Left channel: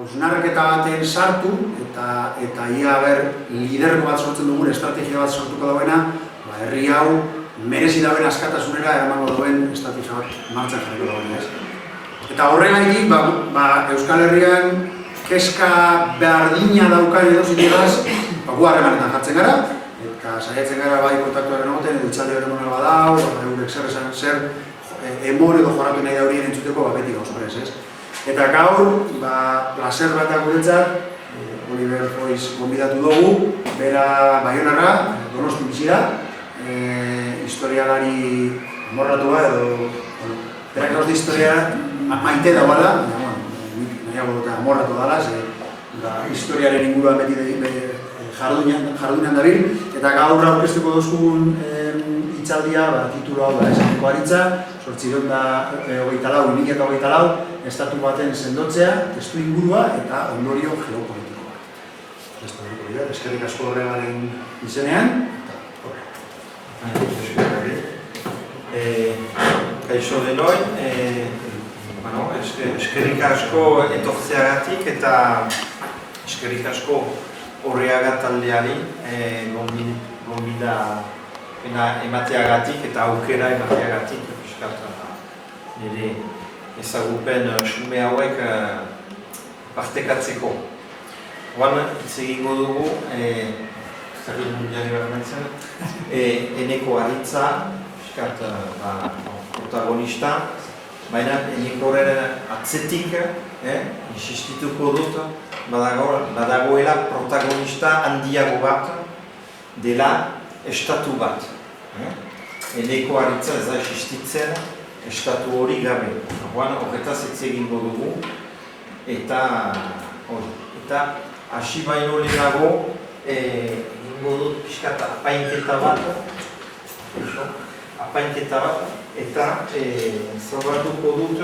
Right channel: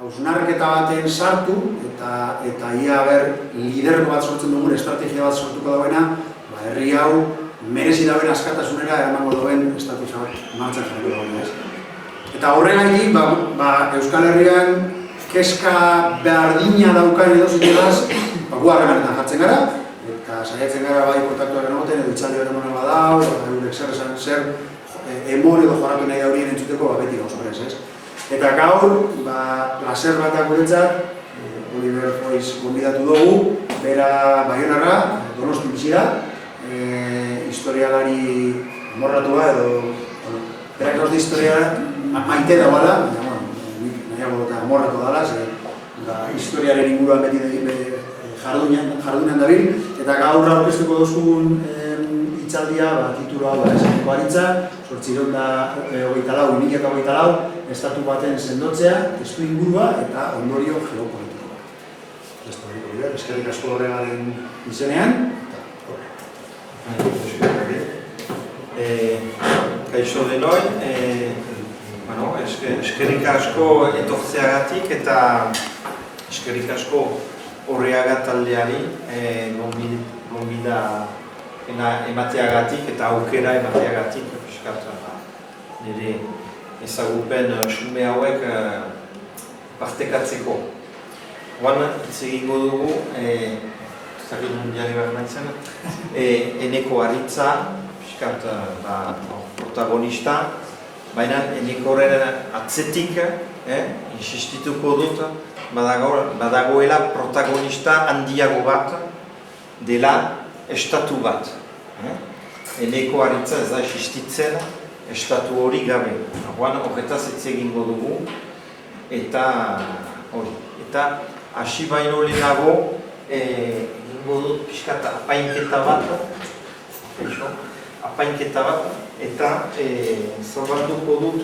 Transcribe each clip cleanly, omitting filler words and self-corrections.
hausnarketa baten sartu eta ia lidergo bat sortzen dugun estrategia bat sortuko dagoena, herri hau merezi dauen askatasunera eramango duen estrategia bat martxan jarriko dagoena. Eta horregatik, Euskal Herrian kezka berdina daukan edozionaz, guargan jartzen gara, eta saiatzen gara bai kontatuaren egoten, dutxalde berduna badau, zer emon edo joratu nahi horien entzuteko batetik osunez, ez? Eta gaur, placer batak guretzat, Oliver Foix konbidatu dugu, bera Baionarra, Donostia bizira, historialari amorratua edo berak erote historia maite da bada, amorratu dala, historiaren inguruan jardunean dabil, eta gaur aurkeztuko duzun hitzaldia, titulu hau da esako baritza, 2024, estatu baten sendotzea, testu ingurua eta ondorio geopolitikoa. Eskerrik asko horregaren izenean. Kaixo denoi, eskerrik asko etortzeagatik eta eskerrik asko horreaga taldeari gonbida emateagatik eta aukera emateagatik nire ezagupen xume hauek partekatzeko. Oan, hitz egingo dugu, zerri mundiari barnetzen, Eneko Aritza, protagonista, baina Enekoren atzetik, insistituko dut, badagoela protagonista handiago bat dela estatu bat. Eneko Aritza ez da existitzen estatu hori gabe. Horretaz hitz egingo dugu, eta hasi baino lehenago egingo dut pixkat apainketa bat, eta zabalduko dut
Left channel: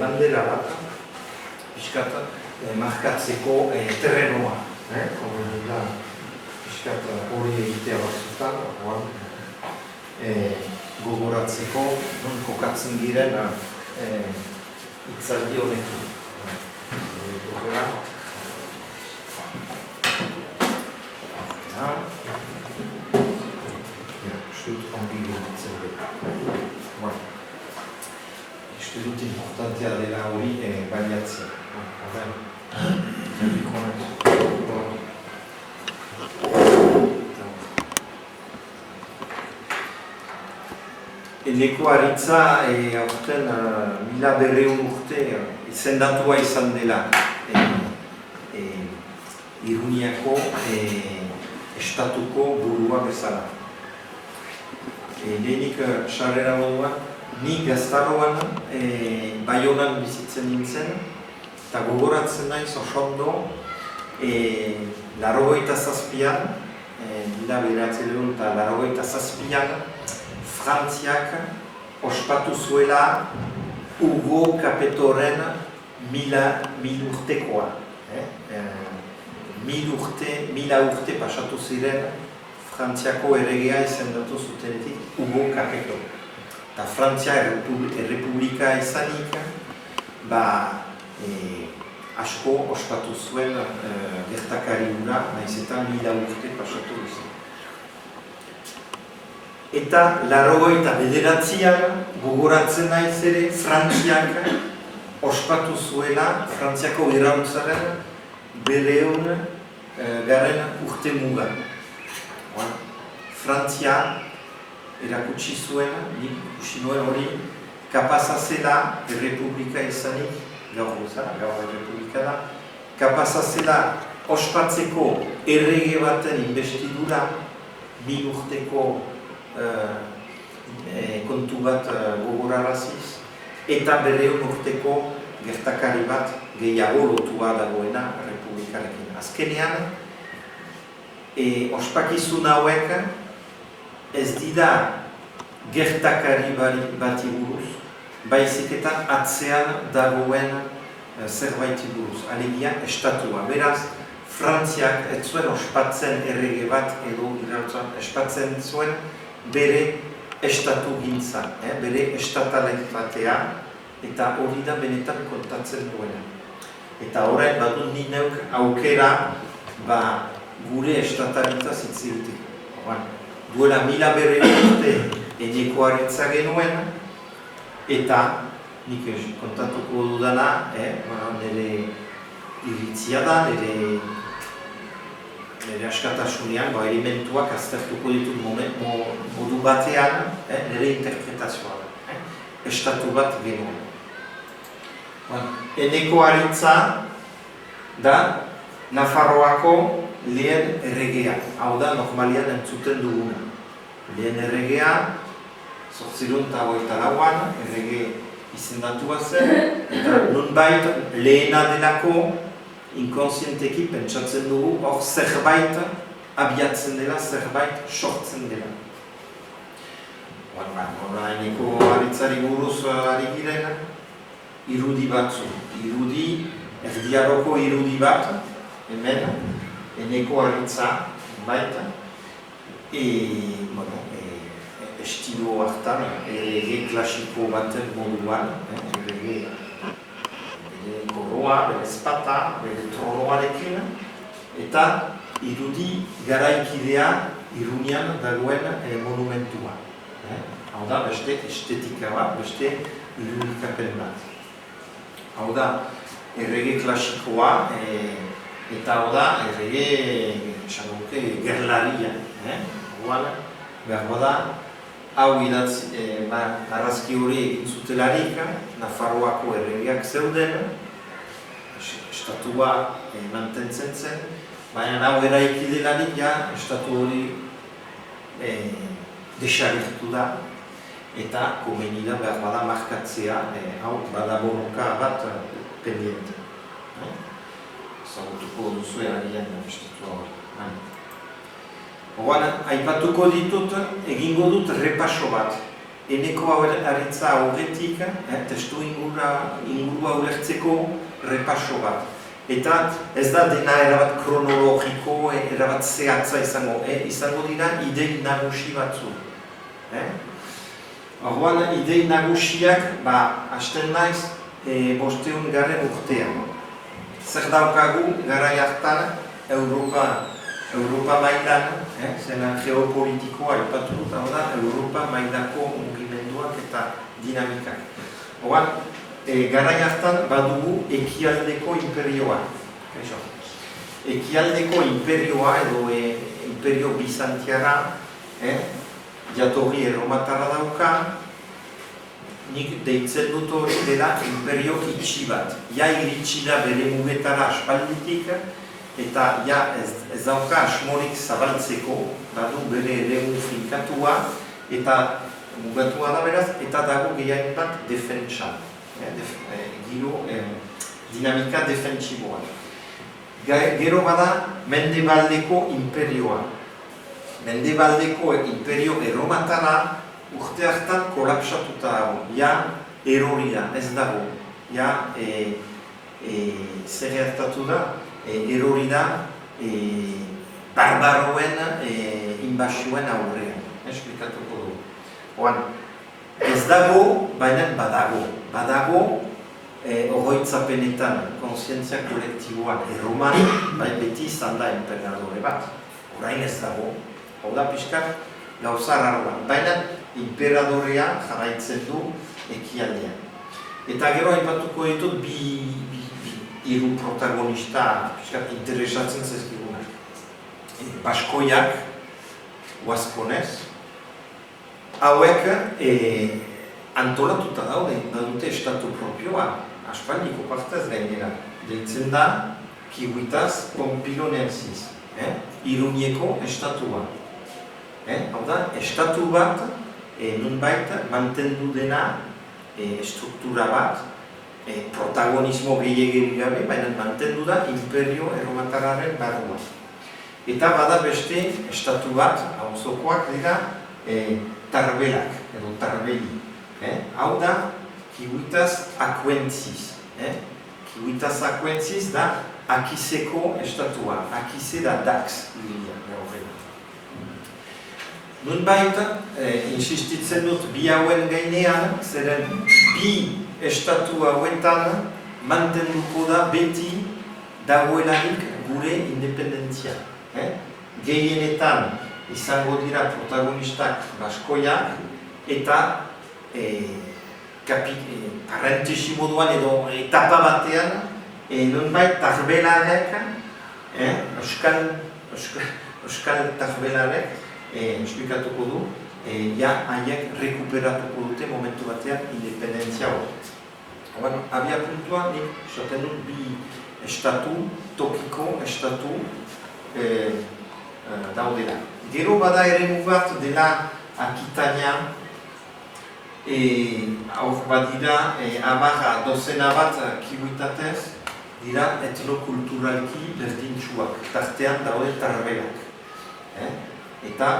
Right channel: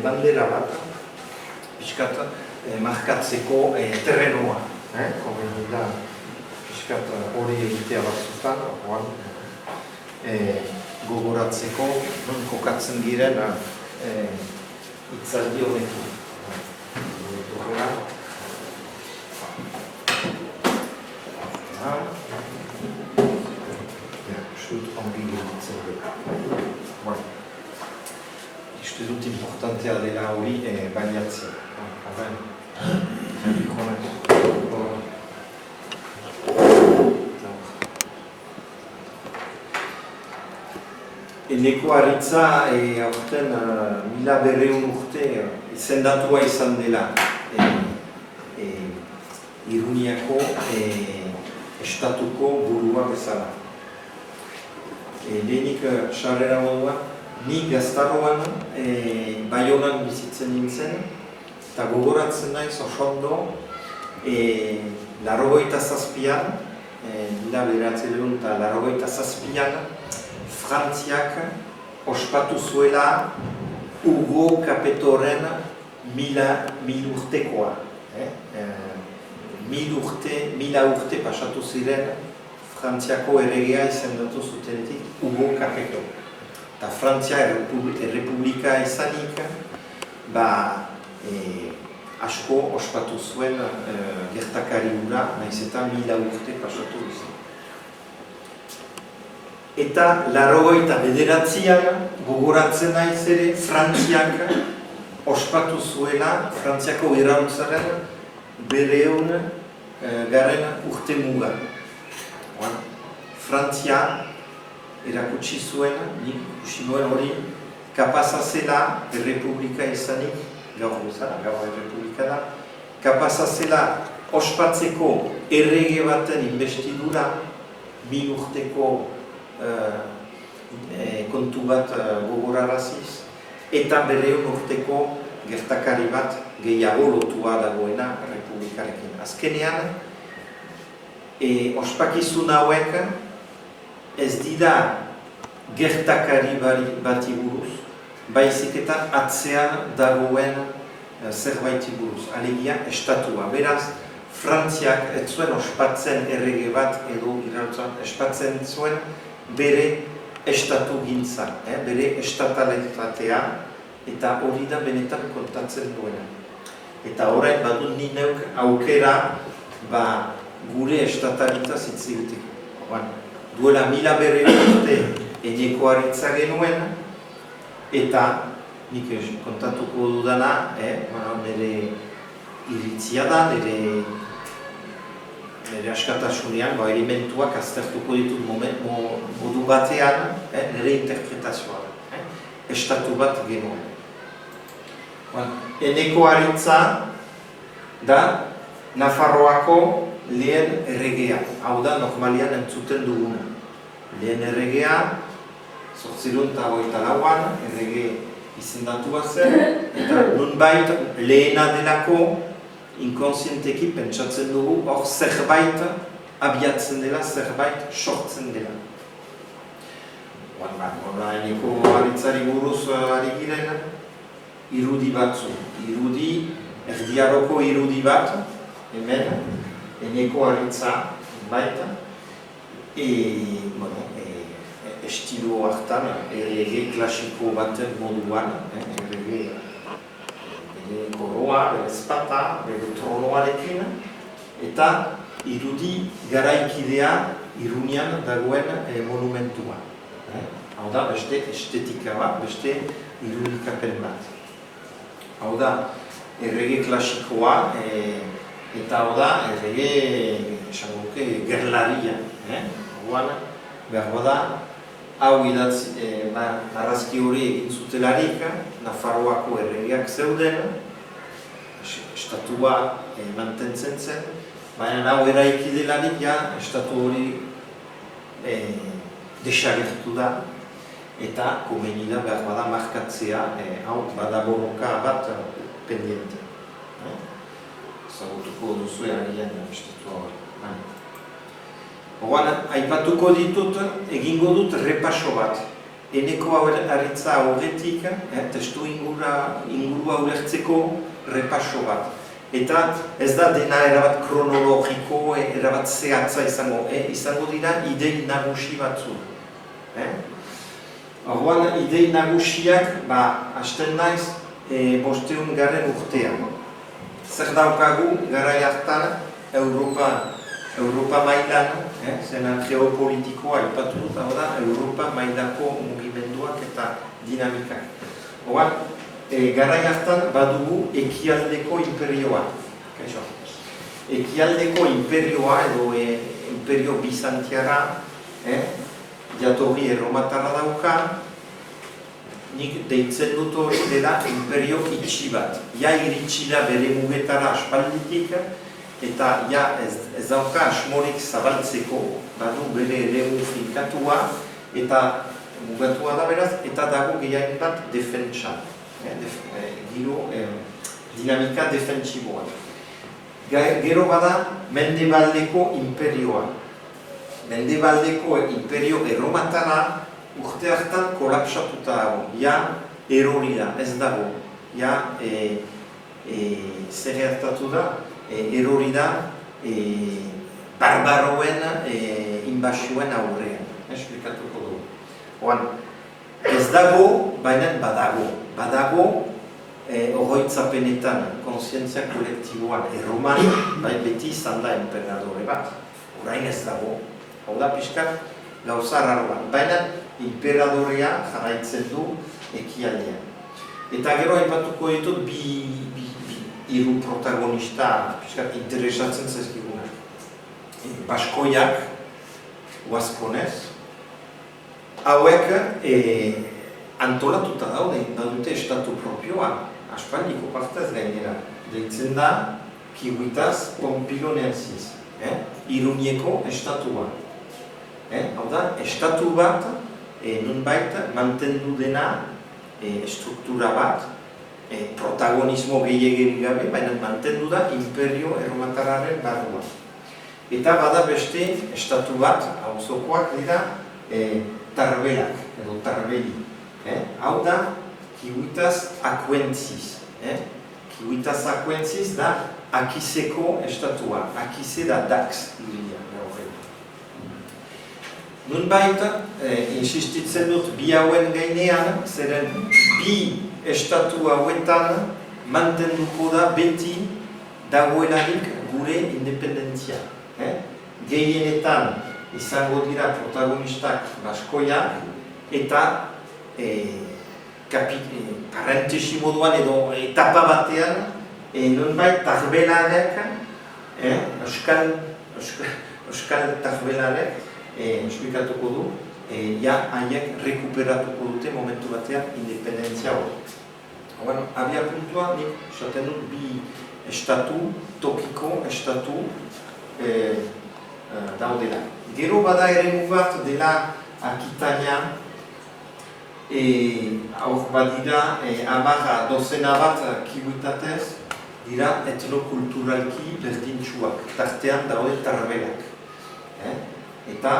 bandera bat, pixkat markatzeko terrenoa. Pixkat hori egitea batzutan, gogoratzeko, non kokatzen diren hitzaldi honekin. Uste dut importantea dela hori baliatzea. Eneko Aritza aurten 1200 urte izendatua izan dela Iruñako estatuko burua bezala. Lehenik sarrera moduan, ni gaztaroan Baionan bizitzen nintzen, eta gogoratzen naiz oso ondo, 87an, 1987an, Frantziak ospatu zuela Hugo Capetoren 1000 urtekoa. 1000 urte pasatu ziren Frantziako erregea izendatu zutenetik Hugo Capeto. Eta Frantzia errepublika ezanik, asko ospatu zuen gertakari hura, nahiz eta 1000 urte pasatu izan. Eta 89an gogoratzen naiz ere Frantziak ospatu zuela Frantziako iraultzaren 200. urte muga. Frantzia erakutsi zuen, ikusi nuen hori, kapaza zela errepublika ezanik, gaur errepublika da, kapaza zela ospatzeko errege baten investidura 1000 urteko kontu bat gogoraraziz, eta 200 urteko gertakari bat gehiago lotua dagoena republikarekin. Azkenean, ospakizun hauek ez dira gertakari bati buruz, baizik eta atzean dagoen zerbaiti buruz, alegia estatua. Beraz, Frantziak ez zuen ospatzen errege bat edo espatzen zuen bere estatu gintza, bere estataletatea, eta hori da benetan kontatzen duena. Eta orain badut ni neuk aukera gure estataritaz hitz egiteko. Duela 1000 urte enekoaritza genuen, eta nik kontatuko dudana, nire iritzia da, nire askatasunean, elementuak aztertuko ditut modu batean, nire interpretazioa. Estatu bat genuen. Enekoaritza da Nafarroako lehen erregea, hau da normalian entzuten duguna. Lehen erregea, 1824an errege izendatua zen, eta nonbait lehena delako inkonsienteki pentsatzen dugu hor zerbait abiatzen dela, zerbait sortzen dela. Enekoaritzari buruz ari giren, irudi batzu. Erdiagoko irudi bat, hemen, enekoaritza baita, estilo hartan, errege klasiko baten moduan, errege koroa, ezpata, tronoarekin, eta irudi garaikidea Iruñean dagoen monumentua. Hau da, beste estetika bat, beste irudikapen bat. Hau da, errege klasikoa, eta hau da, errege, gerlaria. Behar da, hau marrazki hori egin zutelarik, Nafarroako erregeak zeuden, estatua mantentzen zen, baina hau eraikidelarik, estatu hori desagertu da, eta komeni da behar bada markatzea, hau badaborroka bat pendiente. Zagutuko duzu eragian estatu hori. Horan, aipatuko ditut, egingo dut repaso bat. Enekoaritza aurretik, testu ingurua ulertzeko repaso bat. Eta ez da dena erabat kronologiko, erabat zehatza izango dira idei nagusi batzu. Horan, idei nagusiak, hasten naiz, 500. urtean. Zer daukagu garai hartan Europa mailan, zena geopolitikoa aipatu dut, hau da, Europa mailako mugimenduak eta dinamikak. Horan, garai hartan badugu ekialdeko imperioa. Ekialdeko imperioa edo imperio bizantiara, jatorri erromatara dauka, nik deitzen dut hori dela imperio itxi bat. Ja iritsi da bere mugetara aspalditik, eta ez dauka asmorik zabaltzeko, badu bere eremu finkatua, eta mugatua da beraz, eta dago gehiago bat defentsa. Dinamika defensiboa. Gero bada Mendebaldeko imperioa. Mendebaldeko imperio erromatara urte hartan kolapsatuta dago. Erorina, ez dago. Zer gertatu da? Erori da barbaroen inbasioen aurrean. Esplikatuko du. Ez dago, baina badago. Badago, oroitzapenetan konsientzia kolektiboa erroman, baina beti izan da emperadore bat. Orain ez dago. Oda pixkat gauza arraroa. Baina imperadorea jarraitzen du ekialdean. Eta gero aipatuko ditut hiru protagonista interesatzen zezkiguna. Baskoiak, Guasconez, hauek antolatuta badute estatu propioa, aspaldiko partez gainera. Deitzen da, Kibuitaz Pompilonensis, Iruñeko estatua. Hau da, estatu bat, nunbait mantendu dena struktura bat, protagonismo gehiagiri gabe, baina mantendu da imperio erromatarraren barruan. Eta bada beste estatu bat, auzokoak dira, Tarbelak, edo Tarbeli. Hau da, Kibuitaz Akuentziz. Kibuitaz Akuentziz da Akizeko estatua. Akize da Dax, nunbait, insistitzen dut bi hauen gainean, zeren bi estatu hauetan mantenduko da beti dagoelarik gure independentzia. Gehienetan izango dira protagonistak baskoiak eta parentesi moduan edo etapa batean nonbait tarbelarek, euskal tarbelarek esplikatuko du, haiek rekuperatuko dute momentu batean independentzia hori. Abia puntua, esaten dut bi estatu, tokiko estatu daudela. Gero bada ere bat dela Akitania, hor badira, dozena bat kibutatez, dira etnokulturalki berdintsuak, tartean daude tarberak. Eta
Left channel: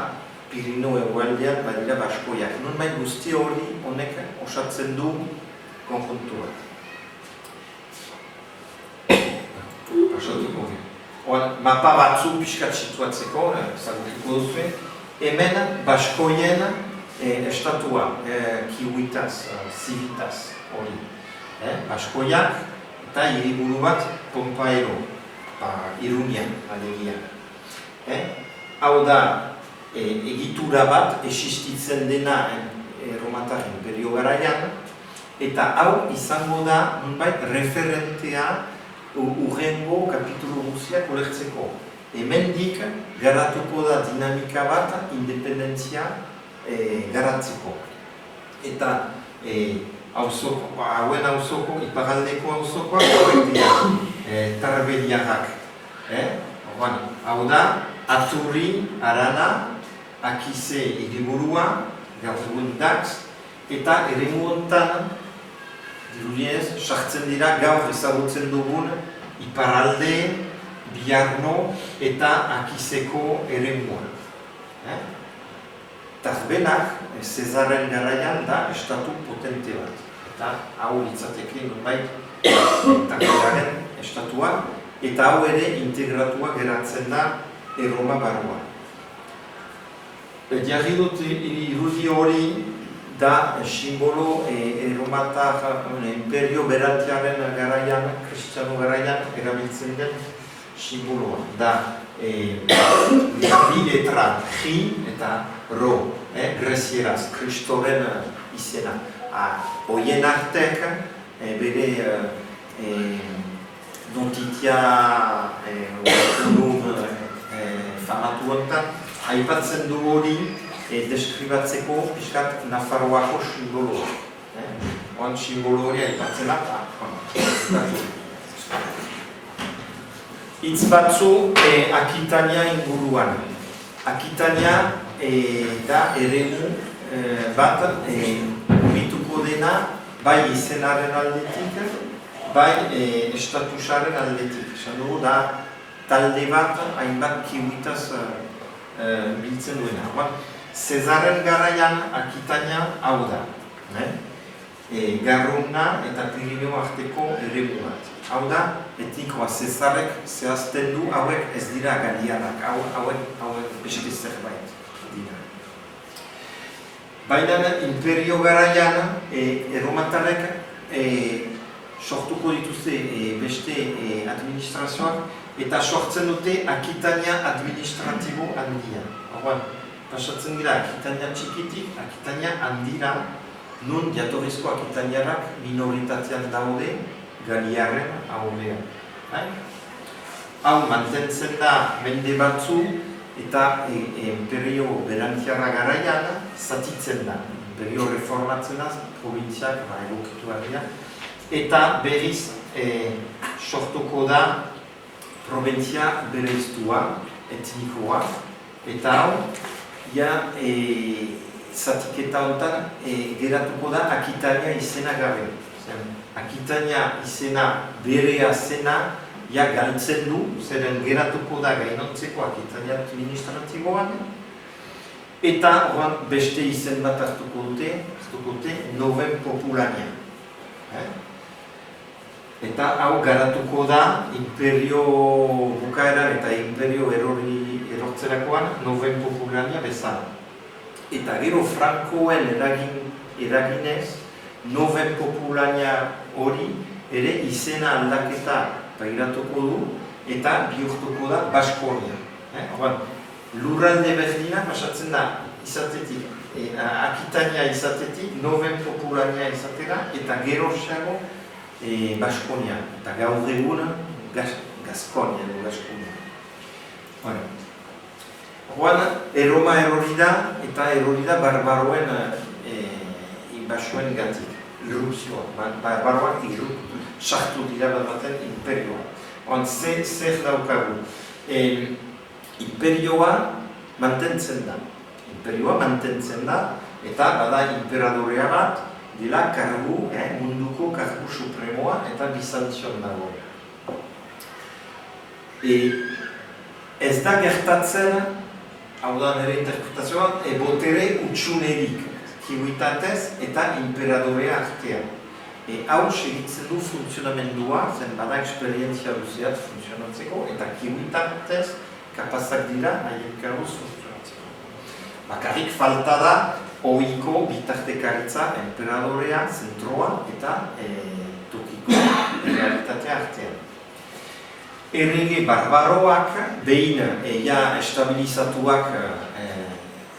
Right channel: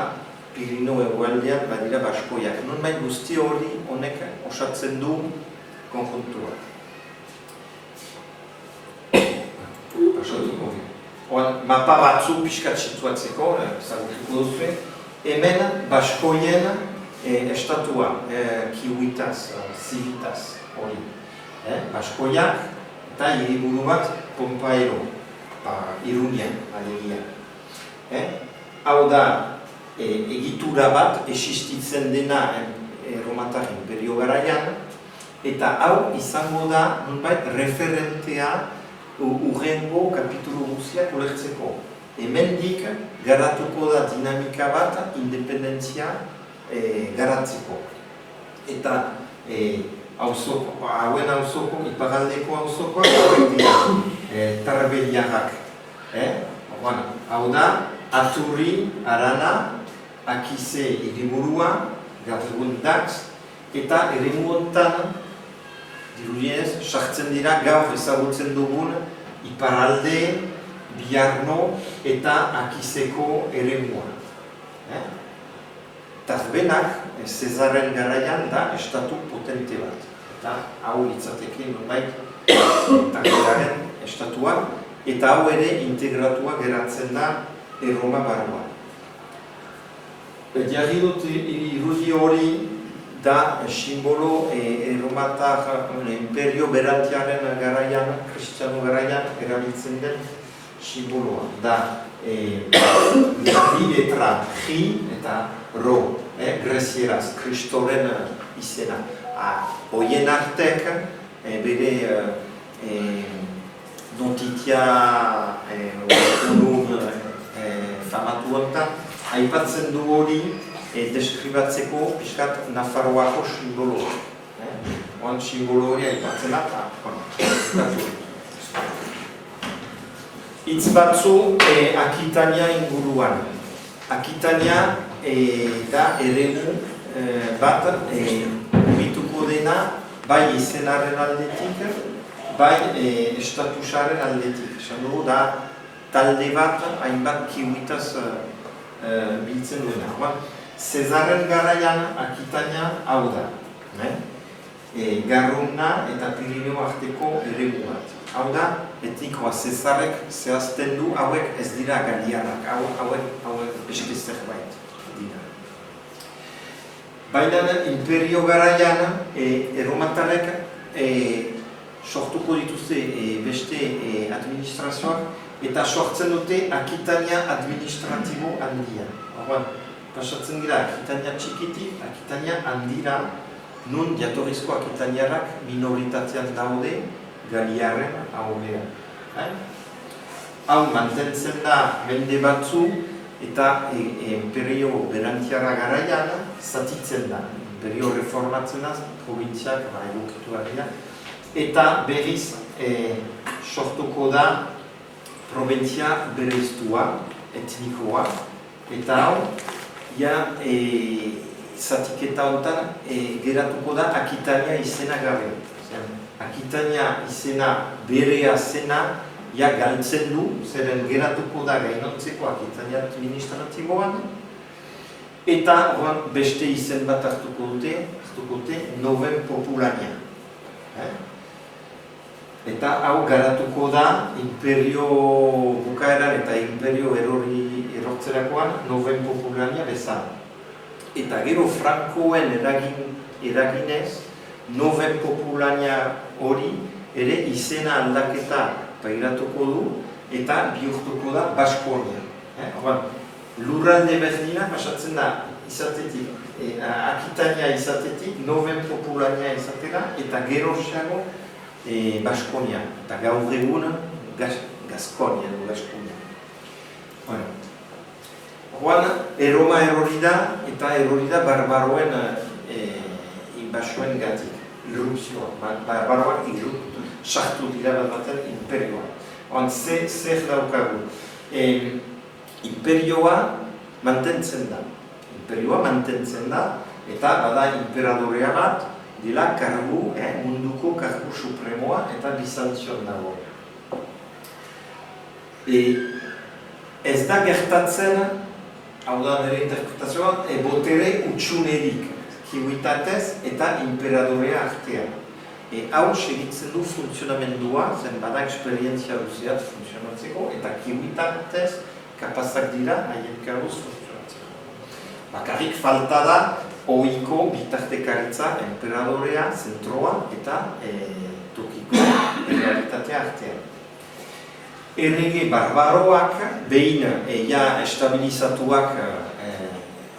Pirineo egualdean badira baskoiak. Nonbait guzti hori honek osatzen du konjuntura. Mapa batzu pixkat situatzeko, zagutuko duzu, hemen baskoien estatua, kiwitaz, zivitaz hori. Baskoiak eta hiriburu bat Pompaero, Iruñan, alegia. Hau da, egitura bat existitzen dena Romatar Imperio garaian, eta hau izango da nonbait referentea urrengo kapitulu guztiak ulertzeko. Hemendik garatuko da dinamika bat independentzia garatzeko. Eta hauen hauzoko, iparaldeko hauzokoak tarbeliarrak. Hau da, Aturri, Arana, Akize hiriburua, gaur Dax, eta eremu hontan dirudienez, sartzen dira gaur ezagutzen dugun iparalde, Biarno eta Akizeko eremua. Tarbenak, Zezaren garaian da estatu potente bat. Eta hau litzateke nonbait Tarbearen estatua, eta hau ere integratua geratzen da Erroma barruan. Jarri dut irudi hori da simbolo erromatar imperio beratiaren garaian, kristanu garaian erabiltzen den simboloa. Da bi letra, J eta Ro, grezieraz, Kristoren izena. Horien artek, bere dontitia famatu honetan, aipatzen du hori deskribatzeko piskat Nafarroako simboloa. Oan simbolo hori aipatzen da. Hitz batzu Akitania inguruan. Akitania da eremu bat urrituko dena bai izenaren aldetik, bai estatusaren aldetik. Esan dugu da talde bat, hainbat kiwitaz biltzen duena. Zezaren garaian Akitania hau da. Garruna eta Pirineo arteko eremu bat. Hau da, etikoa Zezarek zehazten du hauek ez dira galianak, hauek beste zerbait dira. Baina imperio garaian erromatarek sortuko dituzte beste administrazioak eta sortzen dute Akitania administratibo handia. Pasatzen dira Akitania txikitik, Akitania handira, nun jatorrizko Akitaniarak minoritatean daude Galiaren aurrean. Hau mantentzen da mende batzu eta imperio berantiarra garaian zatitzen da. Imperio reformatzenaz, provintziak egokitu garriak. Eta berriz sortuko da provintzia bereiztua, etnikoa. Eta hau, zatiketa honetan geratuko da Akitania izena gabe. Akitania izena berea zena galtzen du, zeren geratuko da gainontzeko Akitania administratikoan, eta beste izen bat hartuko dute Noven Populania. Eta hau garatuko da imperio bukaeran eta imperio erortzerakoan Noven Populania bezala. Eta gero Frankoen eraginez, Noven Populania hori ere izena aldaketa pairatuko du eta bihurtuko da Baskonia. Lurralde berdina pasatzen da izatetik, Akitania izatetik, Noven Populania izatera eta geroxeago Baskonia. Eta gaur egun Gaskonia edo Baskonia. Orduan, Erroma erori da eta erori da barbaroen inbasioen gatik, irrupzioa. Barbaroak sartu dira bat baten imperioa. Orduan, zer daukagu? Imperioa mantentzen da. Eta bada imperadorea bat, dela kargu, munduko kargu supremoa eta Bizantzion dago. Ez da gertatzen, hau da nire interpretazioan, botere utxunerik, kimuitatez eta imperadorea artean. Hau segitzen du funtzionamendua, zen bada eksperientzia duziat funtzionatzeko, eta kimuitatez kapazak dira nahien karguz funtzionatzeko. Bakarrik falta da ohiko bitartekaritza, emperadorea, zentroa eta tokiko realitate artean. Errege barbaroak, behin estabilizatuak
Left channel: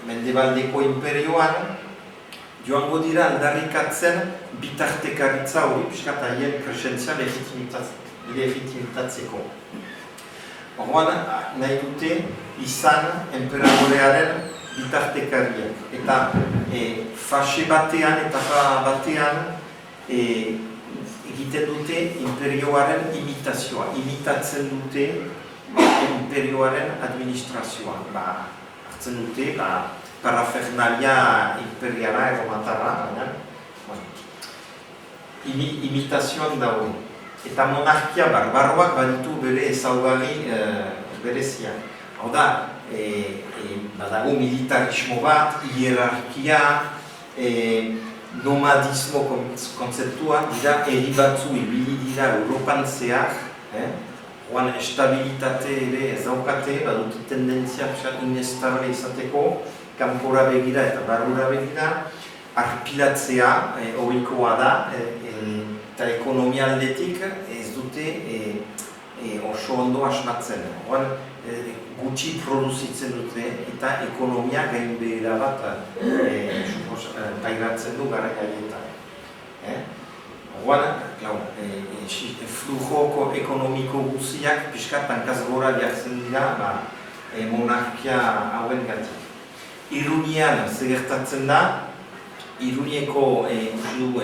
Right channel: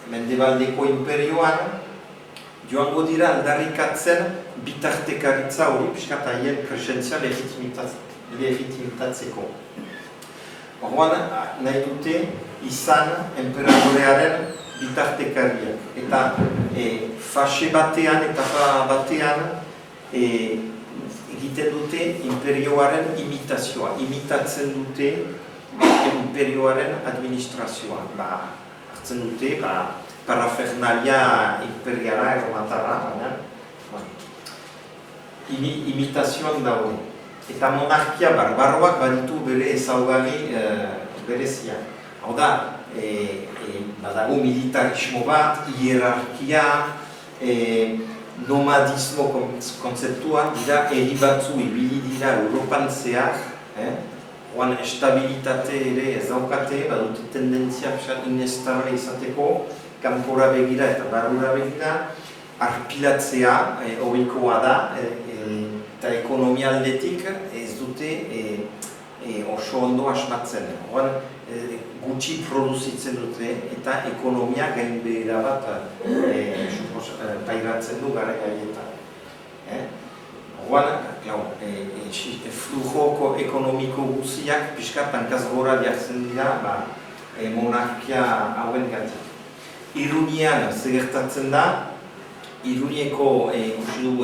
Mendebaldeko imperioan, joango dira aldarrikatzen bitartekaritza hori, piskat haien presentzia legitimitatzeko. Orduan, nahi dute izan emperadorearen bitartekariak. Eta fase batean eta batean egiten dute imperioaren imitazioa. Imitatzen dute imperioaren administrazioa. Hartzen dute parafernalia imperiala erromatarra. Imitazioan daude. Eta monarkia barbaroak baditu bere ezaugarri berezia. Hau da, badago militarismo bat, hierarkia, nomadismo kontzeptua, dira herri batzu ibili dira Europan zehar, oan estabilitate ere ez daukate, badute tendentzia inestabe izateko, kanpora begira eta barrura begira, arpilatzea horikoa da, eta ekonomialdetik ez dute oso ondo asmatzen. Gutxi produzitzen dute eta ekonomia gainbehera bat pairatzen du garaiaietan. Flujoko ekonomiko guztiak pixkat hankaz gora jartzen dira monarkia hauen gatik. Irunian zer gertatzen da, Irunieko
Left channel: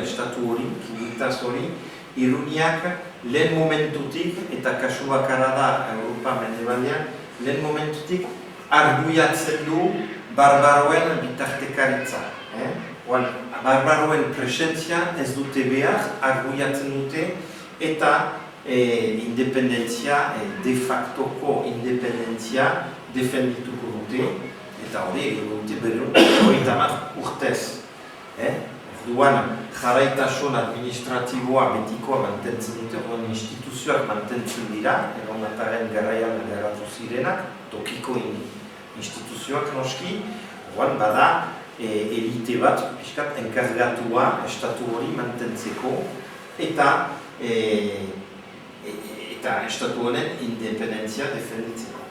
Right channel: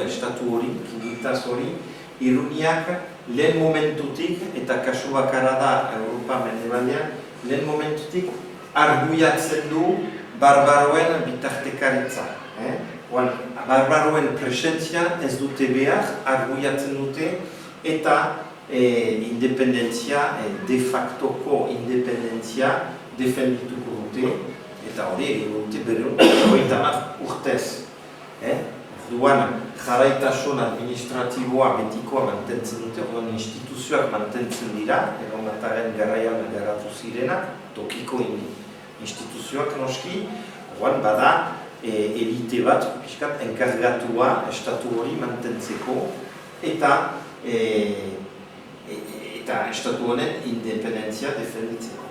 estatu hori, kimilitaz hori, Iruniak lehen momentutik, eta kasu bakarra da Europa Mendebaldean, lehen momentutik arguiatzen du barbaroen bitartekaritza. Barbaroen presentzia ez dute behar, arguiatzen dute, eta independentzia, de factoko independentzia defendituko dute, eta hori dute berun, urtez. Orduan, jarraitasun administratiboa betikoa mantentzen dute, orduan instituzioak mantentzen dira, erromataren garaian garatu zirenak, tokiko instituzioak noski, orduan bada elite bat, pixkat, enkargatua estatu hori mantentzeko, eta estatu honen independentzia defenditzeko.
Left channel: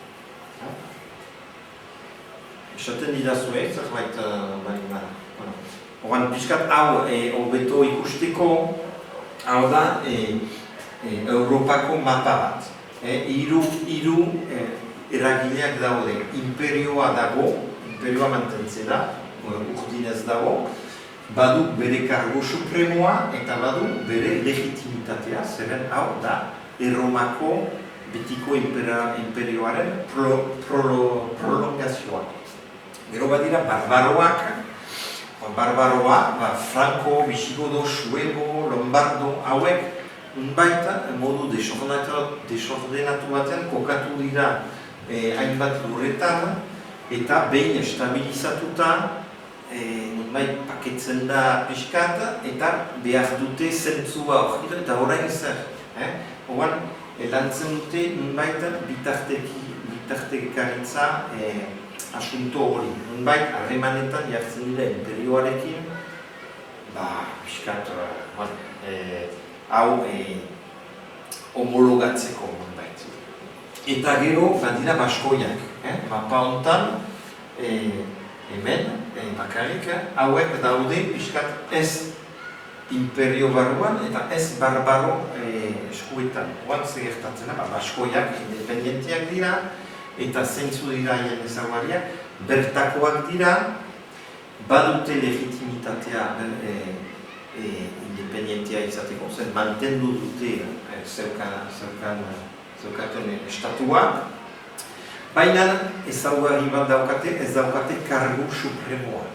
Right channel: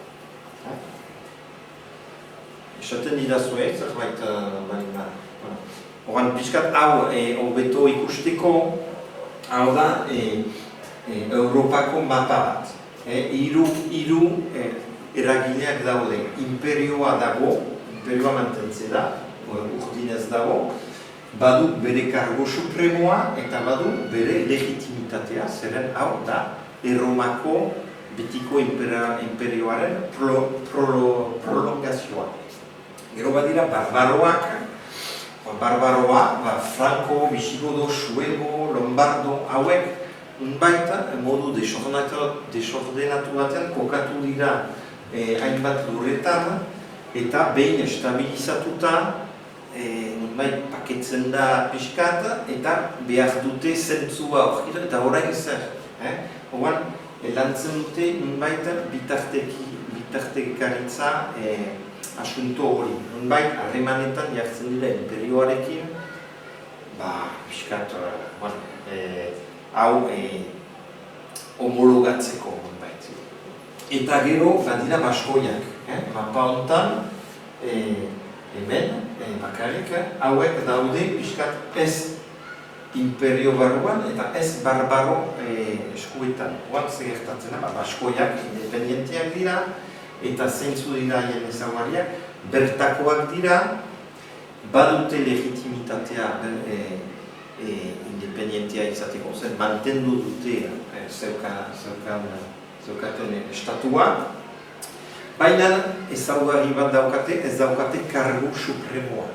Esaten didazue, zerbait malina. Oran pixkat hau hobeto ikusteko, hau da Europako mapa bat. Hiru eragileak daude, imperioa dago, imperioa mantentzen da, urtinez dago, badu bere kargo supremoa eta badu bere legitimitatea, zeren hau da Erromako betiko imperioaren prolongazioa. Gero badira barbaroak, Franco, Visigodo, Suego, Lombardo, hauek unbait modu desordenatu baten kokatu dira hainbat lurretan eta behin estabilizatuta unbait paketzen da pixkat eta behar dute zentzua hori eta horrein zer. Oan, lantzen dute unbait bitartekaritza asunto hori. Nunbait, harremanetan jartzen dira imperioarekin, pixkat, hau homologatzeko. Eta gero, badira baskoiak. Mapa hontan, hemen, bakarrik, hauek daude pixkat ez imperio barruan eta ez barbaro eskuetan. Oan gertatzen da, baskoiak independientiak dira eta zeintzu dira haien ezaugarriak, bertakoak dira, badute legitimitatea independentia izateko, zer mantendu dute zeukaten estatua, baina ezaugarri bat daukate, ez daukate kargu supremoa.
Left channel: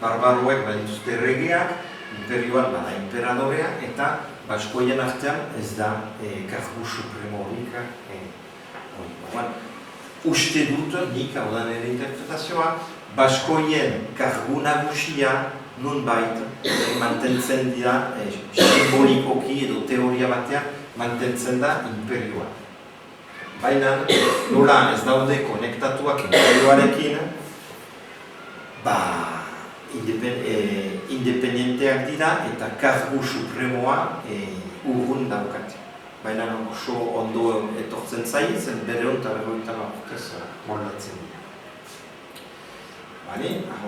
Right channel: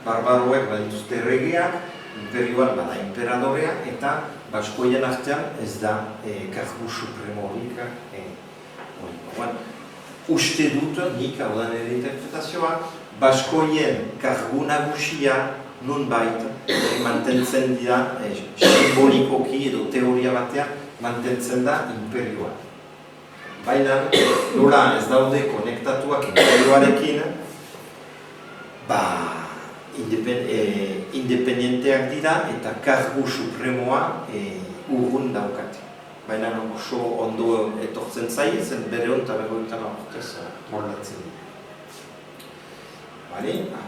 Barbaroek badituzte regea, imperioan bada imperadorea, eta baskoien artean ez da kargu supremonik. Uste dut, nik hau da nire interpretazioa, baskoien kargu nagusia nunbait mantentzen dira, simbolikoki edo teoria batean, mantentzen da imperioa. Baina, nola ez daude konektatuak imperioarekin, independenteak dira eta kargu supremoa urrun daukate. Baina oso ondo etortzen zain, zen bere eta urtez moldatzen dira.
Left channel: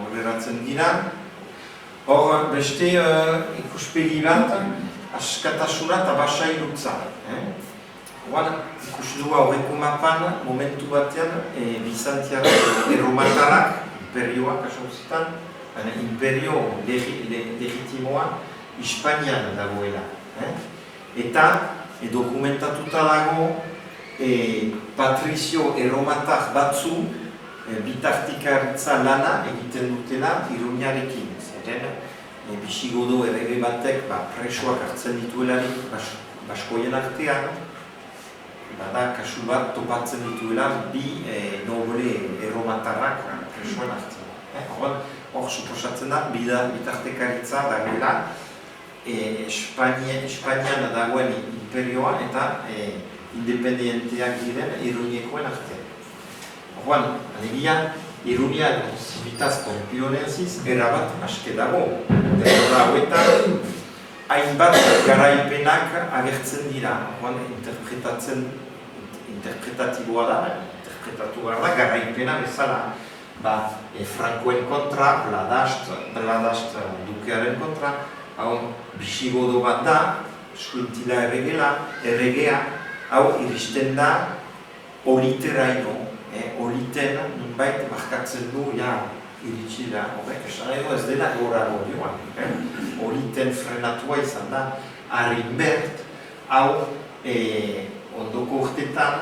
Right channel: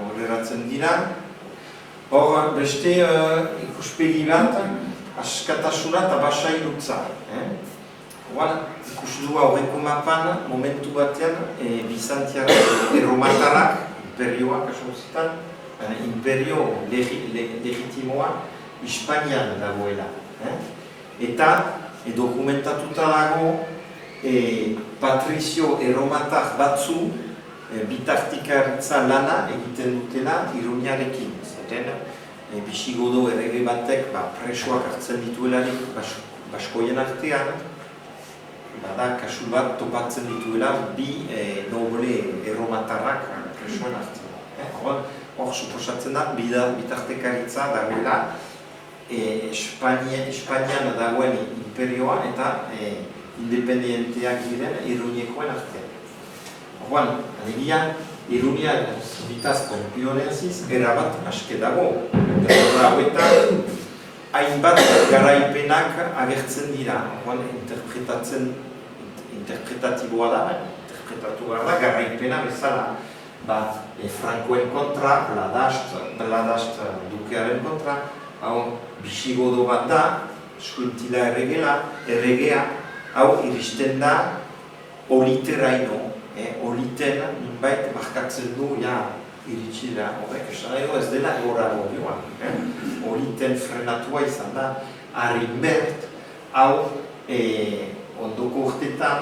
Horreratzen dira. Hor, beste ikuspegi bat, askatasuna eta basailutza. Ikusi du aurreko mapan, momentu batean, Bizantiak erromatarrak, imperioak asozitan, imperio legitimoa Hispanian dagoela. Eta dokumentatuta dago patrizio erromatar batzu bitartikaritza lana egiten dutela Iruniarekin. Bisigodo errege batek presoak hartzen dituelarik baskoien artean, bada kasu bat topatzen dituela bi noble erromatarrak presoen hartzen. Hor suposatzen da, bitartekaritza dagela Espainian dagoen imperioa eta independientiak diren Iruñekoen artean. Horban, alegia, Iruñan zitaz konpioneziz erabat aske dago. Eta hainbat garaipenak agertzen dira. Interpretatiboa da, garaipena bezala. Frankoen kontra, Bladast dukearen kontra, hau bisigodo bat da, skultila erregea, hau iristen da oliteraino. Oliten nunbait markatzen du iritsi da, horrek esan edo ez dena gora godioan. Oliten frenatua izan da, Arimbert, hau ondoko urtetan,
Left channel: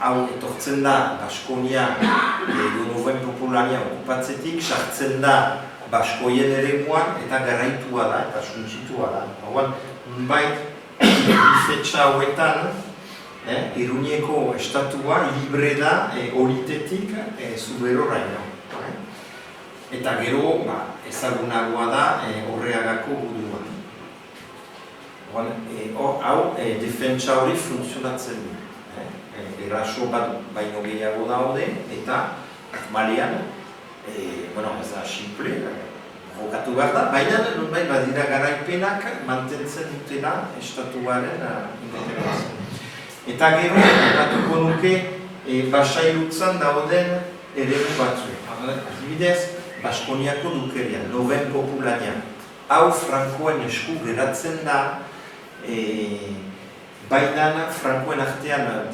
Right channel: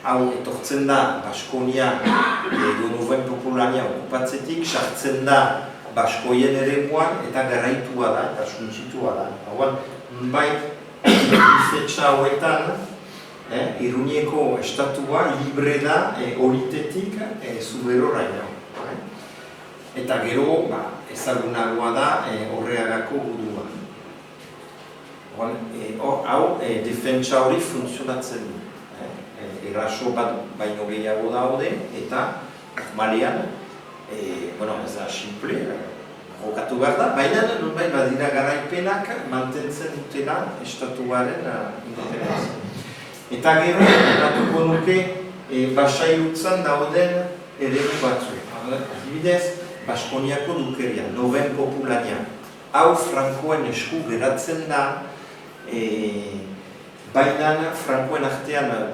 hau etortzen da Baskonia edo Noven Popularia okupatzetik, sartzen da Baskoien eremuan eta garaitua da eta suntsitua da. Hauan, nunbait, ifetxa hauetan, Iruñeko estatua libre da olitetik zuberoraino. Eta gero ezagunagoa da Horreagako guduan. Hau defentsa hori funtzionatzen du. Eraso bat baino gehiago daude eta normalian, ez da simple, jokatu behar da, baina nunbait badira garaipenak mantentzen dutela estatuaren independentza. Eta gero, batuko nuke, basailutzan dauden eredu batzu. Adibidez, Baskoniako dukeria, Noven Popularia. Hau Frankoen esku geratzen da, baina Frankoen artean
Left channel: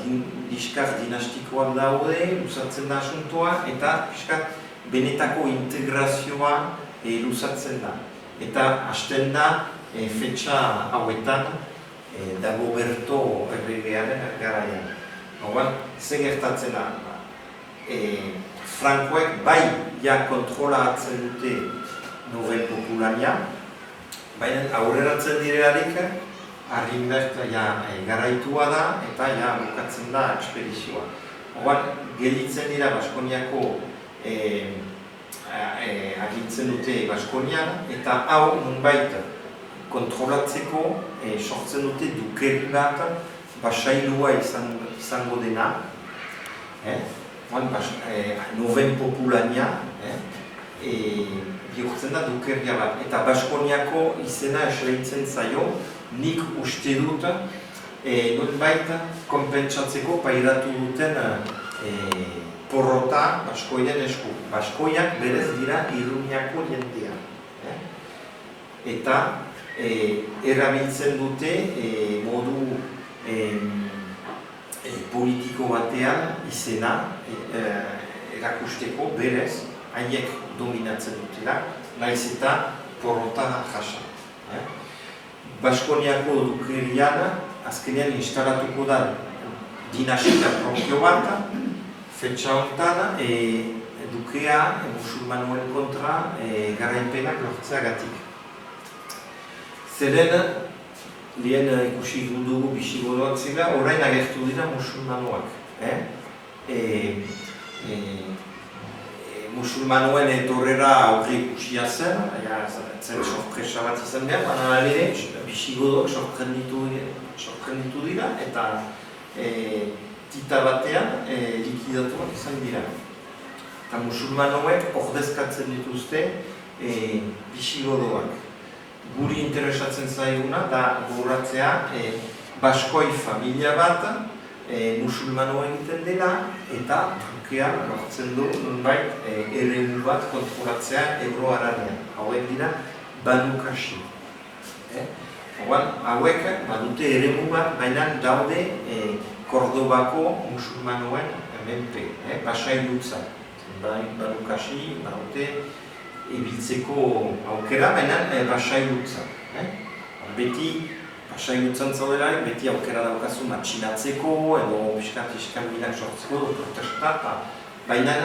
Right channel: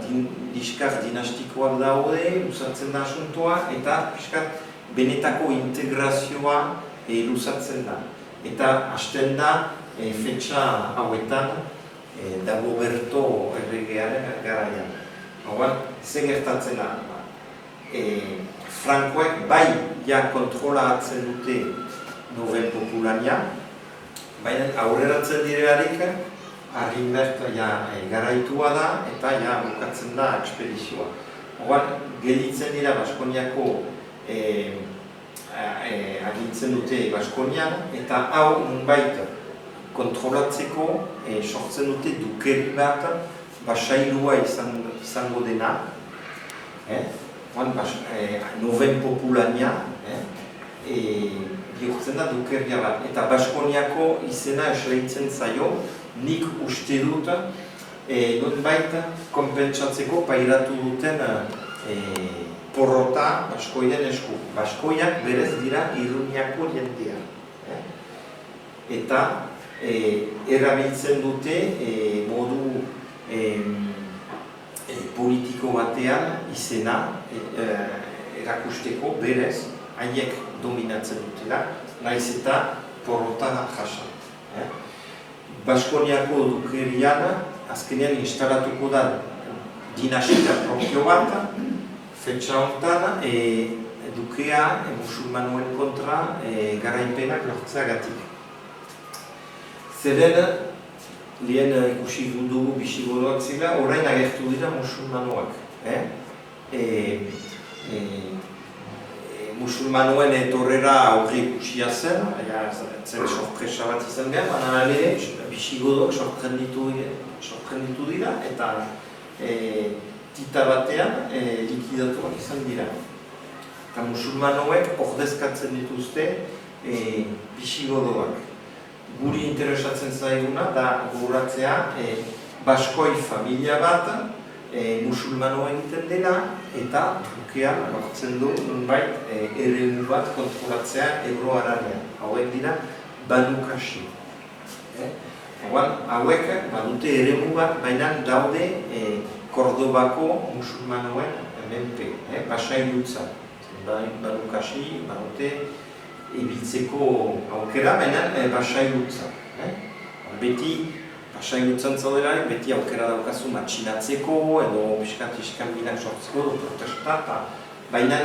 diskar dinastikoan daude, luzatzen da asuntoa, eta benetako integrazioa luzatzen da. Eta hasten da, fetxa hauetan, Dagoberto erregearen garaian. Hauan, ze gertatzen da? Frankoek bai kontrola hartzen dute Noven Popularia, baina aurreratzen direlarik, Arimbert garaitua da eta bukatzen da ekspedizioa. Hauan, gelditzen dira Baskoniako agintzen dute Baskonian, eta hau nunbait kontrolatzeko sortzen dute dukeri bat basailua izango dena. Noven Popularia bihurtzen da dukeria bat. Eta Baskoniako izena esleitzen zaio, nik uste dut, nonbait konpentsatzeko pairatu duten porrota Baskoien esku. Baskoiak berez dira Iruñako jendea. Eta erabiltzen dute modu politiko batean izena erakusteko berez haiek dominatzen dutela, naiz eta porrota jaso. Baskoniako dukerian azkenean instalatuko da dinastia propio bat, fetxa honetan dukea musulmanoen kontra garaipenak lortzeagatik. Zeren, lehen ikusi dugu bisigodoak zela, orain agertu dira musulmanoak. Musulmanoen etorrera aurre ikusia zen, zer sorpresa bat izan behar, baina ere bisigodoak sorprenditu dira eta tita batean likidatuak izan dira. Eta musulmanoek ordezkatzen dituzte bisigodoak. Guri interesatzen zaiguna da gogoratzea Baskoi familia bat musulmanoa egiten dela eta trukean hartzen du nonbait eremu bat kontrolatzea Ebro Arabian. Hauek dira Banu Kashi. Hauek badute eremu bat, baina daude Kordobako musulmanoen menpe, Basailutza. Banu Kashi badute ibiltzeko aukera, baina Basailutza. Beti Basailutzan zaudela, beti aukera daukazu matxinatzeko edo piskat iskanbilak sortzeko, protesta, baina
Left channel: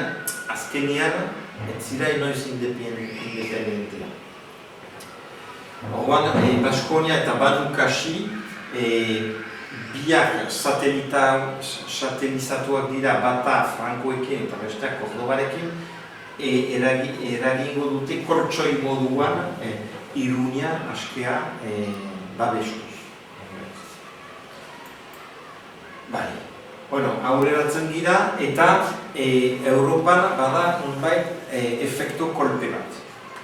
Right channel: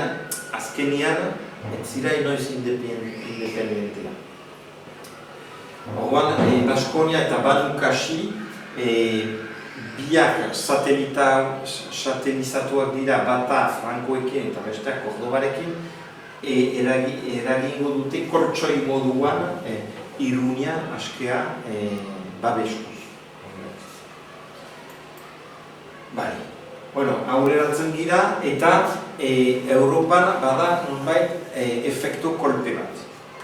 azkenean ez zira inoiz independentea. Orduan, Baskonia eta Banu Kashi biak satelizatuak dira bata Frankoekin eta besteak Kordobarekin, eragingo dute kortsoi moduan Iruña askea babeskuz. Aurreratzen dira eta Europan bada nonbait efektu kolpe bat.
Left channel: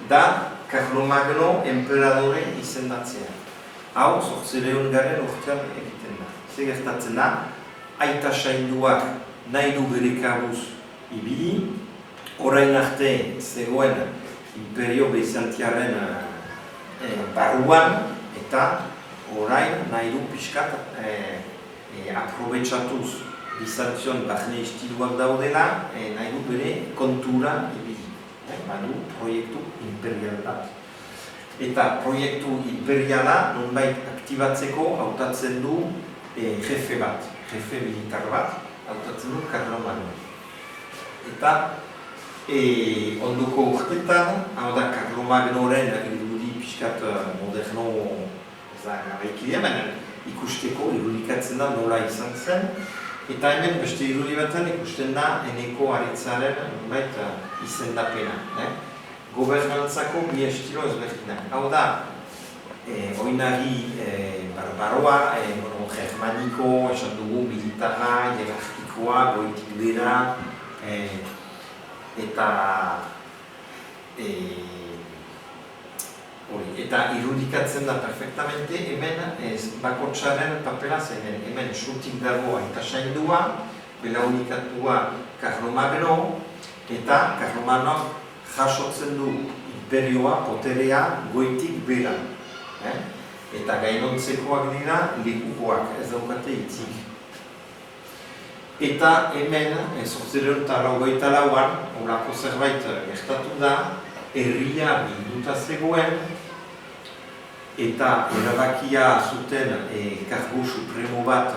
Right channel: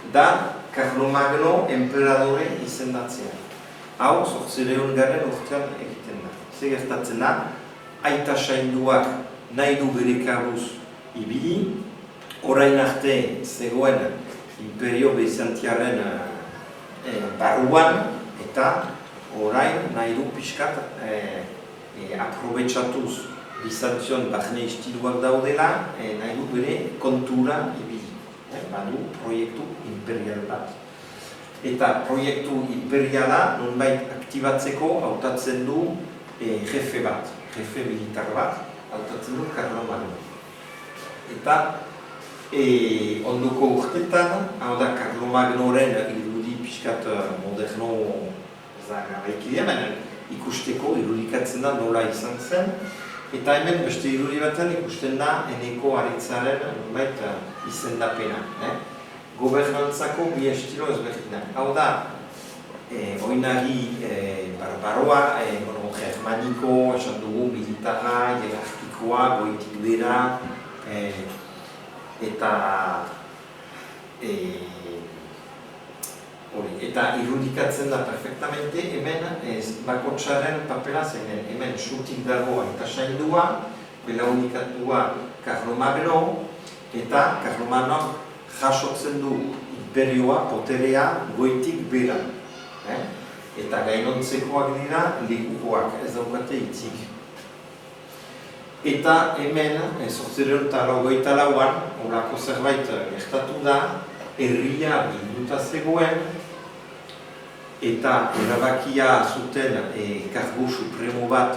Da Carlomagno enperadore izendatzea. Hau, 800 urtean egiten da. Zer gertatzen da, aita sainduak nahi du Grikaguz ibili, orain arte zegoen Imperio Bizantiaren barruan eta orain nahi du pixkat aprobetxatuz Bizantion barne istiduak daudela, nahi du bere kontura ibili. Badu proiektu imperial bat. Eta proiektu imperiala nonbait aktibatzeko hautatzen du jefe bat, jefe militar bat, hautatzen du Carlomagno. Eta ondoko urtetan, hau da Carlomagnoren irudi pixkat moderno zagabekidean, ikusteko irudikatzen da nola izan zen, eta hemen beste irudi batean ikusten da Eneko Aritzaren nonbait izendapena. Gobernantzako bi estilo ezberdinak. Hau da, oinagi barbaroa, germaniko, esan dugu, militarra, hierarkikoa, goitik bera, eta irudikatzen da perfectamente, hemen bakotsaren papera zen, hemen sutik dagoa eta saildua, belaunikatua Carlomagno, eta Carlomagno jasotzen du imperioa, poterea, goitik bera. Eta gainontzekoak dira, lekukoak, ez daukate hitzik. Eta hemen, 1884an, horako zerbait gertatu da, herria bilduta zegoen, eta erabakia zuten kargu supremo bat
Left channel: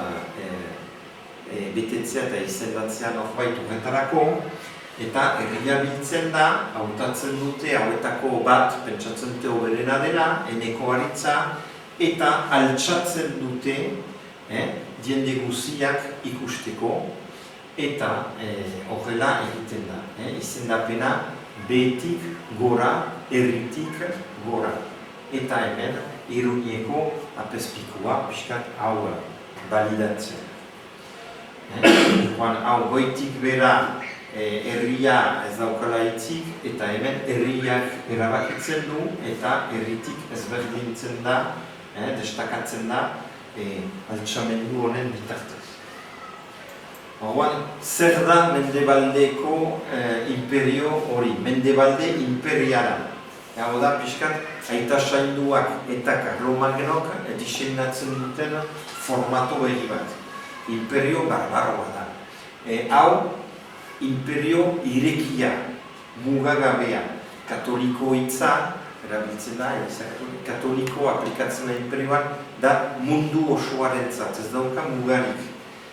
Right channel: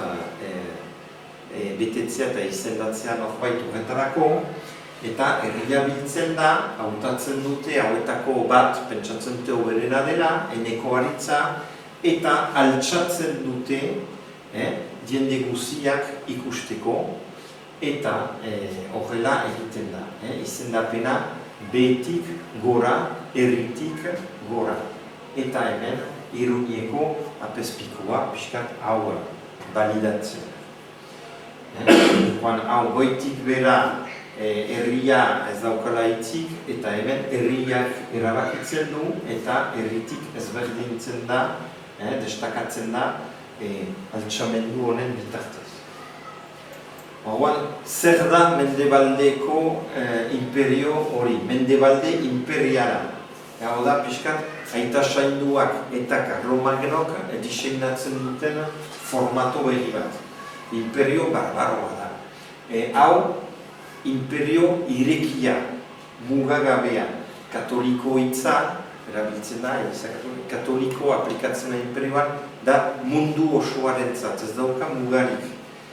betetzea eta izendatzea norbait horretarako, eta herria biltzen da, hautatzen dute, hauetako bat, pentsatzen dute oberena dela, Eneko Aritza, eta altxatzen dute jende guziak ikusteko, eta horrela egiten da. Izendapena behetik gora, herritik gora. Eta hemen, Iruñeko apezpikua pixkat hau balidatzen. Hau goitik bera herria ez daukala hitzik, eta hemen herriak erabakitzen du, eta herritik ezberdintzen da, destakatzen da, pentsamendu honen bitartez. Orduan, zer da Mendebaldeko imperio hori, Mendebalde imperiala. Hau da, pixkat, aita sainduak eta Karlomagnok diseinatzen duten formato berri bat. Imperio barbaroa da. Hau, imperio irekia, mugagabea, katoliko hitza, erabiltzen da, katoliko aplikatzen da imperioan, da mundu osoarentzat, ez dauka mugarik.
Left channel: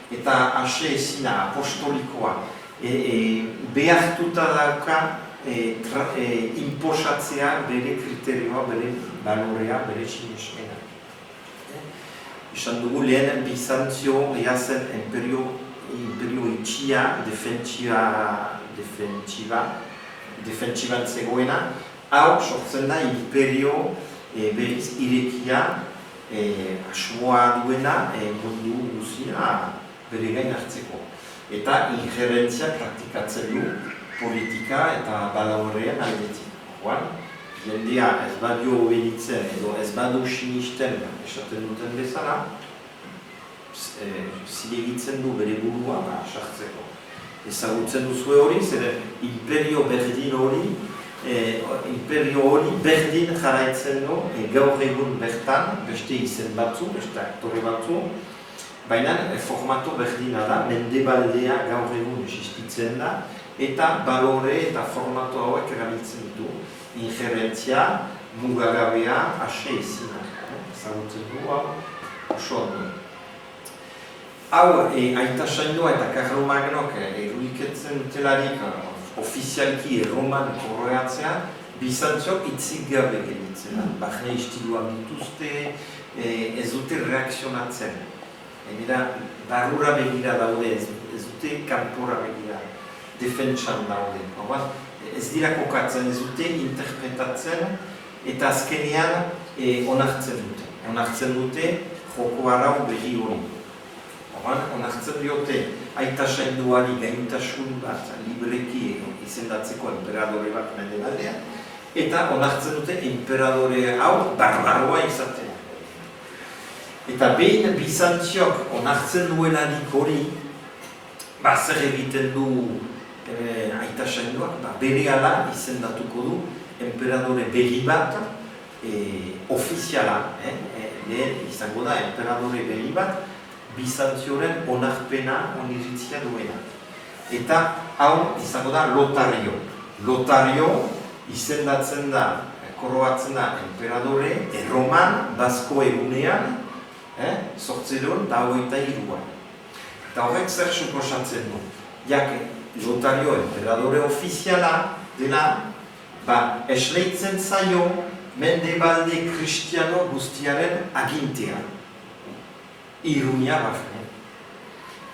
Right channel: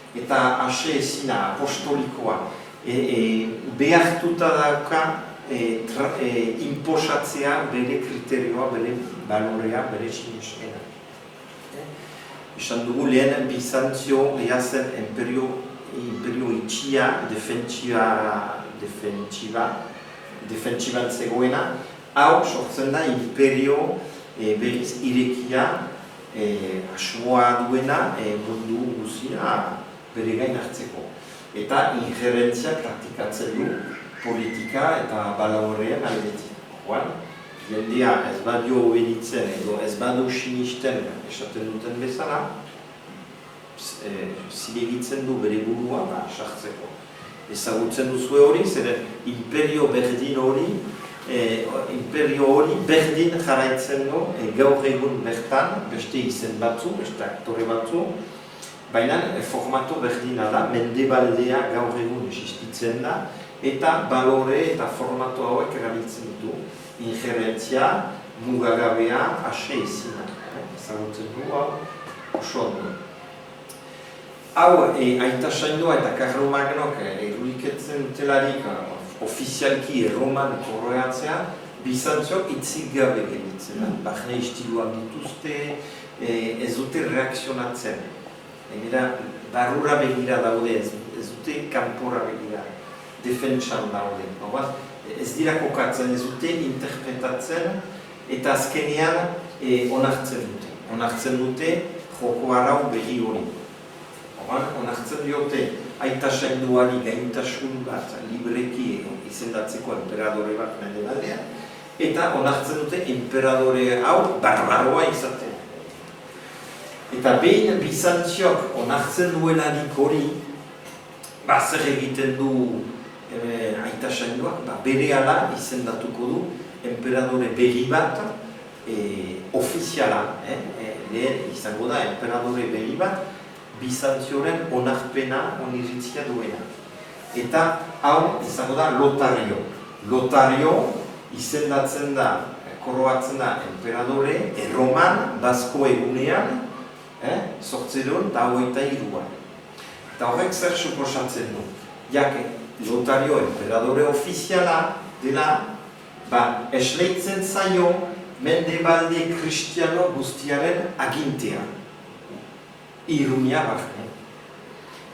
Eta ase ezina, apostolikoa, behartuta dauka inposatzea bere kriterioa, bere balorea, bere sinestera. Esan dugu lehen Bizantzio zen imperio itxia, defentsiban zegoena, hau sortzen da imperio berriz irekia, asmoa duena, mundu guztia bere gain hartzeko. Eta injerentzia praktikatzen du politika eta balaurrean aldetik. Jendea ez badio obeditzen edo ez badio sinisten esaten duten bezala, zilegitzen du bere burua sartzeko. Ezagutzen duzu hori, zer imperio berdin hori, berdin jarraitzen du, gaur egun bertan, beste izen batzu, beste aktore batzu, baina formato berdina da, Mendebaldea gaur egun existitzen da, eta balore eta formato hauek erabiltzen du, injerentzia, mugagabea, ase ezina. Ezagutzen du, oso ondo. Hau, aita saindua eta Karlomagnok eguriketzen dutelarik ofizialki Roman korreatzea, Bizantziok hitzik gabe genitzen. Barne istiluak dituzte, ez dute reakzionatzen. Barrura begira daude, ez dute kanpora begira, defentsan daude. Ez dira kokatzen, ez dute interpretatzen, eta azkenean onartzen dute. Onartzen dute joko arau berri hori. Onartzen diote aita sainduari gaintasun bat libreki izendatzeko emperadore bat Mendebaldean, eta onartzen dute emperadore hau barbaroa izatea. Eta behin Bizantziok onartzen duelarik hori, zer egiten du aita sainduak, berehala izendatuko du emperadore berri bat, ofiziala, lehen izango da emperadore berri bat, Bizantzioren onarpena oniritzia duena. Eta hau izango da Lotario. Lotario izendatzen da, koroatzen da emperadore Erroman, Basko egunean, sortzeron eta hogeita hiruan. Eta horrek zer suposatzen du. Lotario emperadore ofiziala dela, esleitzen zaio Mendebalde kristiano guztiaren agintea. Irunia barne.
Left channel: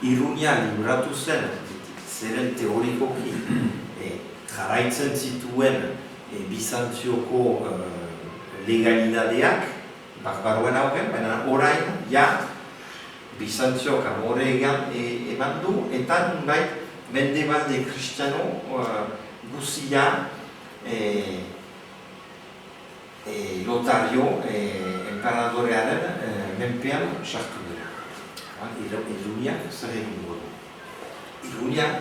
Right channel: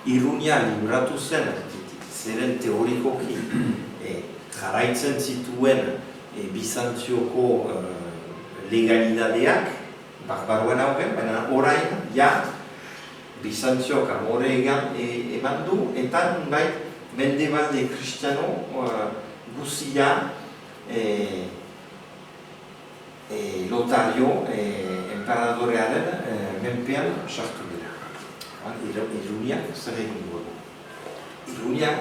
Irunia liburatu zen, zeren teorikoki, jarraitzen zituen Bizantzioko legalidadeak, barbaroen hauken, baina orain, Bizantziok amore eman du, eta nunbait Mendebalde kristiano guzia Lotario emperadorearen menpean sartu dira. Iruniak zer egin du. Iruniak,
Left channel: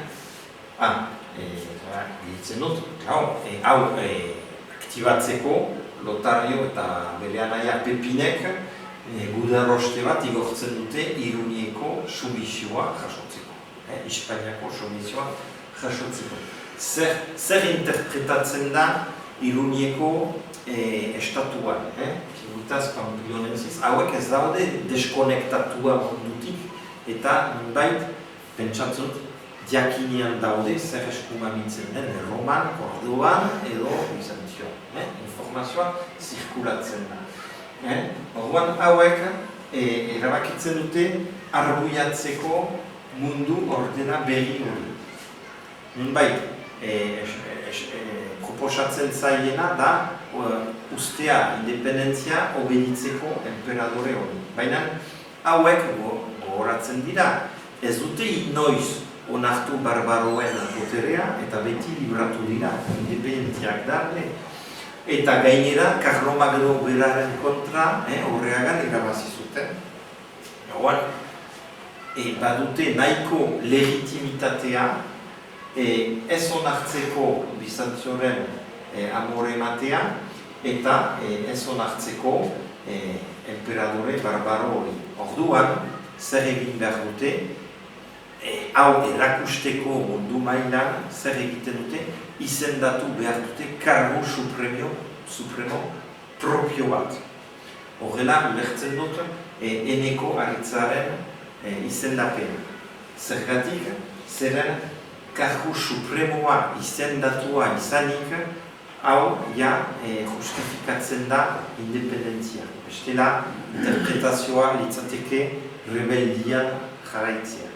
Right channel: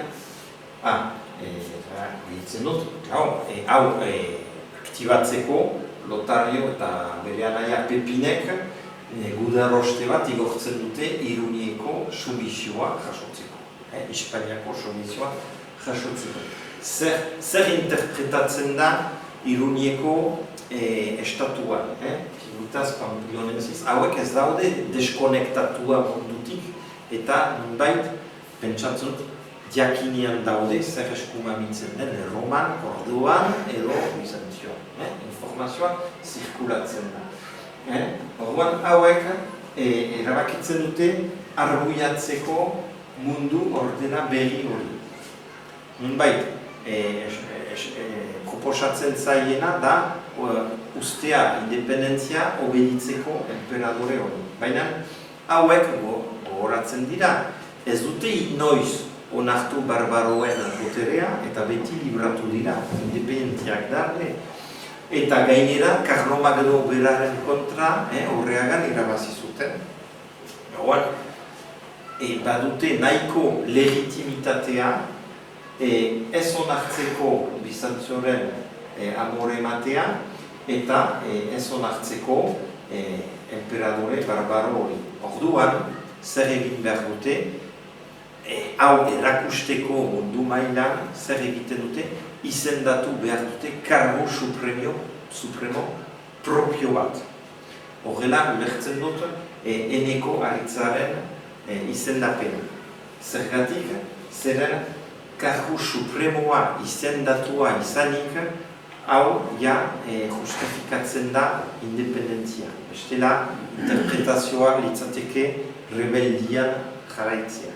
ditzen dut, hau aktibatzeko Lotario eta bere anaia Pepinek gudaroste bat igortzen dute Irunieko sumisioa jasotzeko. Hispaniako sumisioa jasotzeko. Zer interpretatzen da Irunieko estatuan, figutaz Pampilonenziz, hauek ez daude deskonektatua mundutik, eta nunbait, pentsatzut, diakinean daude, zer eskumabitzen den, Roman, Kordoban, edo Bizantzioan. Informazioa zirkulatzen da. Orduan hauek erabakitzen dute arruiatzeko mundu ordena berri hori. Nunbait, proposatzen zaiena da ustea independentzia obeditzeko emperadore hori. Baina hauek gogoratzen dira, ez dute inoiz onartu barbaroen boterea eta beti libratu dira, independentziak da, eta gainera Karlomagno beraren kontra Aurreagan irabazi zuten. Badute nahiko legitimitatea ez onartzeko Bizantzioren amore ematea eta ez onartzeko emperadore barbaro. Orduan, zer egin behar dute, hau erakusteko mundu mailan zer egiten dute, izendatu behar dute kargu supremo propio bat. Horrela, ulertzen dut, Eneko Aritzaren izendapena. Zergatik, zeren kargu supremoa izendatua izanik, hau justifikatzen da independentzia. Bestela, interpretazioa litzateke rebeldian jarraitzea.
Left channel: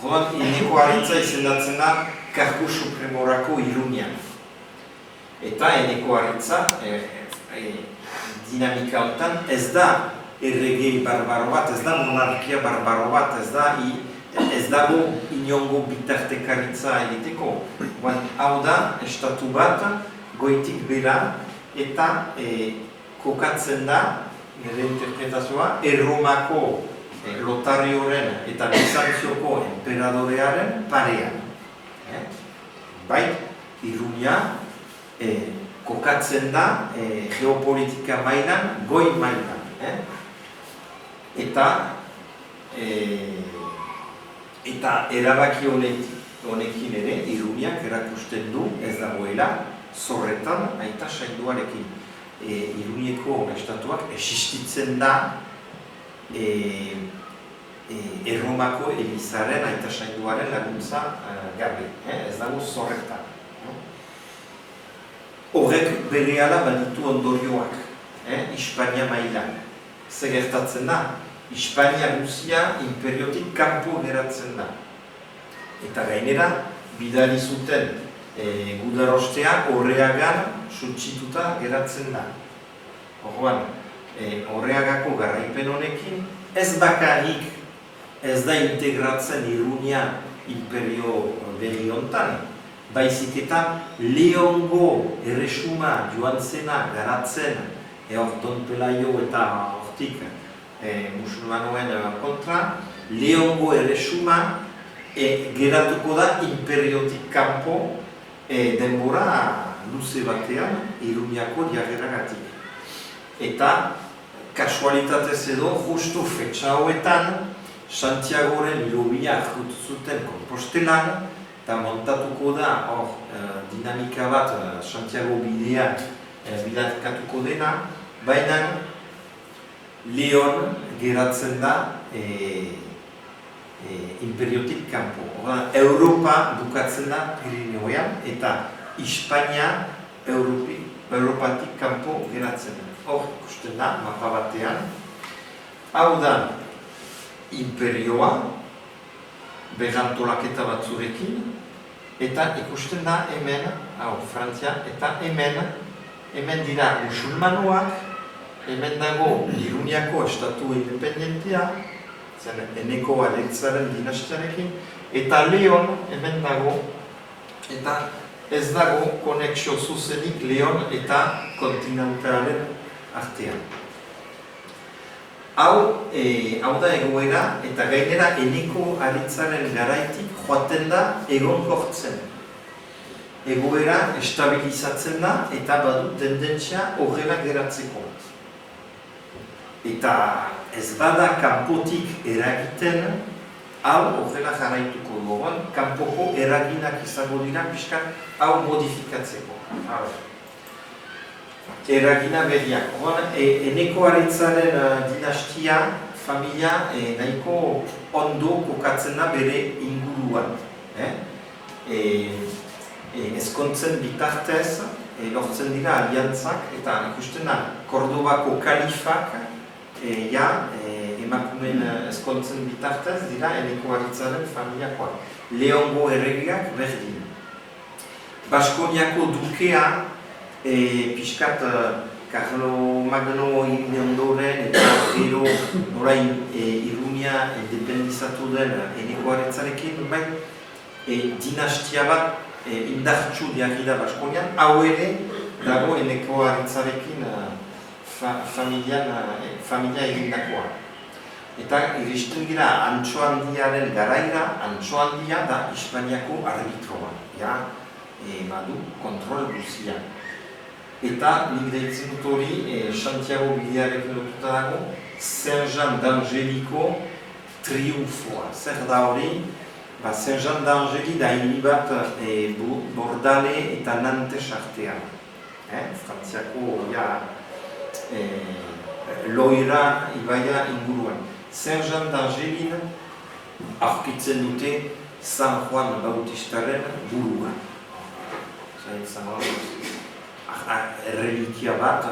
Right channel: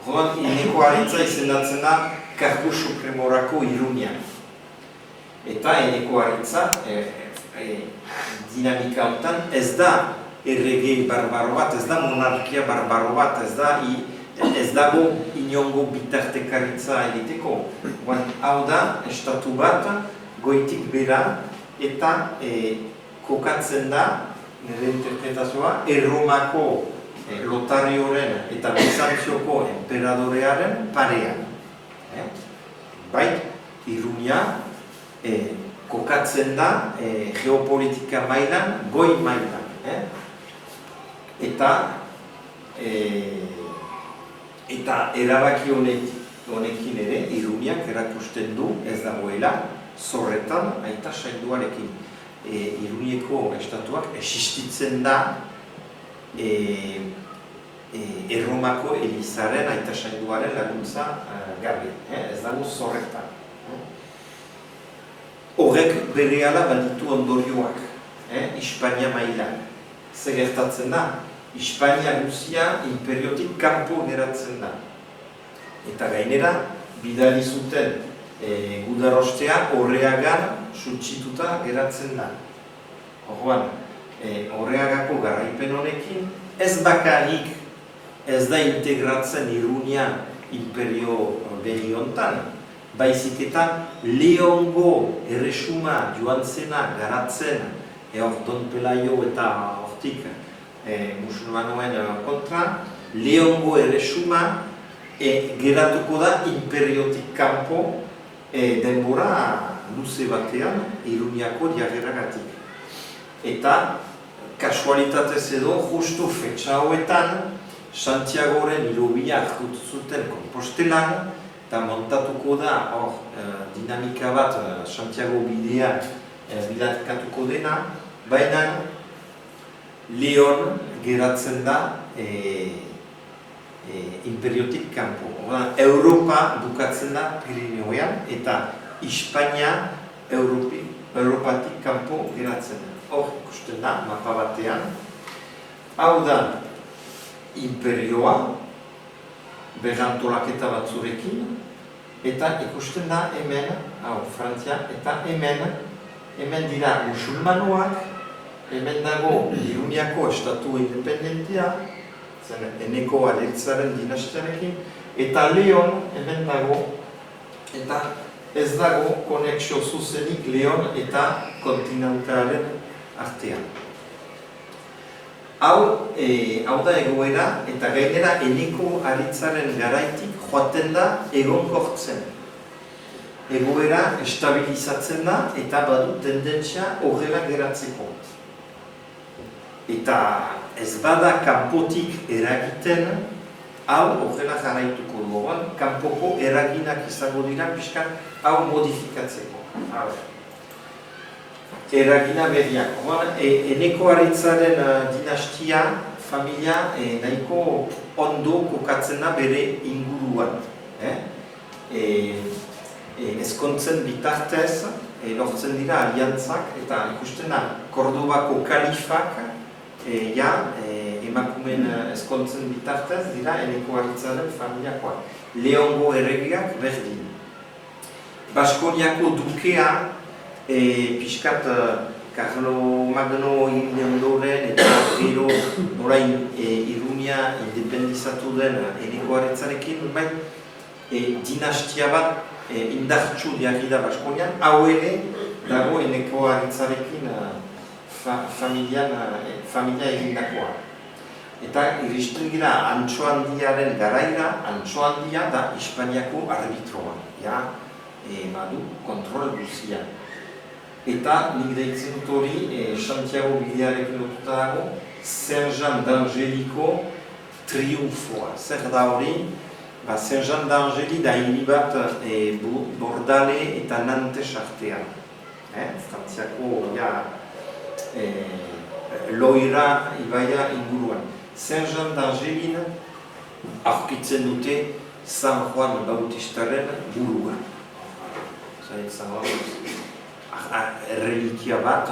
Horren, Eneko Aritza izendatzen da kargu supremorako Iruña. Eta Eneko Aritza dinamika honetan ez da erregei barbaro bat, ez da monarkia barbaro bat, ez dago inongo bitartekaritza egiteko. Hau da, estatu bat, goitik bera eta kokatzen da, nire interpretazioa, Erromako Lotarioren eta Bizantzioko emperadorearen parean. Bai, Iruña kokatzen da geopolitika mailan, goi mailan. Eta erabaki honekin ere, Iruñak erakusten du ez dagoela zorretan aita sainduarekin. Iruñeko estatuak existitzen da Erromako Elizaren aita sainduaren laguntza gabe, ez dago zorretan. Horrek berehala baditu ondorioak, Hispania mailan. Zer gertatzen da, Hispania guzia imperiotik kanpo geratzen da. Eta gainera, bidali zuten gudarostea Aurreagan suntsituta geratzen da. Orduan, Aurreagako garaipen honekin, ez bakarrik ez da integratzen Iruña imperio behi hontan, baizik eta Leongo erresuma joan zena garatzen Don Pelaio eta hortik musulmanoen kontra, Leongo erresuma geratuko da imperiotik kanpo denbora luze batean Iruñako jageragatik. Eta kasualitatez edo justu fetxa hauetan Santiagoren hilobia hartu zuten Konpostelan eta montatuko da dinamika bat Santiago bideak bilatkatuko dena, baina Leon geratzen da imperiotik kanpo. Europa bukatzen da Pirineoean eta Hispania Europatik kanpo geratzen. Hor, uste da, mapa batean. Hau da, imperioa, berrantolaketa batzurekin, eta ikusten da hemen, Frantzia, eta hemen dira musulmanoak, hemen dago Iruñako estatu independentia, Eneko Aritzaren dinastiarekin, eta Leon hemen dago, eta ez dago konexio zuzenik Leon eta kontinentalen artean. Hau da egoera, eta gainera Eneko Aritzaren garaitik joaten da egonkortzen. Egoera estabilizatzen da eta badu tendentzia horrela geratzeko. Eta ez bada kanpotik eragiten, hau horrela jarraituko dugu, kanpoko eraginak izango dira pixka hau modifikatzeko. Eragina berriak. Eneko Aritzaren dinastia, familia, nahiko ondo kokatzen da bere inguruan. Ezkontzen bitartez, lortzen dira aliantzak, eta ikusten da, Kordobako kalifak, emakumen ezkontzen bitartez dira Eneko Aritzaren familiakoa. Leongo erregeak berdin. Baskoniako dukea, pixkat Karlomagno ingondoren eta gero orain Iruña independizatu den Eneko Aritzarekin dinastia bat indartsu jarri da Baskonian, hau ere dago eneko aritzarekin familia egindakoa. Eta iristen dira Antso Handiaren garaira, Antso Handia da Hispaniako arbitroa, badu kontrol guzia. Eta nire deitzen dut hori, Santiago bidearekin lotuta dago, Saint Jean d'Angelico triunfoa. Zer da hori? Saint Jean d'Angeli da hiri bat Bordale eta Nantes artean. Frantziako Loira ibaia inguruan. Saint Jean d'Angelin aurkitzen dute San Juan Bautistaren burua. Reliquia bat,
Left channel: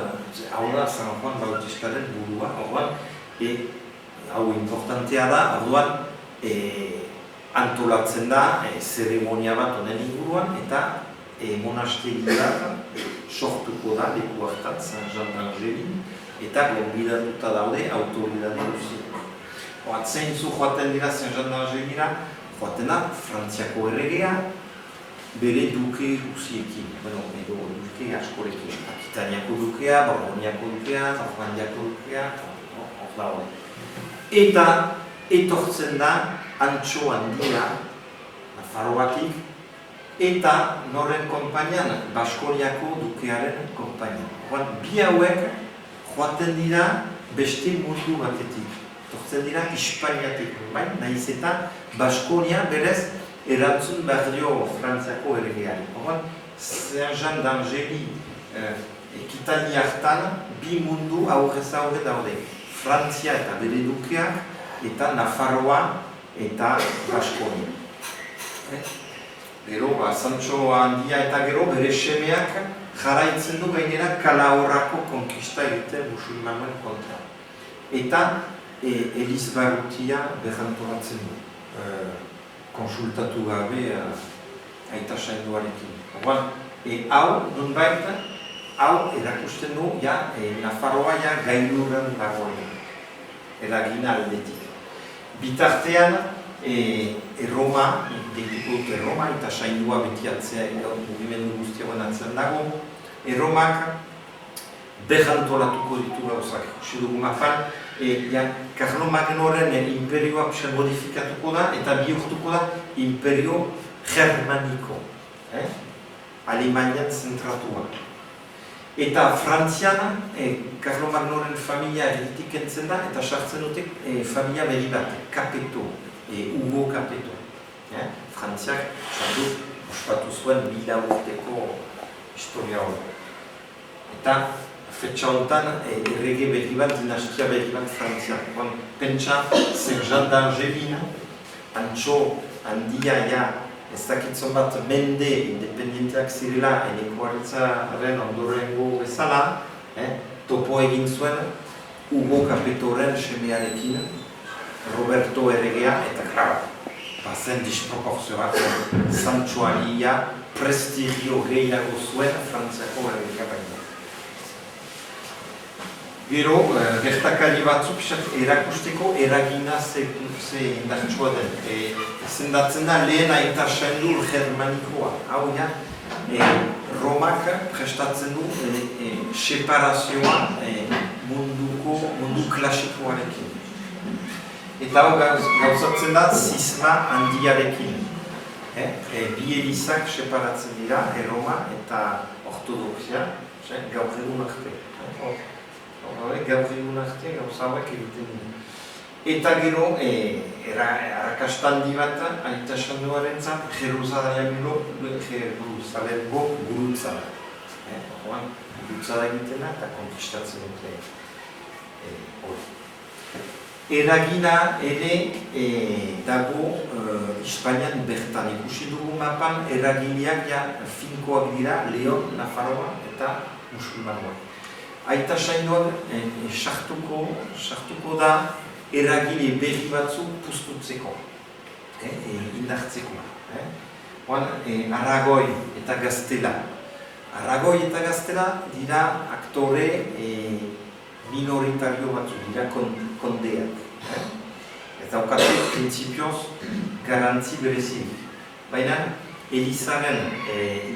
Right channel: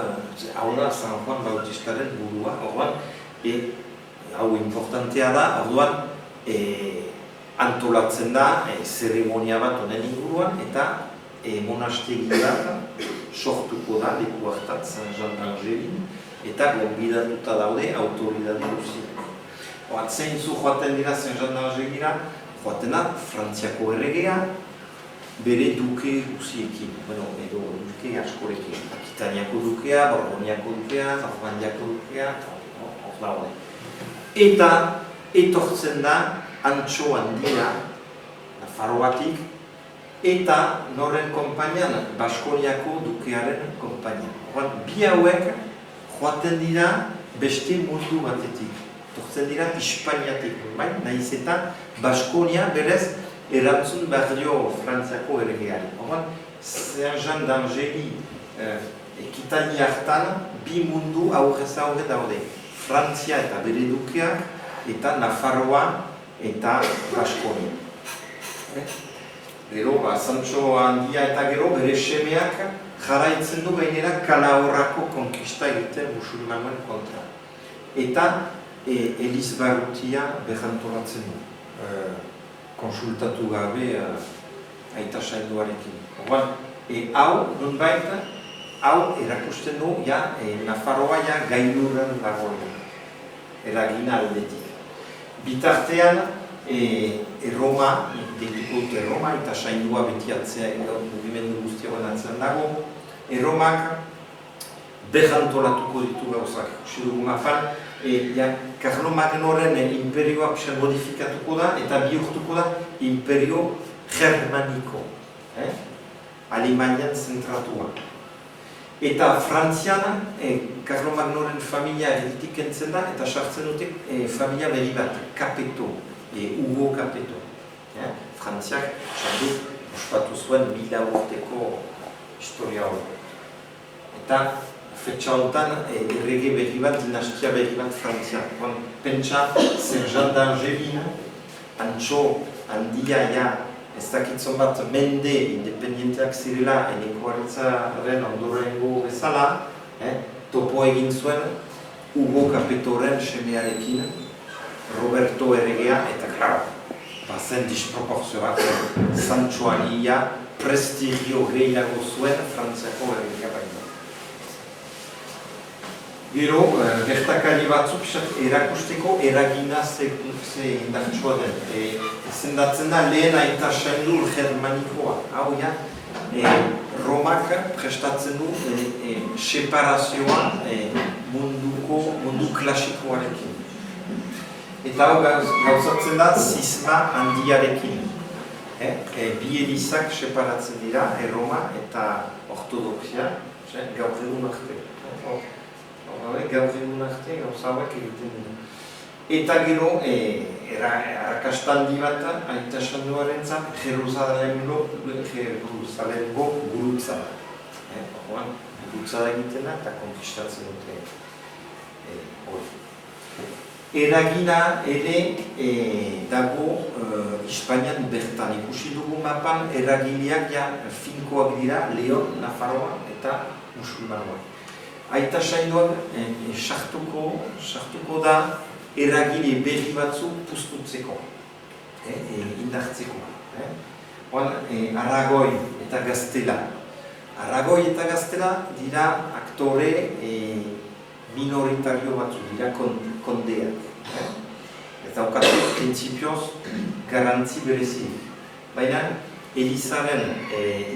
hau da San Juan Bautistaren burua. Hau importantea da, orduan antolatzen da zeremonia bat honen inguruan eta monastegi bat sortuko da leku hartan Saint Jean d'Angelin eta gonbidatuta daude autoridade guztiak. Zeintzu joaten dira Saint Jean d'Angelina, joaten da Frantziako erregea bere duke guztiekin, edo duke askorekin. Akitaniako dukea, Borgoñako dukea, Normandiako dukea, hor dago. Eta etortzen da Antso Handia, Nafarroatik, eta noren konpainian, Baskoniako dukearen konpainian. Bi hauek joaten dira beste mundu batetik. Tortzen dira Hispaniatik konpain, nahiz eta Baskonia berez erantzun behar dio Frantziako erregeari. Saint Jean d'Angeli ekitali hartan bi mundu aurrez aurre daude. Frantzia eta bere dukeak eta Nafarroa eta Baskonia. Gero, Sancho Handia eta gero bere semeak jarraitzen du gainera Calahorrako konkista egiten musulmanen kontra. Eta Eliz Barrutia berrantolatzen du. Konsultatu gabe aita sainduarekin. Hau, nunbait, hau erakusten du, Nafarroa gainuran dagoen. Eragina aldetik. Bitartean, Roma, eta saindua betiatzea mugimendu guztioan atzen dago, Romak berrantolatuko ditu gauzak. Xudugu mafan, Karlomak noren imperioa modifikatuko da eta bihurtuko da imperio germaniko, Alemanian zentratua. Eta Frantzian, Karlomak noren familia eritik entzen da eta sartzen dute familia behi bat, Capeto, Hugo Capeto. Frantziak, ospatu zuen 1000 urteko historia hori. Eta fetxa honetan, errege berri bat, dinastia berri bat Frantziak. Pentsa, Saint Jean d'Angelin, Antso Handia, ezakitzon bat mende independenteak zirela, eneko ondorengo bezala, topo egin zuen, Hugo Capetoren semearekin, Roberto erregea, eta klar, bazen disproporzio bat, Sancho Handia, prestigio gehiago zuen Frantziako erregea. Gero, gertakari batzuk erakusteko eragina ze indartsua den. Zendatzen da lehen aita sainur germanikoa. Hau Romak prestatzen du separazioa mundu klasikoarekin. Eta hau gauzatzen da zisma handiarekin. Bi elizak separatzen dira, Roma eta ortodoxia, gaur egun arte. Gaur egun arte, gauzauek egiten du. Eta gero, arrakastandi bat, aita sanduaren zat, Jerusalemgo gurutza. Gurutza da egitena eta konkistatzen dute. Eragina ere dago Hispanian bertan. Ikusi dugu mapan eragileak finkoak dira Leon, Nafarroa eta musulmanoa. Aita sainduan sartuko da eragile berri batzu puztutzeko, indartzeko. Aragoi eta Gaztela. Aragoi eta Gaztela dira aktore minoritario batzu, dira kondeak. Eta okatu, prinsipioz, garantzi berezik. baina Elizaren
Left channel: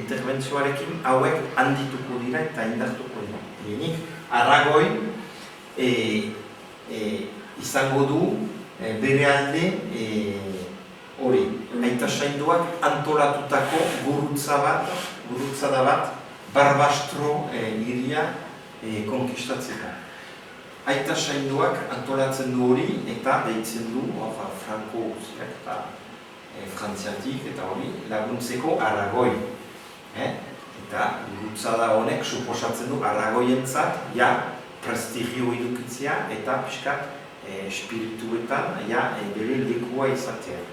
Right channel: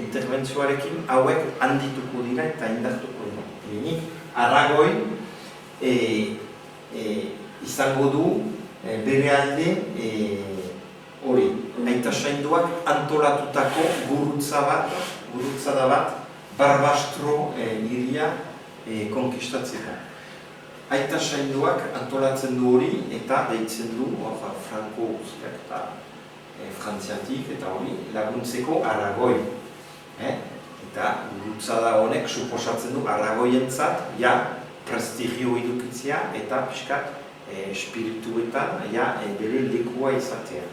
interbentzioarekin hauek handituko dira eta indartuko dira. Nik Aragoi izango du bere alde hori, Aita Sainduak antolatutako gurutzada bat Barbastro hiria konkistatzea. Aita Sainduak antolatzen du hori eta deitzen du Franco Frantziatik eta hori laguntzeko Aragoi. Eta gurutzada honek suposatzen du Aragoientzat prestigio edukitzea eta pixkat espirituetan bere lekua izatea.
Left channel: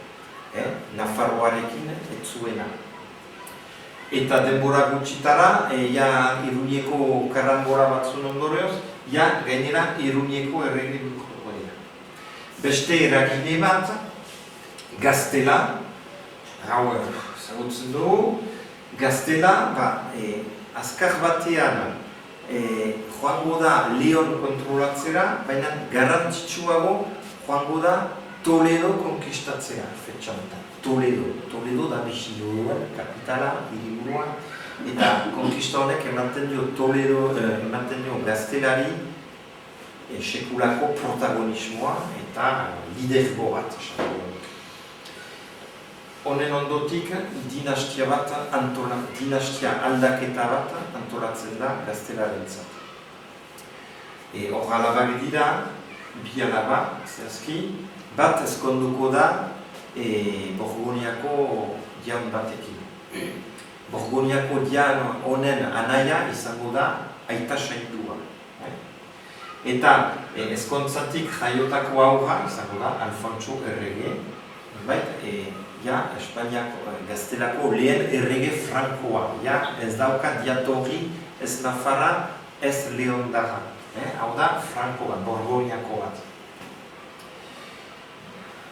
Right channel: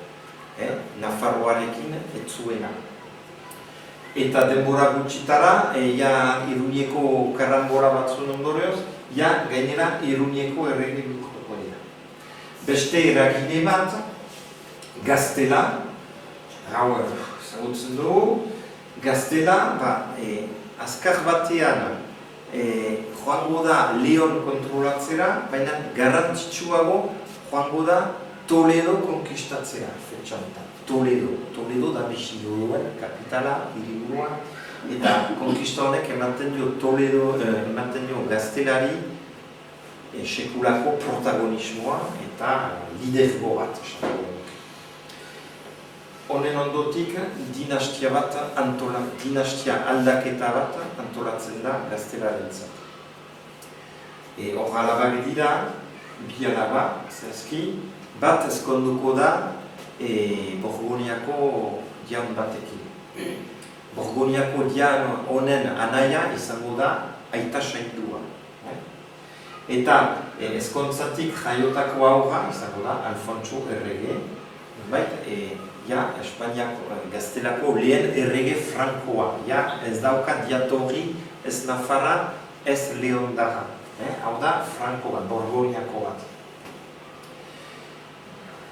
Nafarroarekin ez zuena. Eta denbora gutxitara, Iruñeko karangora batzuen ondorioz, gainera Iruñeko errege duko dira. Beste eragile bat, Gaztela, hau ezagutzen dugu, Gaztela, azkar batean joango da Leon kontrolatzera, baina garrantzitsuago joango da Toledo konkistatzea, fetxauta. Toledo da bizidua, kapitala, hiriburua, eta konkista honek ematen dio Toledo, ematen dio Gaztelari sekulako protagonismoa eta lidergo bat. Honen ondotik, dinastia aldaketa bat antolatzen da Gaztelarentzat. Horrela dira, bi alaba, zehazki, bat ezkonduko da Borgoniako jaun batekin. Borgoniako jaun honen anaia izango da Aita Saindua. Eta ezkontzatik jaiotako aurra izango da Alfonso errege, Espainiako Gaztelako lehen errege Frankoa. Ez daukat jatorri ez Nafarra, ez Leondarra. Hau da Frankoa, Borgoniako bat.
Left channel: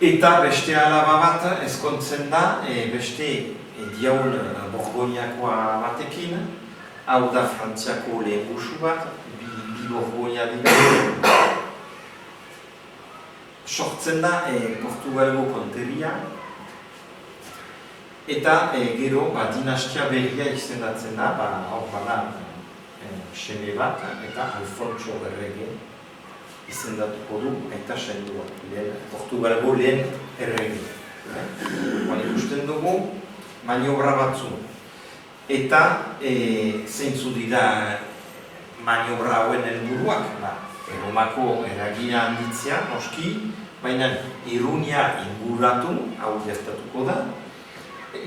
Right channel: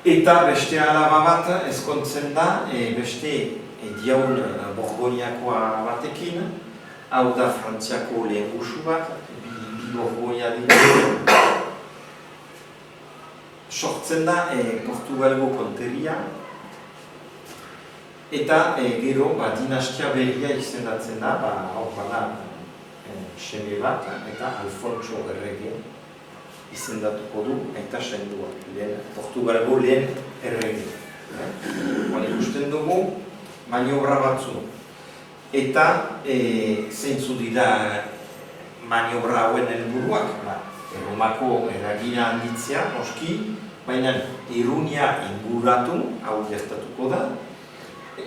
Eta beste alaba bat ezkontzen da, beste jaun Borgoniakoa batekin, hau da Frantziako lehen usu bat, bi Borgonia dira. Sortzen da Portugalgo konteria, eta gero dinastia berria izendatzen da, hau da xede bat, eta Alfonso errege izendatuko du Aita Saindua, Portugalgo lehen errege. Ikusten dugu maniobra batzu. Eta zeintzu dira maniobra hauen helburuak, Erromako eragina handitzea, oski, baina Iruña inguratu, hau gertatuko da.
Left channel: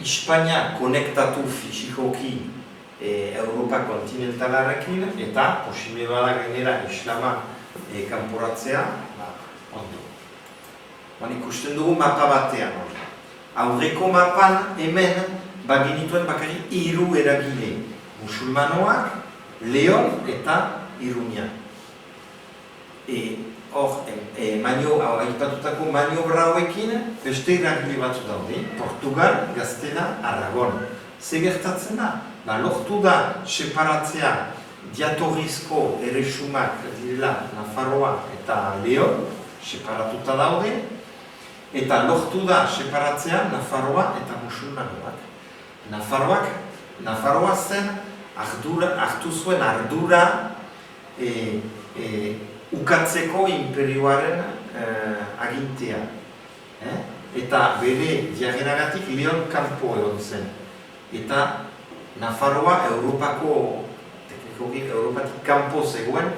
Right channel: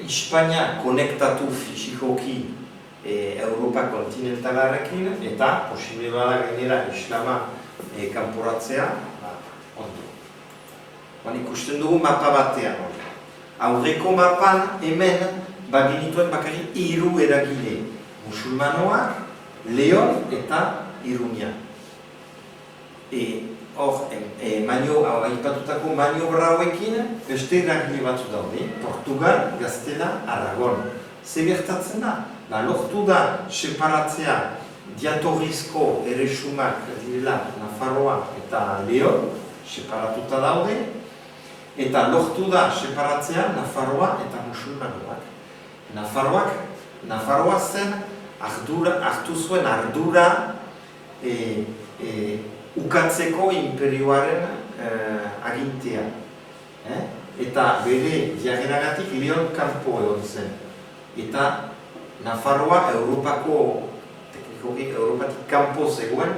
Espainia konektatu fisikoki Europa kontinentalarekin eta posible bada gainera islama kanporatzea ondo. Ikusten dugu mapa batean. Aurreko mapan hemen baginituen bakarrik 3 eragile. Musulmanoak, Leon eta Iruña. Hor, aipatutako maniobra hauekin beste eragile batzu daude. Portugal, Gaztela, Aragon. Ze gertatzen da? Lortu da separatzea diatorrizko erresumak direla Nafarroa eta Leon, separatuta daude, eta lortu da separatzea Nafarroa eta musulmanoak. Nafarroa zen hartu zuen ardura ukatzeko imperioaren agintea. Eta bere diagenagatik Leon kanpo egon zen. Eta Nafarroa Europatik kanpo zegoen,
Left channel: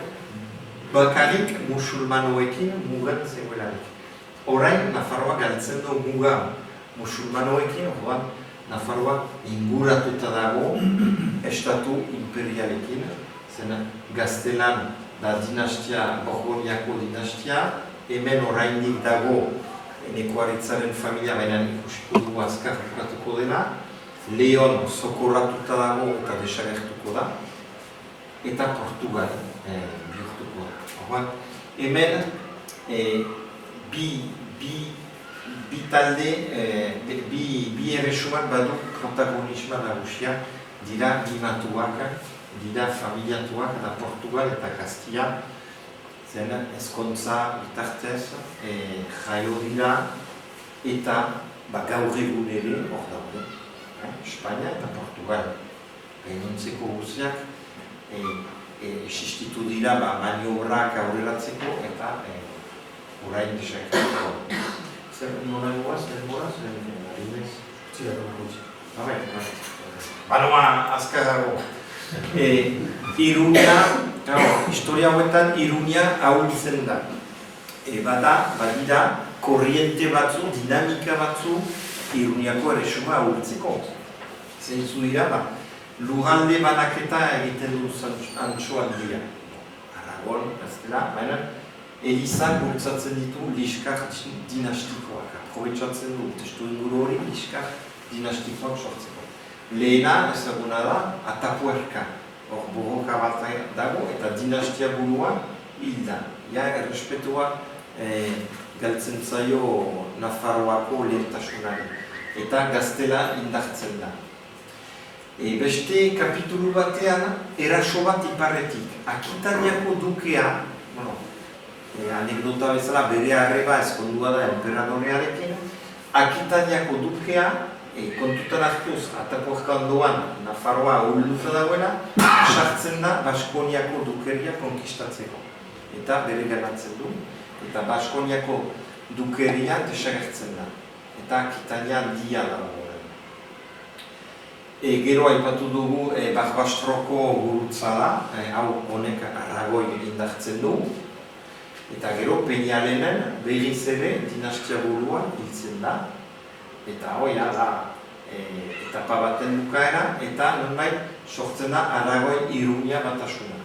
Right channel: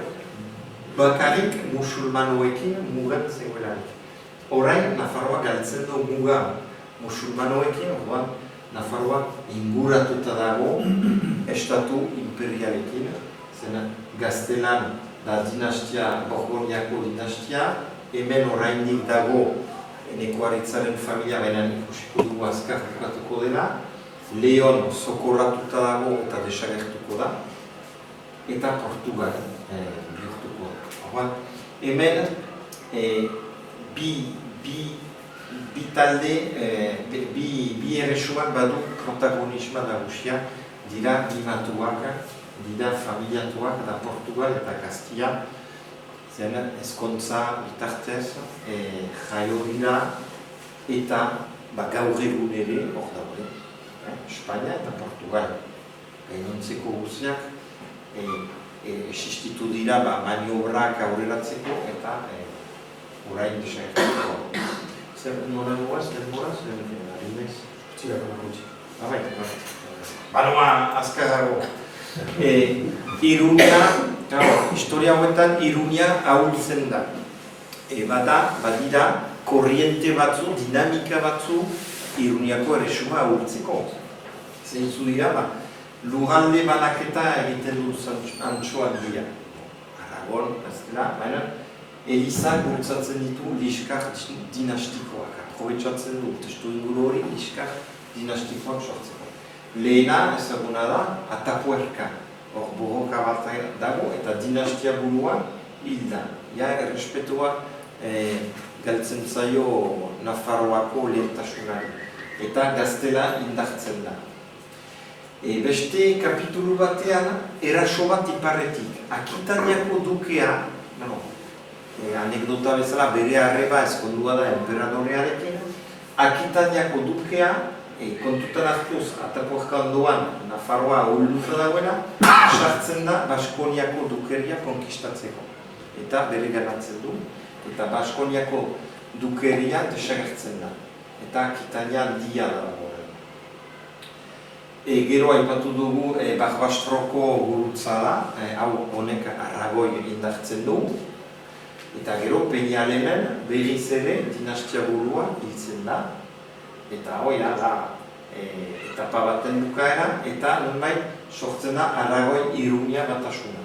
bakarrik musulmanoekin mugan zegoelarik. Orain, Nafarroa galtzen du muga musulmanoekin, Nafarroa inguratuta dago estatu imperialekin, zen Gaztelan da dinastia, Borgoniako dinastia, hemen orainik dago Nekuaritzaren familia beran ikusiko du azkar jokatuko dela, Leon sokolatuta dago eta desagertuko da, eta Portugal bihurtuko da. Hemen bi talde, bi erresuak badu protagonismoa nagusia dira imatuak, dira familiatuak, da Portugal eta Gaztia, zen ezkontza bitartez jaio dira eta gaur egun ere hor daude. Espainia eta Portugal. Gainontzeko guztiak existitu dira maniobrak aurreratzeko eta orain desagertzeko. Zer norengoa, zer adibidez? Baroma azkarrago. Iruña, historia hauetan Iruña ahultzen da. Badira korriente batzu, dinamika batzu Iruñako erresuma ahultzeko. Zentzu dira, lurralde banaketa egiten dut antxoan dira. Aragon, ez dira, Elizak bultzatzen ditu liskar dinastikoak. Aprobetxatzen du testu inguru hori liskar dinastikoak sortzen. Lehena, ezaguna da, Atapuerca. Hor borroka bat dago eta dinastia burua hil da. Ja, errespetua galtzen zaio Nafarroako lehentasunan. Eta gaztela indartzen da. Beste kapitulu batean, eraso bat iparetik. Akitaniako dukea, anekdota bezala bere arreba ezkondua da emperadorearekin, Akitaniako dukea, kontutan hartuz, Atapuerca doan Nafarroa ahulduta dagoena, sartzen da Baskoniako dukeria konkistatzeko. Eta bere garatzen du, eta Baskoniako dukeria desagertzen da. Eta Akitania handia da. Gero aipatu dugu Barbastroko gurutzala, hau honek Aragoi indartzen du. Eta gero Peñalenen berriz ere dinastia burua hiltzen da. Eta hoia da etapa baten bukaera, eta nonbait sortzen da Aragoi Iruña batasuna.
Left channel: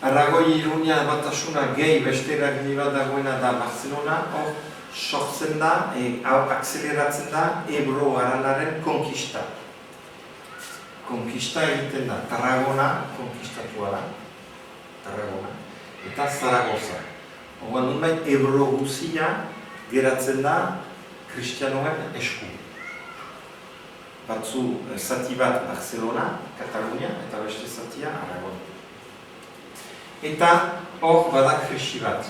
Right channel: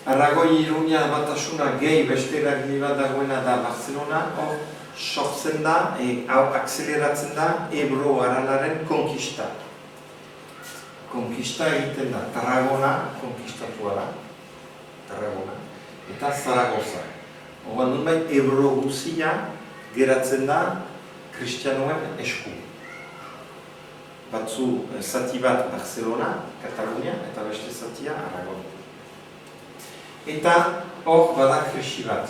Aragoi Iruña batasuna gehi beste eragile dagoena da Barcelona, hor sortzen da, akzeleratzen da Ebro Aranaren konkista. Konkista egiten da, Tarragona konkistatua da. Tarragona. Eta Zaragoza. Oman nonbait Ebro guzia geratzen da kristianoak esku. Batzu zati bat Barcelona, Katalunia, eta beste zatia Aragon. Eta hor bada krisi bat.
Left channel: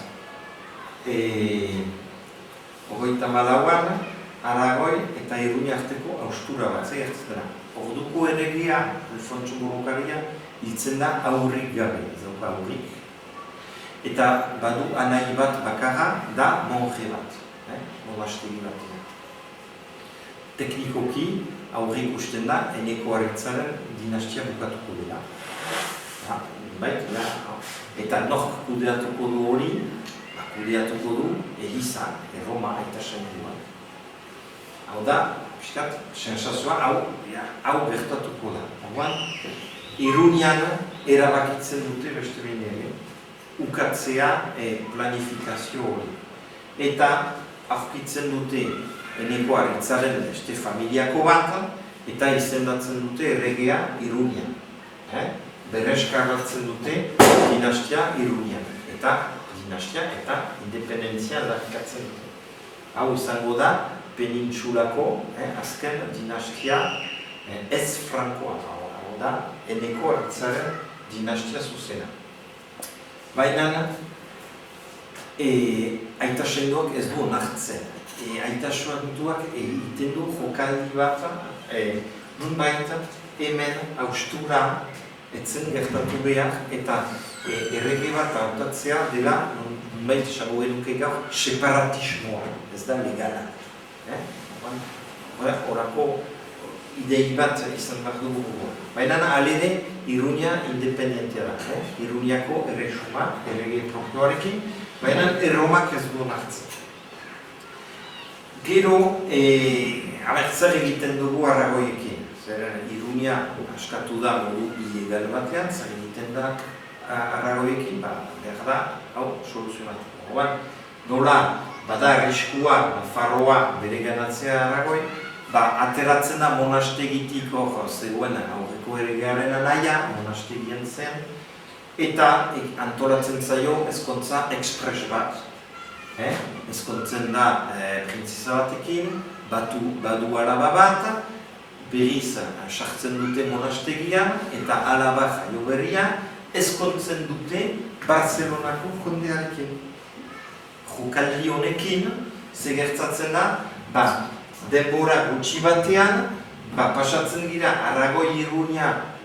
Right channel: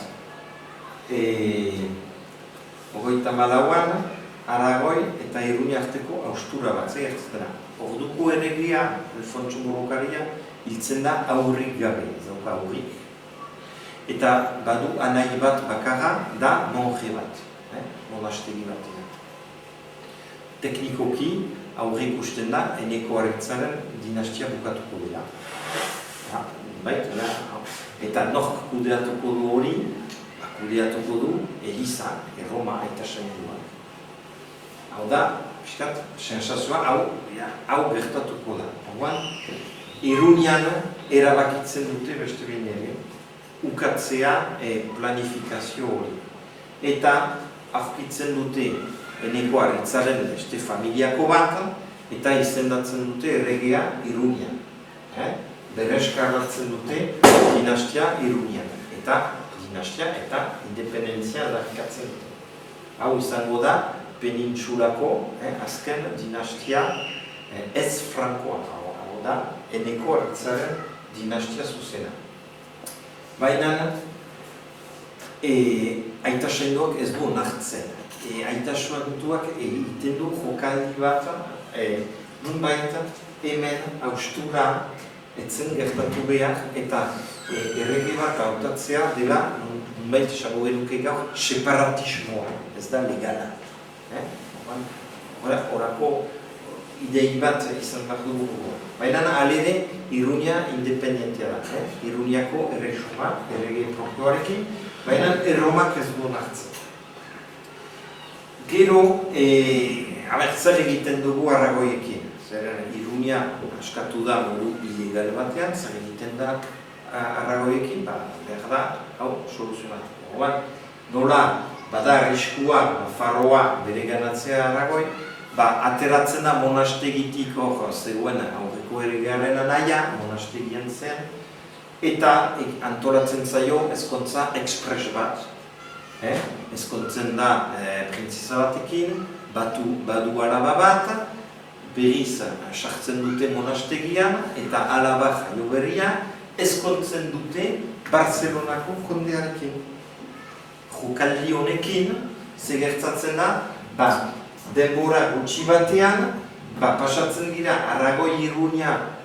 Hogeita malauan, Aragoi eta Iruña arteko haustura bat zegertzen da. Orduko erregia, Alfonso Morokaria, hiltzen da aurrik gabe, zoka aurrik. Eta badu anai bat bakarra da monje bat, monastegi bat. Teknikoki, aurre ikusten da, Eneko Aretzaren dinastia bukatuko dira. Eta nork kudeatuko du hori, kudeatuko du Eliza, Roma eta Sendua. Hau da, sensazioa hau bertatuko da. Iruñan erabakitzen dute beste ere, ukatzea planifikazio hori. Eta aurkitzen dute Eneko Aretzaren beste familiako bat, eta izendatzen dute erregea Iruñan. Bereskargatzen dute dinastia Iruñan. Eta dinastia eta independentzia darkatzen dute. Hau izango da penintsulako azken dinastia ez frankoa. Hau da Eneko Aretzaren dinastia zuzena. Baina Aita Sendok ez du nartzen. Aita Sendoak egiten du jokaldi bat, nunbait hemen haustura etzen gertatu behar eta errege bat hautatzea dela, nunbait esango denuke gaur, separatismoa, ez da legala. Horako idei bat izan bat dugu. Baina alere Iruña independentea da. Iruñako erresuma, errege propioarekin, baina Erromak ez du nartzen. Gero, abertzale egiten dugu Aragoiekin. Iruña askatu da modu ilegal batean, zer egiten da Aragoiekin, behar da, hau, soluzionatu. Nola, bada arriskua, Nafarroa bere ganatzea Aragoi, ateratzen da monastegitik hor zegoen aurreko erregearen anaia, monastegien zen, eta antolatzen zaio ezkontza ekspres bat. Ezkontzen da printzesa batekin, badu alaba bat, berriz sartzen dute monastegian, eta alabak berria ezkontzen dute Barcelonako jondearekin. Jokaldi honekin, zegertzatzen da, denbora gutxi batean, pasatzen dira Aragoi-Iruña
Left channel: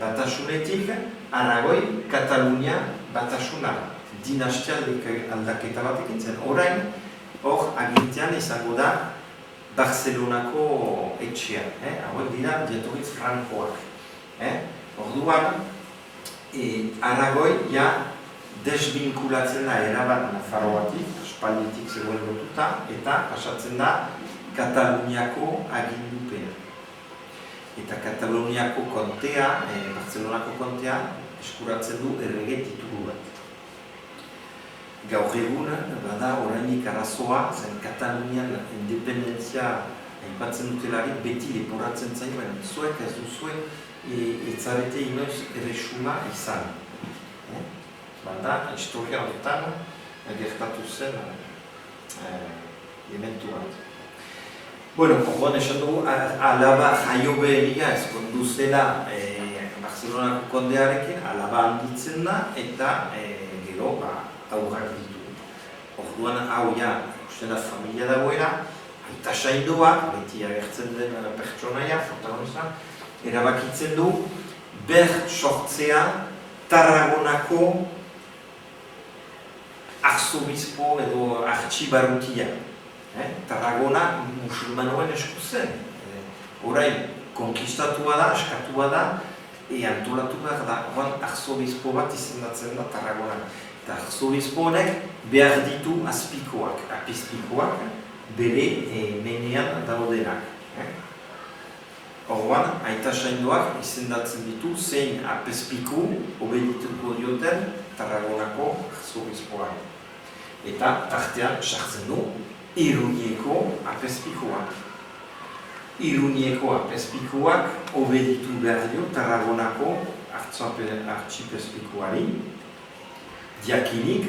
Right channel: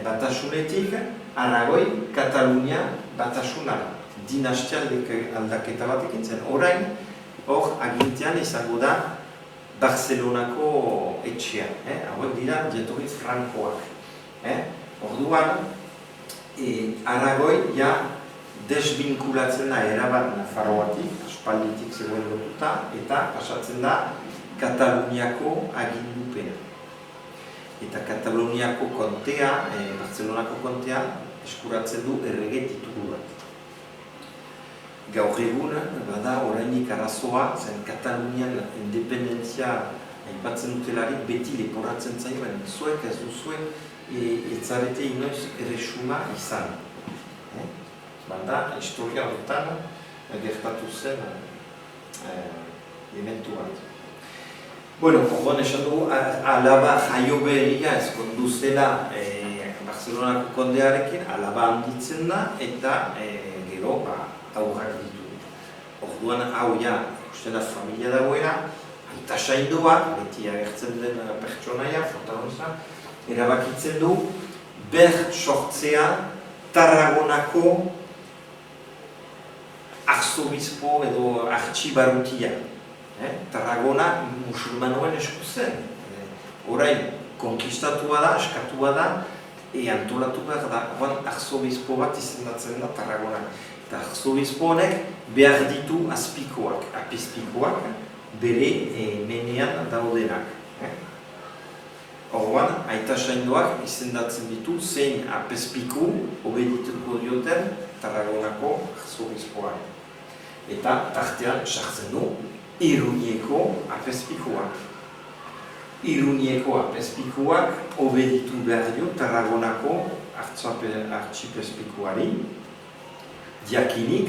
batasunetik, Aragoi-Katalunia batasuna. Dinastianik aldaketa bat egin zen. Orain, hor agintean izango da Barcelonako etxea. Hauek dira jatorri frankoak. Orduan, Aragoi desbinkulatzen da erabat Nafarroatik, Espainiatik zegoen lotuta, eta pasatzen da Kataluniako agindupea. Eta Kataluniako kontea, Barcelonako kontea, eskuratzen du errege titulu bat. Gaur egun, bada orainik arazoa, zen Katalunian independentzia aipatzen dutelarik beti leporatzen zain, zuek ez duzue, etzarete inoiz erresuma izan. Bada, historia horretan, gertatu zen elementu bat. Bueno, orduan esan dugu, alaba jaio beheria ez konduzela Barcelonako kondearekin, alaba handitzen da, eta gero, aurrak ditu. Orduan, hau uste da familia dagoela, eta sainduak, beti agertzen den pertsonaia, protagonista, erabakitzen du, ber sortzea Tarragonako arzobispo edo artxibarutia. Tarragona musulmanoen esku zen. Orain, konkistatua da, askatua da, antolatu behar da, arzobispo bat izendatzen da Tarragona. Eta arzobispo honek behar ditu azpikoak, apizpikoak, bere menean daudenak. Orduan, aita sainduak izendatzen ditu zein apezpiku obedituko dioten Tarragonako arzobispoak. Eta tartean sartzen du Iruñeko apezpikuak. Iruñeko apezpikuak obeditu behar dio Tarragonako artxipezpikuari. Diakinik,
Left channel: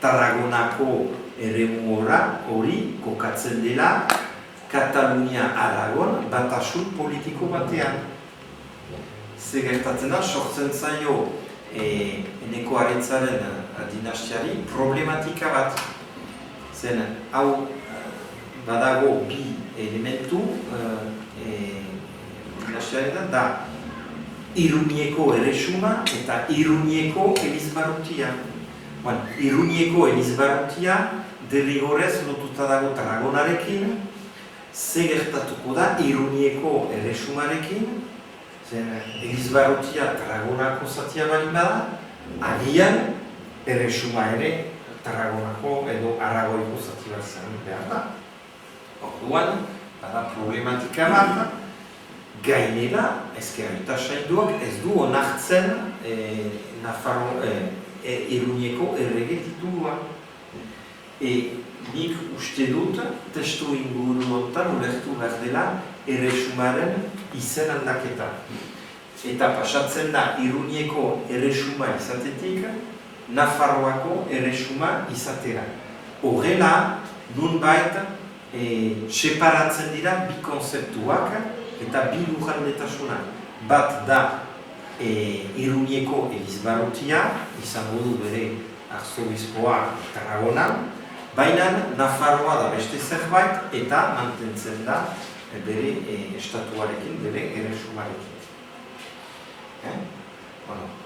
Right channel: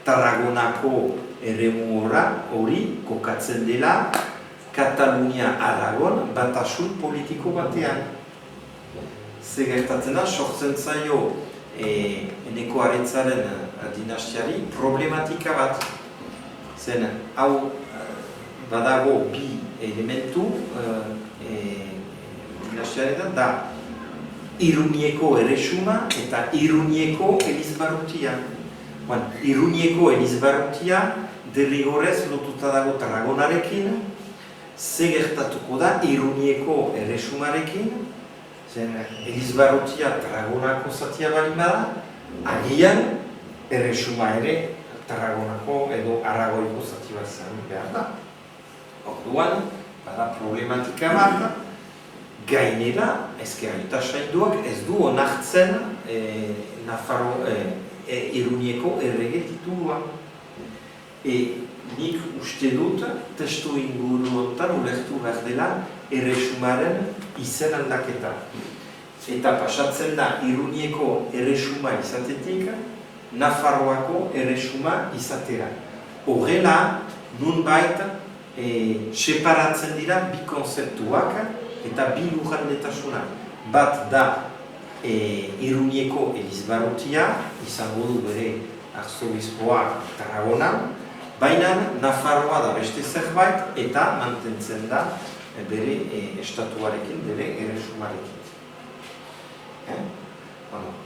Tarragonako eremu hori kokatzen dela Katalunia-Aragon batasun politiko batean. Ze gertatzen da, sortzen zaio Eneko Aritzaren dinastiari problematika bat. Zen, hau badago bi elementu dinastiaren da Iruñeko erresuma eta Iruñeko elizbarrutia. Iruñeko elizbarrutia derrigorrez lotuta dago Tarragonarekin, ze gertatuko da Iruñeko erresumarekin, elizbarrutia Tarragonako zatia bali bada, agian erresuma ere Tarragonako edo Aragoiko zatia zen behar da. Orduan, bada problematika bat, gainera, ezker eta sainduak ez du onartzen Iruñeko errege titulua. Nik uste dut, testu inguru honetan ulertu behar dela erresumaren izen aldaketa. Eta pasatzen da Iruñeko erresuma izatetik, Nafarroako erresuma izatera. Horrela, nunbait, separatzen dira bi konzeptuak eta bi lujaldetasunak. Bat da Iruñeko elizbarrutia, izango du bere arzobispoa Tarragonan, baina Nafarroa da beste zerbait eta mantentzen da bere estatuarekin, bere erresumarekin.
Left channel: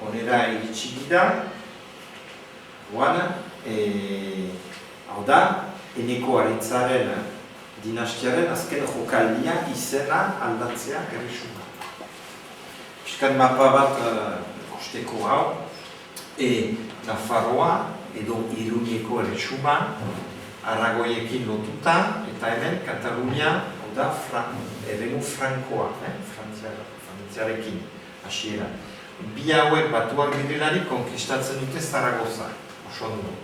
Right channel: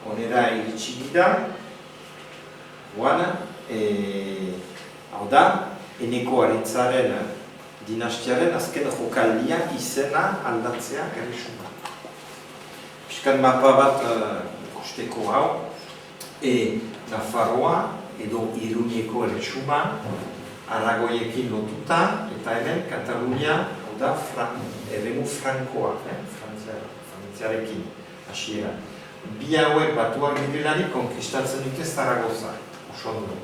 Honera iritsi dira, hau da, Eneko Aritzaren dinastiaren azken jokaldia izena aldatzea erresuma. Piskat mapa bat ikusteko hau, Nafarroa edo Iruñeko erresuma Aragoiekin lotuta eta eren Katalunia da eremu frankoa, frantziarekin hasiera. Bi hauek batuak direlari konkistatzen dute Zaragoza, oso ondo.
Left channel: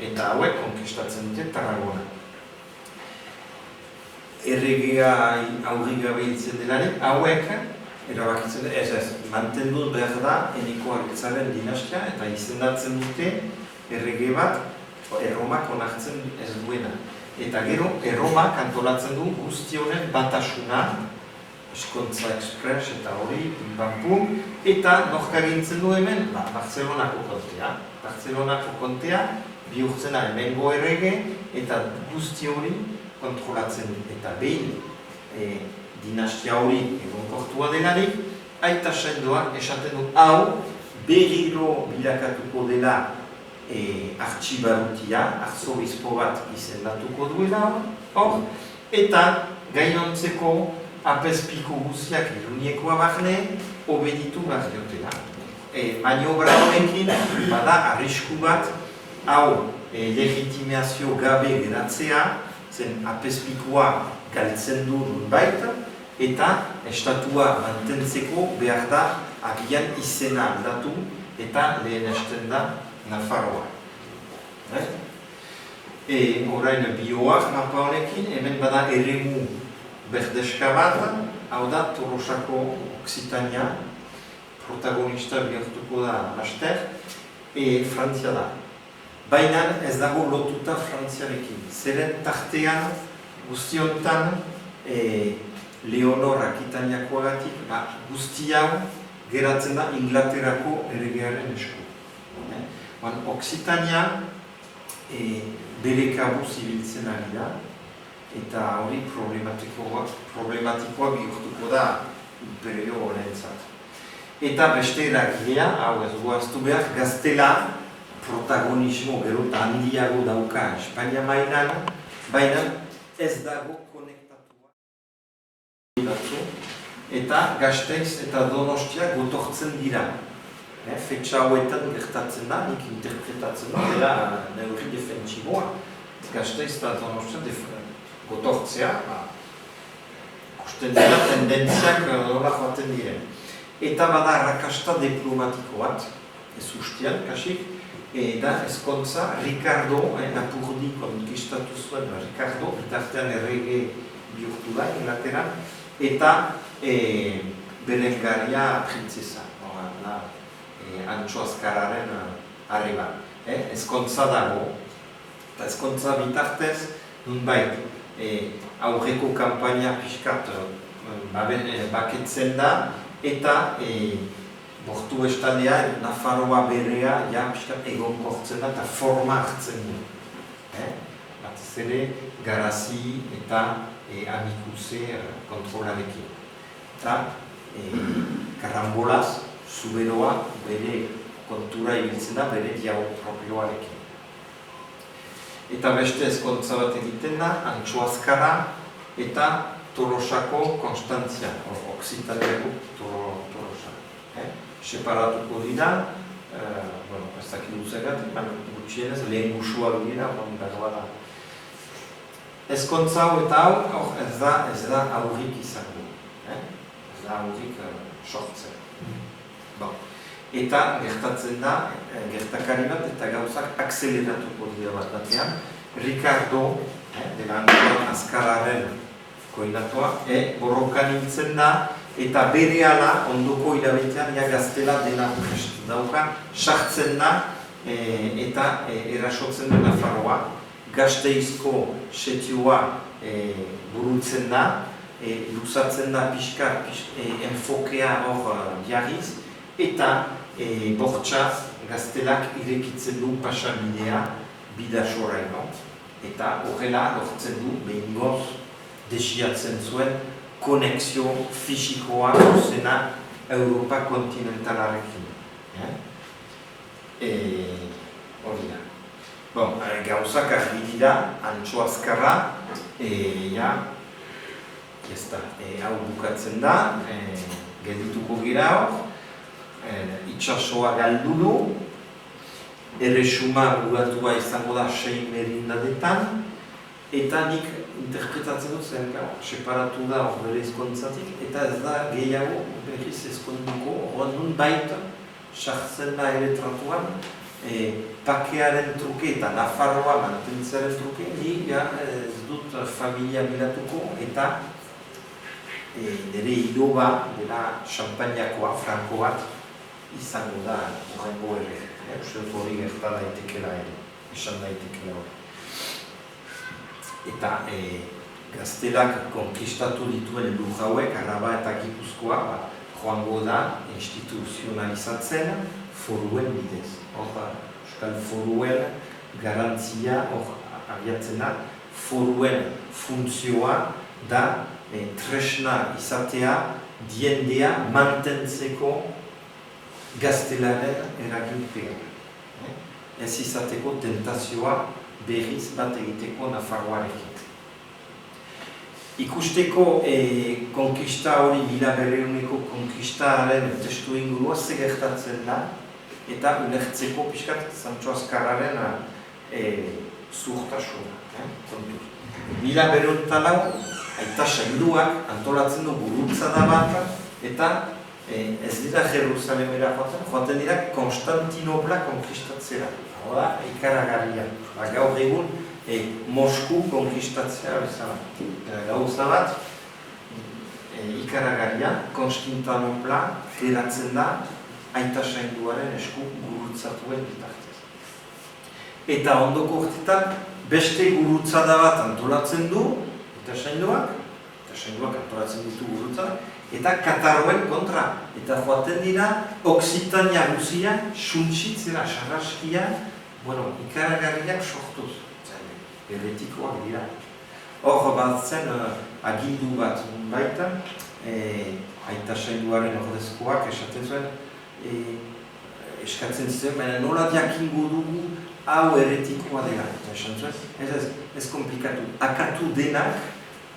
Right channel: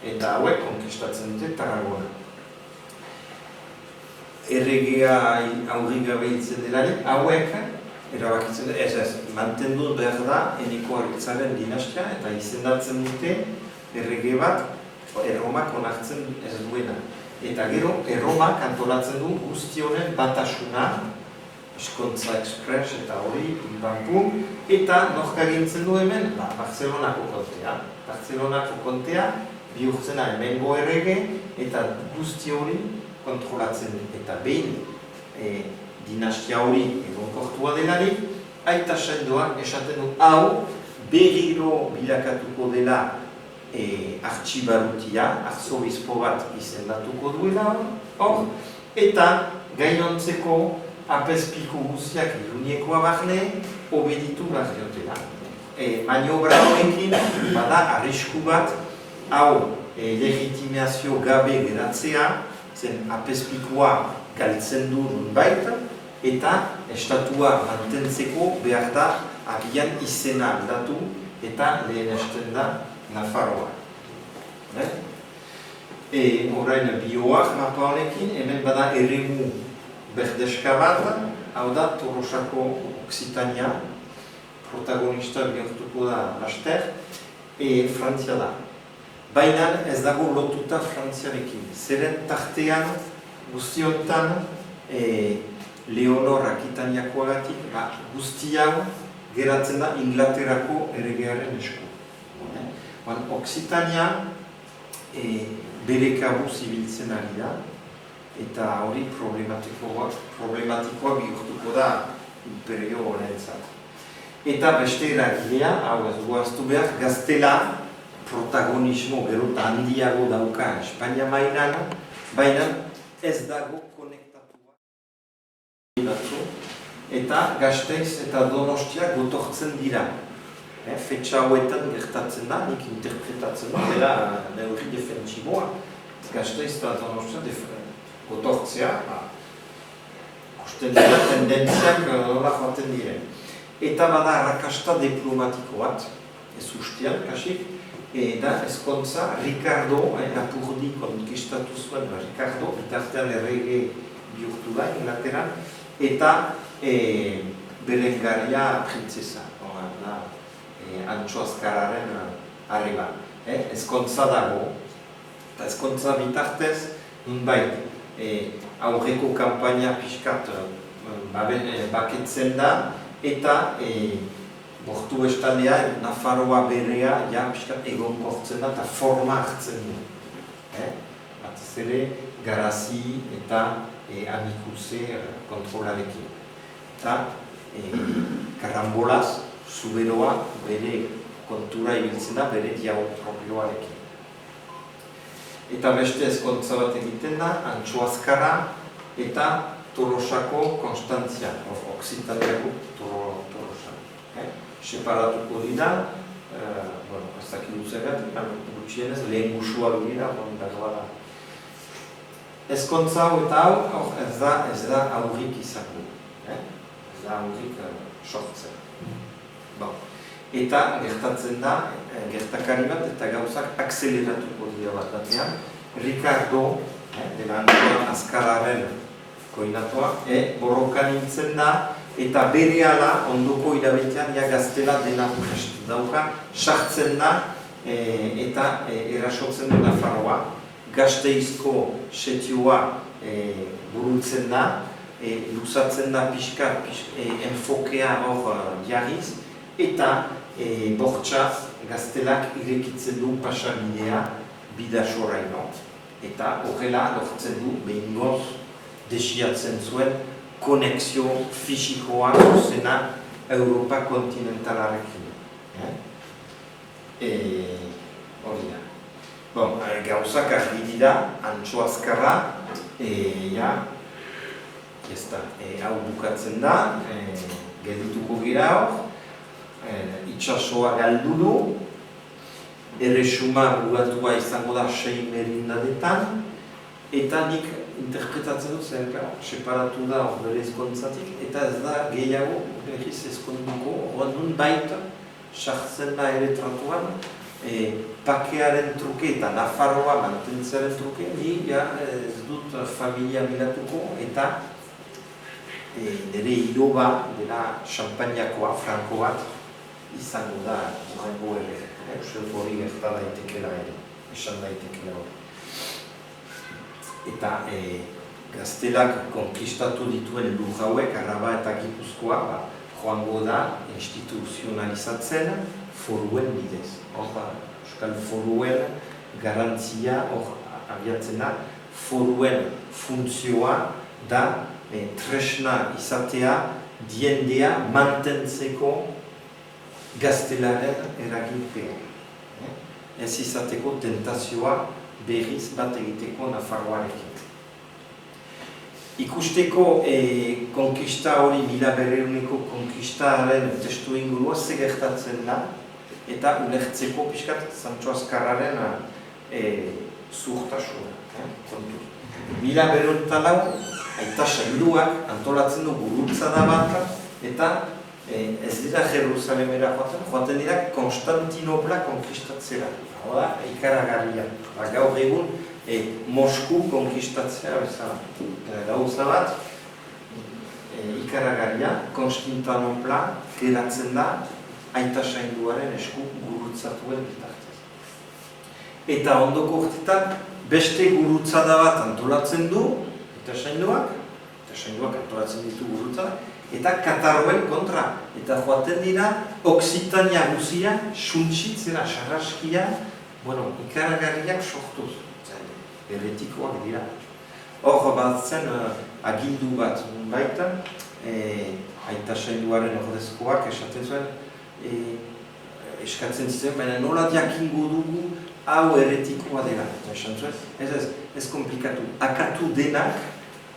Eta hauek konkistatzen dute Tarragona. Erregea aurri gabe hitzen delari, hauek erabakitzen ez, mantendu behar da Eneko Aritzaren dinastia eta izendatzen dute errege bat Erromak onartzen ez duena. Eta gero, Erromak antolatzen du guzti honen batasuna, eskontza espres eta hori, kanpu, eta norka egintzen du hemen, Barcelonako kontea. Barcelonako kontea bihurtzen da hemengo errege eta guzti hori kontrolatzen dut. Eta behin, dinastia hori egonkortua delarik, aita sendoak esaten du hau berriro bilakatuko dela artxibarutia, arzoizpo bat izendatuko duela hor, eta gainontzeko apezpiko guztiak iruniekoa barne, obeditu behar diotela. Maniobra honekin, bada arrisku bat, hau legitimazio gabe geratzea, zen apezpikoa galtzen du nunbait, eta estatua mantentzeko behar da agian izena aldatu eta lehenesten da Nafarroa. Orain bioak mapa honekin, hemen bada eremu berdeska bat, hau da Tolosako Occitania, protagonista bihurtuko da laster, Frantzia da. Baina ez dago lotuta Frantziarekin. Zeren tartean, guztiontan, Leonor Akitaniakoagatik, guzti hau geratzen da Inglaterrako erregearen esku. Occitania bere kabuz ibiltzen ari da, eta hori problematikoa bihurtuko da imperio horrentzat. Eta beste eragilea, hau ez duaztu behar, gaztela protagonismo gero eta handiago dauka Espainia mailan, baina ez dago konektatua. Eta Gasteiz eta Donostia gotortzen dira. Fetxa hauetan gertatzen da, nik interpretatzen da, dela neurri defentsiboa. Gasteiz eta Donostia gotortzea, ikusten dira tendentziak nola joaten diren. Eta bada arrakasta diplomatiko bat, ez ustean, kasik, eta ezkontza Ricardo, Lapurdi konkistatu zuen Ricardo, bitartean errege bihurtu da Inglaterran, eta Berengaria printzesa, Antxo Azkararen arreba. Ezkontza dago, eta ezkontza bitartez, nunbait, aurreko kampaina pixkat baketzen da, eta bortu estaldea, Nafarroa berrea, pixkat egonkortzen da, eta forma hartzen du. Batez ere, Garazi eta Amikuse kontrolarekin. Eta karambolaz, zuberoa bere kontura ibiltzen da, bere diago propioarekin. Eta beste ezkontza bat egiten da, Antxo Azkarra eta Tolosako Konstantzia, Occitaniako Tolosa. Separatuko dira, ez dakit duzegat, gutxienez, lehen gusua dira, behar da. Ezkontza hau eta hau, ez da aurrik izango. Ez da aurrik sortzen. Eta gertatzen da, gertakari bat eta gauzak akzeleratuko dira bat batean. Ricardo, dela Antxo Azkarraren koinatua, borrokan nintzen da, eta bere ala, ondoko hilabetean, gaztela dena prest dauka, sartzen da, eta erasotzen du Nafarroa. Gasteizko setioa burutzen da, luzatzen da pixka, enfokea hor diarriz, eta bortxa gaztelak irekitzen du pasabidea bidasoraino. Eta horrela lortzen du behingoz desiatzen zuen konexio fisikoa zuzena Europa kontinentalarekin. Hori da. Gauzak argi dira, Antxo Azkarra, hau bukatzen da, geldituko gira hor, itxasoa galdu du, erresuma bugatua izango da 6 merindadetan, eta nik interpretatzen dut zen, separatu da hor bere ezkontzatik, eta ez da gehiago berriz ezkonduko, horren nun baita, sartzen da ere tratuan, pakearen truke eta Nafarroa mantentzearen truke, ni ez dut familia bilatuko eta nire hiloba dela Champagnakoa, Franko bat, izango da horrengo ere. Hori gerta daitekela ere, esan daitekela hori. Eta gaztelak konkistatu dituen lur hauek, Araba eta Gipuzkoa, joango da instituzionalizatzen foruen bidez. Euskal foruen garantzia abiatzen da foruen funtzioa da tresna izatea diendea mantentzeko gaztelaren eraginpean. Ez izateko tentazioa berriz bat egiteko Nafarroarekin. Ikusteko konkista hori, 1900ko konkistaren testu ingurua gertatzen da, eta ulertzeko pixkat Sancho Azkarraren zuhtasuna. 1904 aita sailduak antolatzen du gurutzada bat, eta ez dira Jerusalemera joaten dira Konstantinopla konkistatzera. Hau da, ikaragarria. Gaur egun, Mosku konkistatzea bezala. Gauza bat, ikaragarria, Konstantinopla geratzen da aita sailduaren esku gurutzatuen bitartez. Eta ondoko urtetan, beste gurutzada bat antolatzen du, aita sailduak antolatzen ditu gurutzadak, eta Katarroen kontra. Eta joaten dira, Oksitania guzia, suntsitzera, sarraskia, ikaragarriak sortuz. Heretikoak dira. Hor bat zen agindu bat baita, aita sailduaren ordezkoak esaten zuen, eskatzen zen, baina nola jakingo dugu hau heretikoa dela. Esan zuen, ez komplikatu. Akatu denak,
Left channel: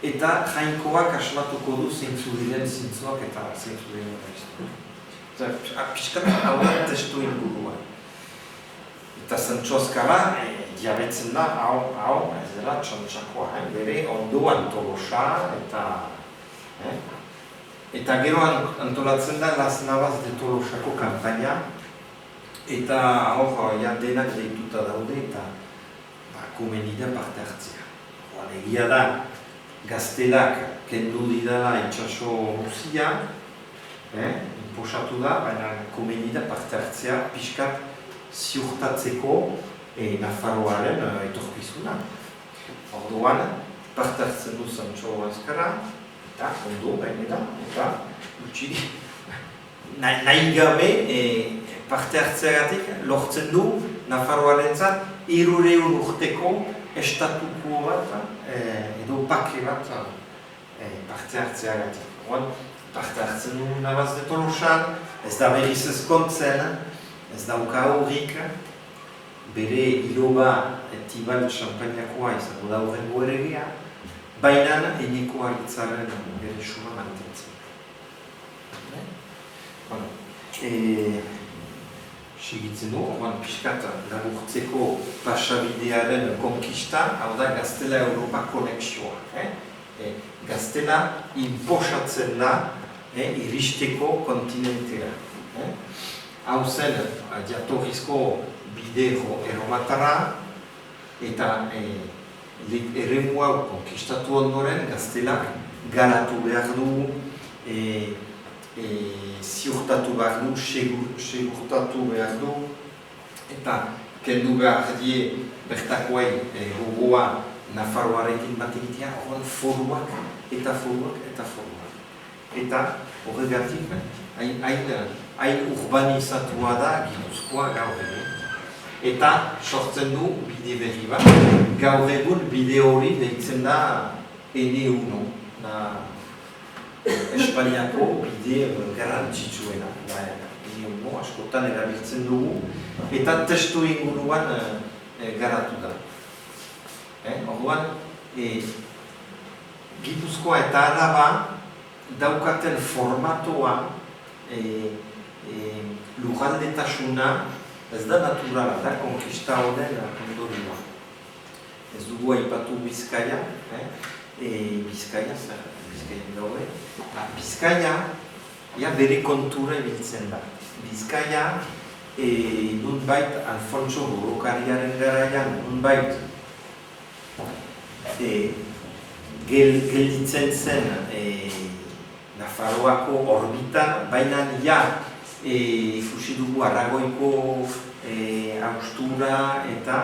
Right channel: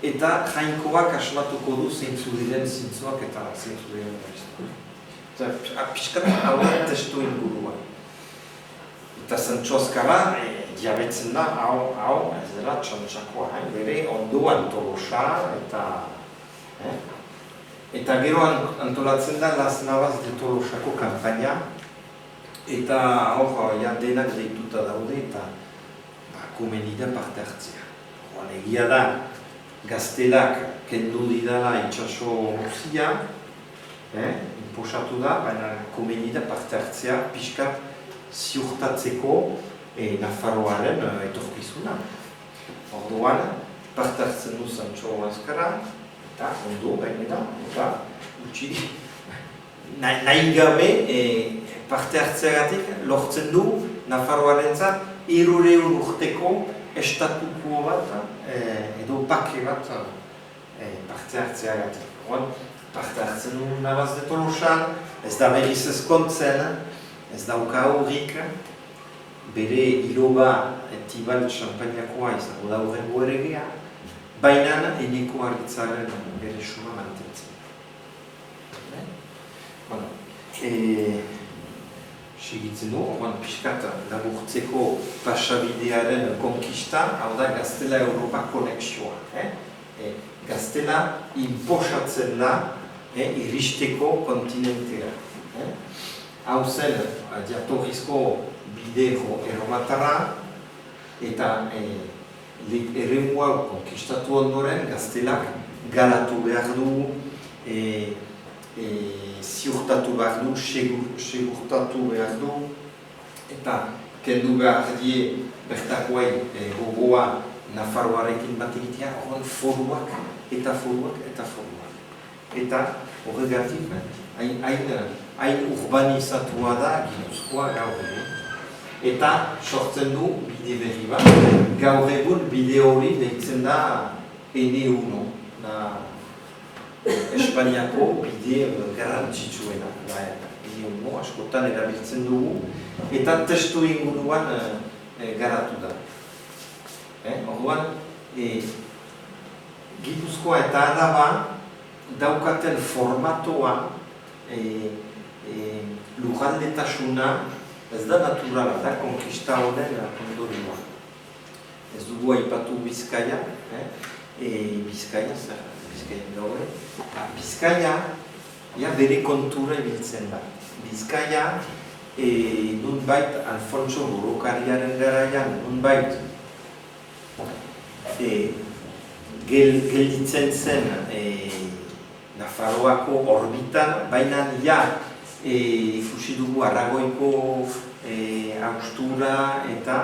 eta jainkoak asmatuko du zeintzu diren zintzoak eta zeintzu diren gaiztuak. Piskat hau da testu ingurua. Eta Sancho Azkarra diabetzen da, hau, ez dela txantxakoa, bere ondoan Tolosa eta gero antolatzen da Las Navas de Tolosako kanpaina, eta hor denak deituta daude eta komeni da parte hartzea. Egia da, gaztelak kendu didala itxaso guzia, inposatu da, baina komeni da parte hartzea pixkat ziurtatzeko Nafarroaren etorkizuna. Orduan, parte hartzen du Sancho Azkarra, eta ondo gainera, eta utzi nahi gabe parte hartzeagatik lortzen du Nafarroarentzat 300 urteko estatuko bat edo pake bat parte hartzeagatik. Parte hartzen du Navas de Tolosan, ez da berriz ezkontzen, ez dauka horrik, bere iloba Tibal Champagnakoa izango da horrengo eregea, baina Eneko Argitzaren bere suma mantentzen. Segitzen du, pixkat laburtzeko pasabidearen konkista, hau da Gaztela-Europa konexioa. Gaztela inposatzen da iristeko kontinentea. Hau zen, jatorrizko bide erromatarra, eta eremu hau konkistatu ondoren, Gaztelak garatu behar du, ziurtatu behar du, segurtatu behar du, eta kendu behar die bertakoei gogoa Nafarroarekin bat egitea, foruak. Eta horregatik, hain urbanizatua da Gipuzkoa gaur egun. Eta sortzen du bide berri bat, gaur egun bide hori deitzen da N1, Espainiako bide garrantzitsuena. N1 askotan erabiltzen dugu, eta testu inguruan garatu da. Orduan, Gipuzkoa eta Araba daukaten formatoa, lujaldetasuna, ez da naturala, da konkista honen ondorioa. Ez dugu aipatu Bizkaia, Bizkaia gaur. Bizkaia, bere kontura ibiltzen da. Bizkaia, nunbait Alfonso Burokariaren garaian, nunbait gelditzen zen Nafarroako orbitan, baina ikusi dugu Aragoiko haustura eta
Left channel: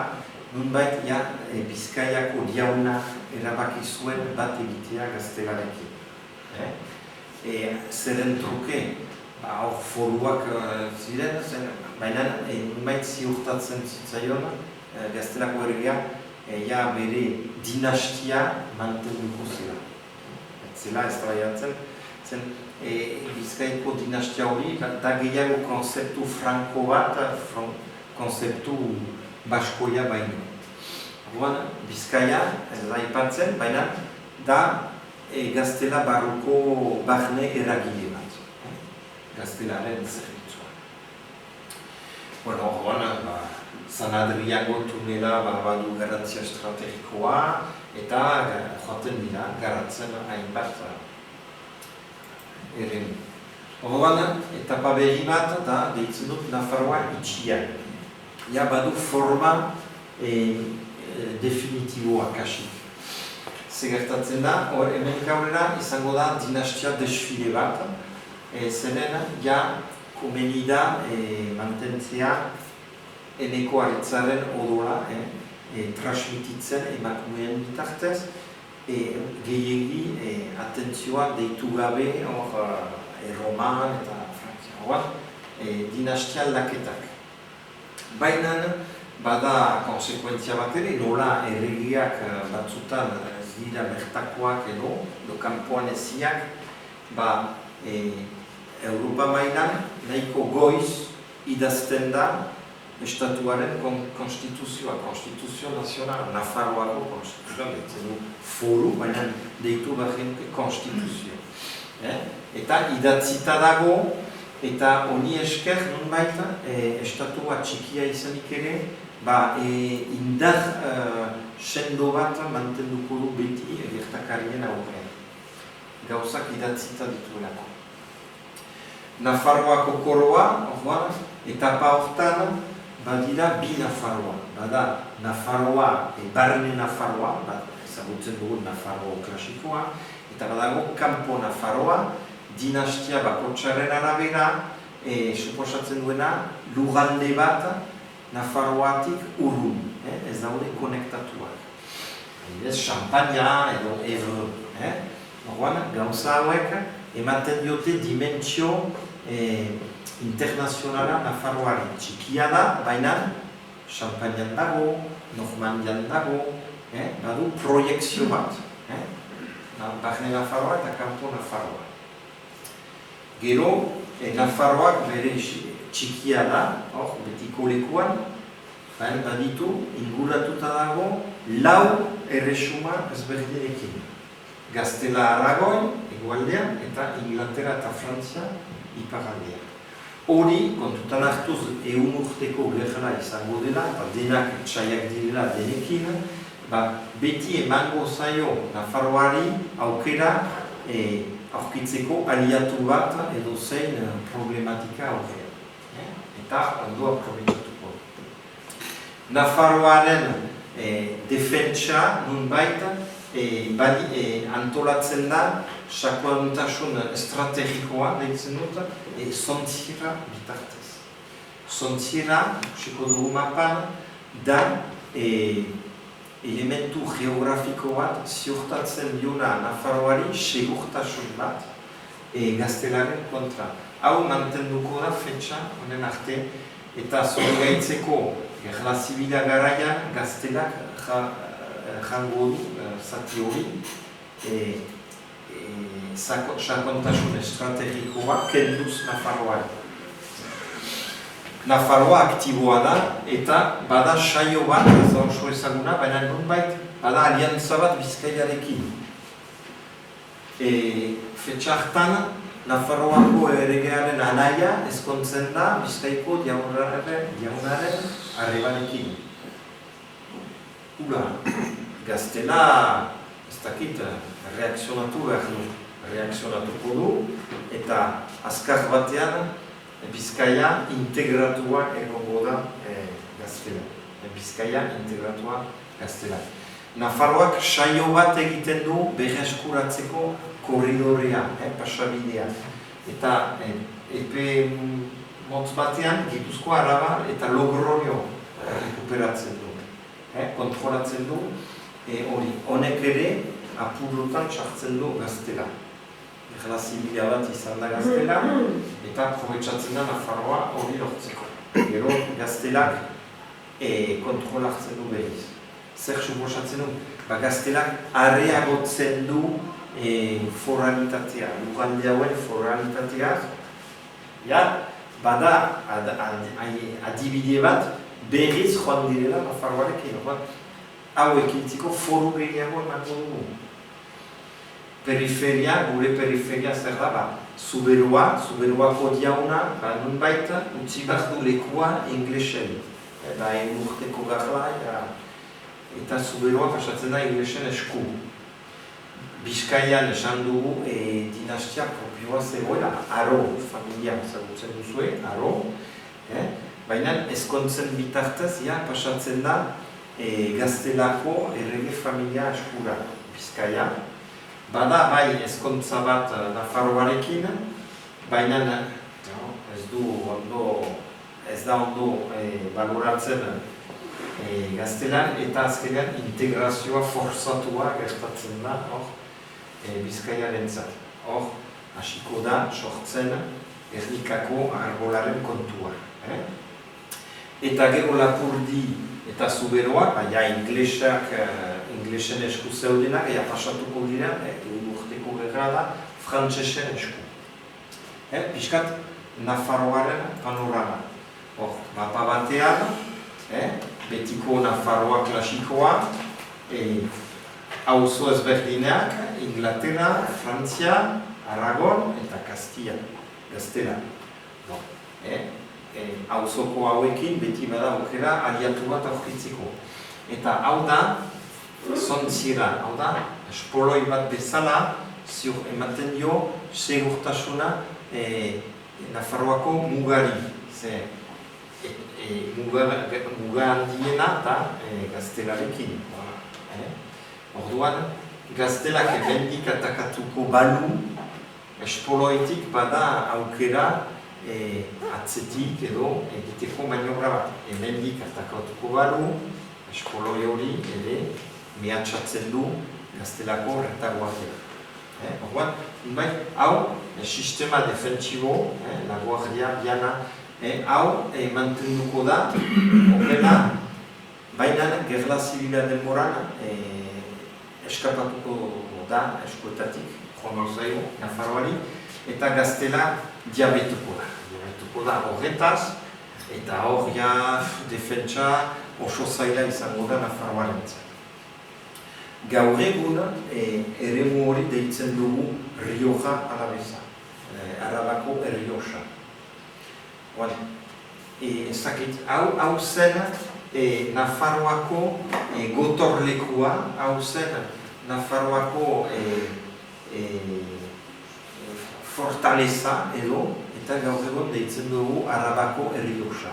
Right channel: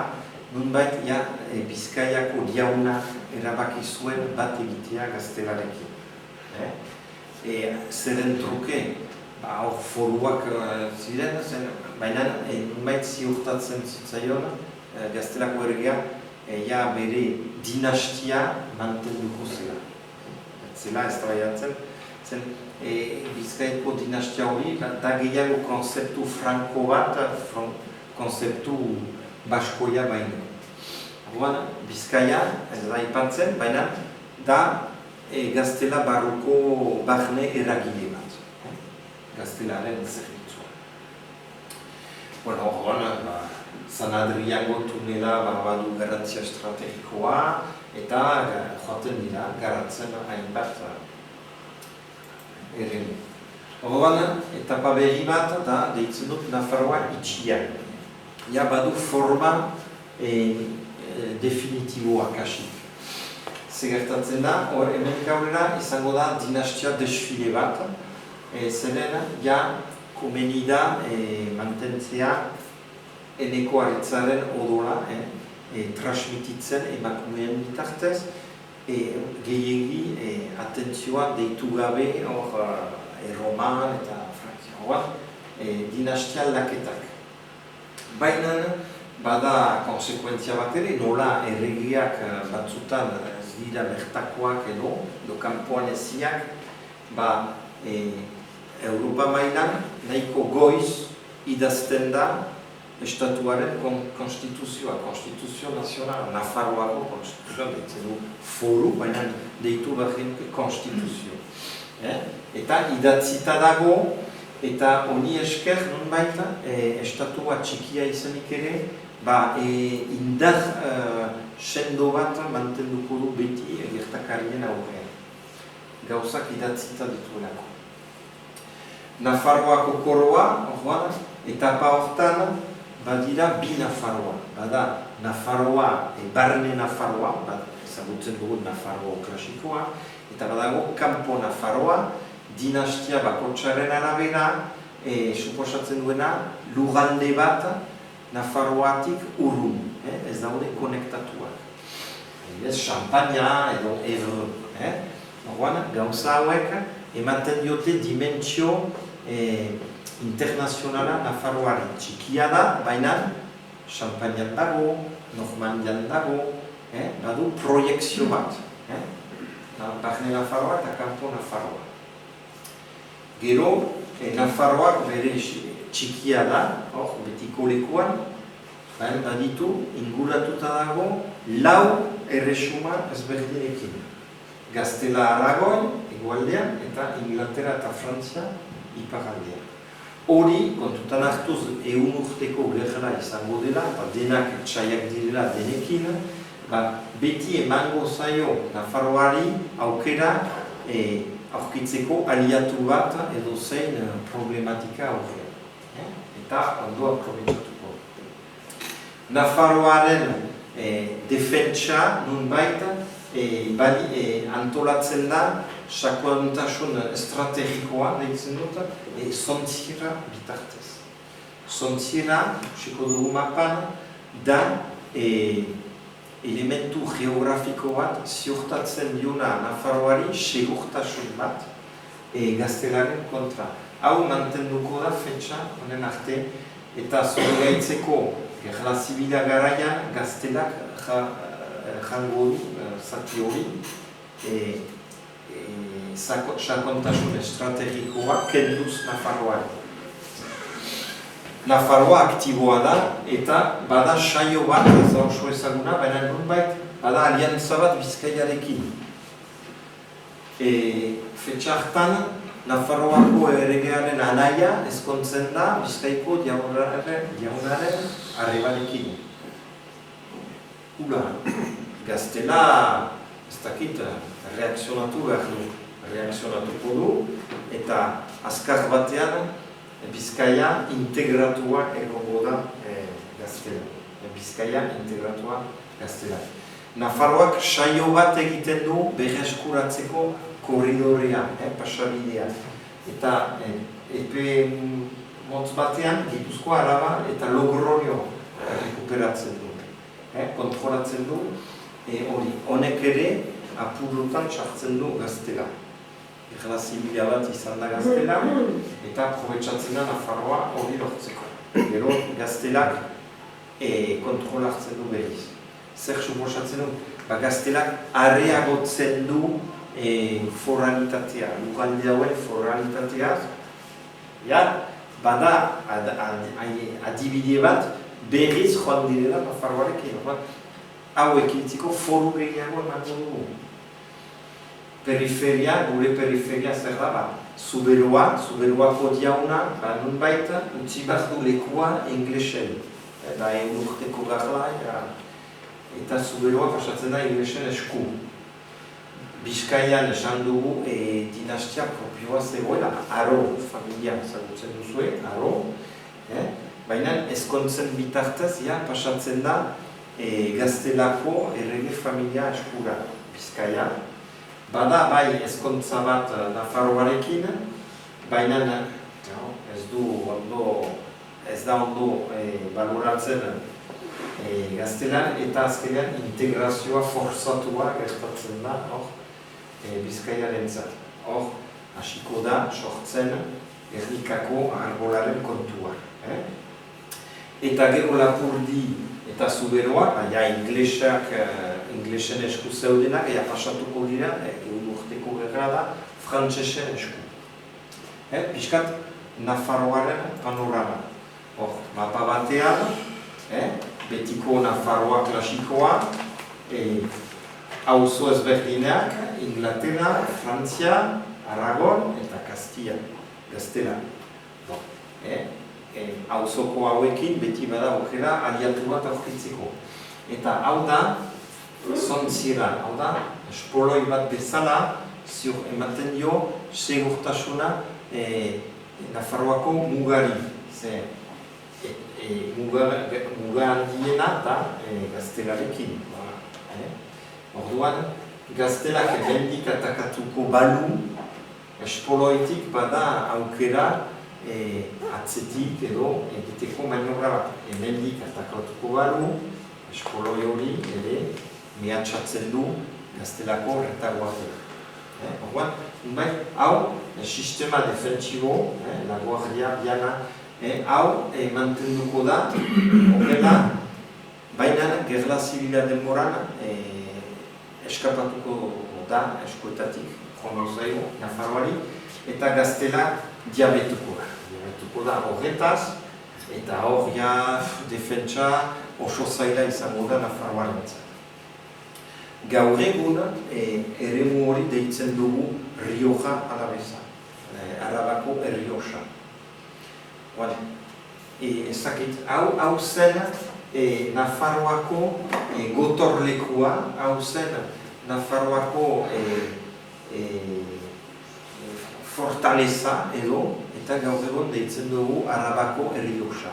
nunbait Bizkaiako jauna erabaki zuen bat egitea Gaztelarekin. Zeren truke, hor foruak ziren, baina nunbait ziurtatzen zitzaion Gaztelako ergea ja bere dinastia mantenduko zela. Zela ez traiatzen, zen Bizkaiko dinastia hori, da gehiago konzeptu franko bat, konzeptu baskoia baino. Orduan, Bizkaia, ez da ipatzen, baina da Gaztela barruko barne eragile bat. Gaztelaren zerbitzua. Bueno, orduan, San Adriango tunela badu garantzia estrategikoa eta joaten dira garatzen hainbat eremu. Orduan, etapa berri bat da deitzen dut Nafarroa itxia. Ja badu forma definitiboa kasik. Segertatzen da, hemen gaurera izango da dinastia desfile bat, zeren ja komeni da mantentzea eneko aretzaren odola transmititzen emakumeen bitartez, gehiegi atentzioa deitu gabe Roman eta Frankia, dinastia aldaketak. Baina bada konsekuentzia bat ere, nola erregiak batzutan ez dira bertakoak edo kanpoan eziak, Europa mailan nahiko goiz idazten da estatuaren konstituzioa, konstituzio nazionala, Nafarroako konstituzioa, deitzen du foru, baina deitu behar konstituzio. Eta idatzita dago, eta honi esker nonbait estatua txikia izanik ere, indar sendo bat mantenduko du beti gertakarien aurrean. Gauzak idatzita dituelako. Nafarroako koroa, etapa hortan, badira bi Nafarroa. Bada Nafarroa, barne Nafarroa, ezagutzen dugu Nafarroa klasikoa, eta badago kanpo Nafarroa, dinastia bakotsaren arabera, suposatzen duena, lugande bat Nafarroatik urrun, ez daude konektatuak. Ez Champaña edo Evre. Gauza hauek ematen diote dimentsio internazionala Nafarroari. Txikia da, baina Champagnean dago, Normandian dago, badu proiekzio bat. Barne Nafarroa eta kanpo Nafarroa. Gero, Nafarroak bere txikia da, betiko lekuan, baditu, inguratuta dago, 4 erresuma ezberdinekin. Gaztela Aragoin, egualdean, eta Inglaterra eta Frantzia, iparaldean. Hori, kontutan hartuz, 100 urteko gerra izango dela, eta denak txaiak direla denekin, beti emango zaio Nafarroari aukera aurkitzeko aliatu bat edo zein problematika aurrean. Eta ondo aprobetxatuko. Nafarroaren defentsa nunbait antolatzen da sakontasun estrategikoa deitzen dut zontzira bitartez. Zontzira, ikusiko dugu mapan, da elementu geografiko bat ziurtatzen diona Nafarroari segurtasun bat gaztelaren kontra. Hau mantenduko da fetxa honen arte eta zorgaitzeko gerla zibila garaian gaztelak jango du zati hori sakontasun estrategikoa kenduz Nafarroari. Nafarroa aktiboa da eta bada saio bat, ez da oso ezaguna, baina nonbait bada aliantza bat Bizkaiarekin. Fetxa hartan, Nafarroako erregearen anaia ezkontzen da Bizkaiko jaunaren arrebarekin. Ula, gaztela, ez dakit, reakzionatuko du, eta azkar batean Bizkaia integratua egongo da gaztela. Bizkaia integratua gaztela. Nafarroak saio bat egiten du berreskuratzeko korridorea, pasabidea. Eta epe motz batean Gipuzkoa, Araba eta Logroño rekuperatzen du. Kontrolatzen du hori. Honek ere apurutan txartzen du gaztela. Gerla zibila bat izan da gaztela, eta probetxatzen da Nafarroa hori lortzeko. Gero gaztelak kontrolartzen du behiz. zer suposatzen du? Gaztelak areagotzen du foralitatea, lugaldea hauen foralitatea. Bada adibide bat berriz joan direla Nafarroarekin. Hau ekintziko foru gehiago emango dugu. Periferia, gure periferia zer da, Zuberoako diauna, nunbait, utzi bat du lekua inglesen. Da urteko garla, eta Zuberoa pasatzen da inglesen esku. Bizkaian esan dugu dinastia propioa zegoela, Aro familia ezagutzen duzue, Aro. Baina ezkontzen bitartez, pasatzen da Gaztelako errege familia eskura Bizkaia. Bada bai ezkontza bat Nafarroarekin, baina ez da ondo baloratzen Gaztelan, eta azkenean integrazioa forzatua gertatzen da Bizkaiarentzat. Hor, hasiko da sortzen Gernikako arbolaren kontua. Eta gero Lapurdi eta Zuberoa, inglesen esku zeudenak, pasatuko dira, urteko gerra da, frantsesen esku. Piskat Nafarroaren panorama. Hor, mapa batean, betiko Nafarroa klasikoa, auzo ezberdinak, Inglaterra, Frantzia, Aragon eta Castilla, Gaztela. Auzoko hauekin beti bada aukera aliatu bat aurkitzeko. Eta hau da, zontzira, hau da, espoloi bat bezala, ziur ematen dio, segurtasuna Nafarroako mugari. Muga handiena da Gaztelarekin. Orduan, Gaztelak ebendik atakatuko balu, espoloitik bada aukera atzetik edo egiteko maniobra bat. Ebendik atakatuko balu, espoloi hori ere mehatxatzen du Gaztelako retaguardia. Orduan, hau sistema defentsibo, la guardia biana, hau mantenduko da, horrela, baina gerla zibila denboran eskapatuko da eskuetatik, joan zaigu, Nafarroari, eta Gaztela diabetuko da horretaz, eta hor defentsa oso zaila izango da Nafarroarentzat. Gaur egun eremu hori deitzen dugu Rioja Alavesa, Arabako Errioxa. Hau zen Nafarroako gotorlekua, hau zen Nafarroako fortaleza edo, eta gaur egun deitzen dugu Arabako Errioxa.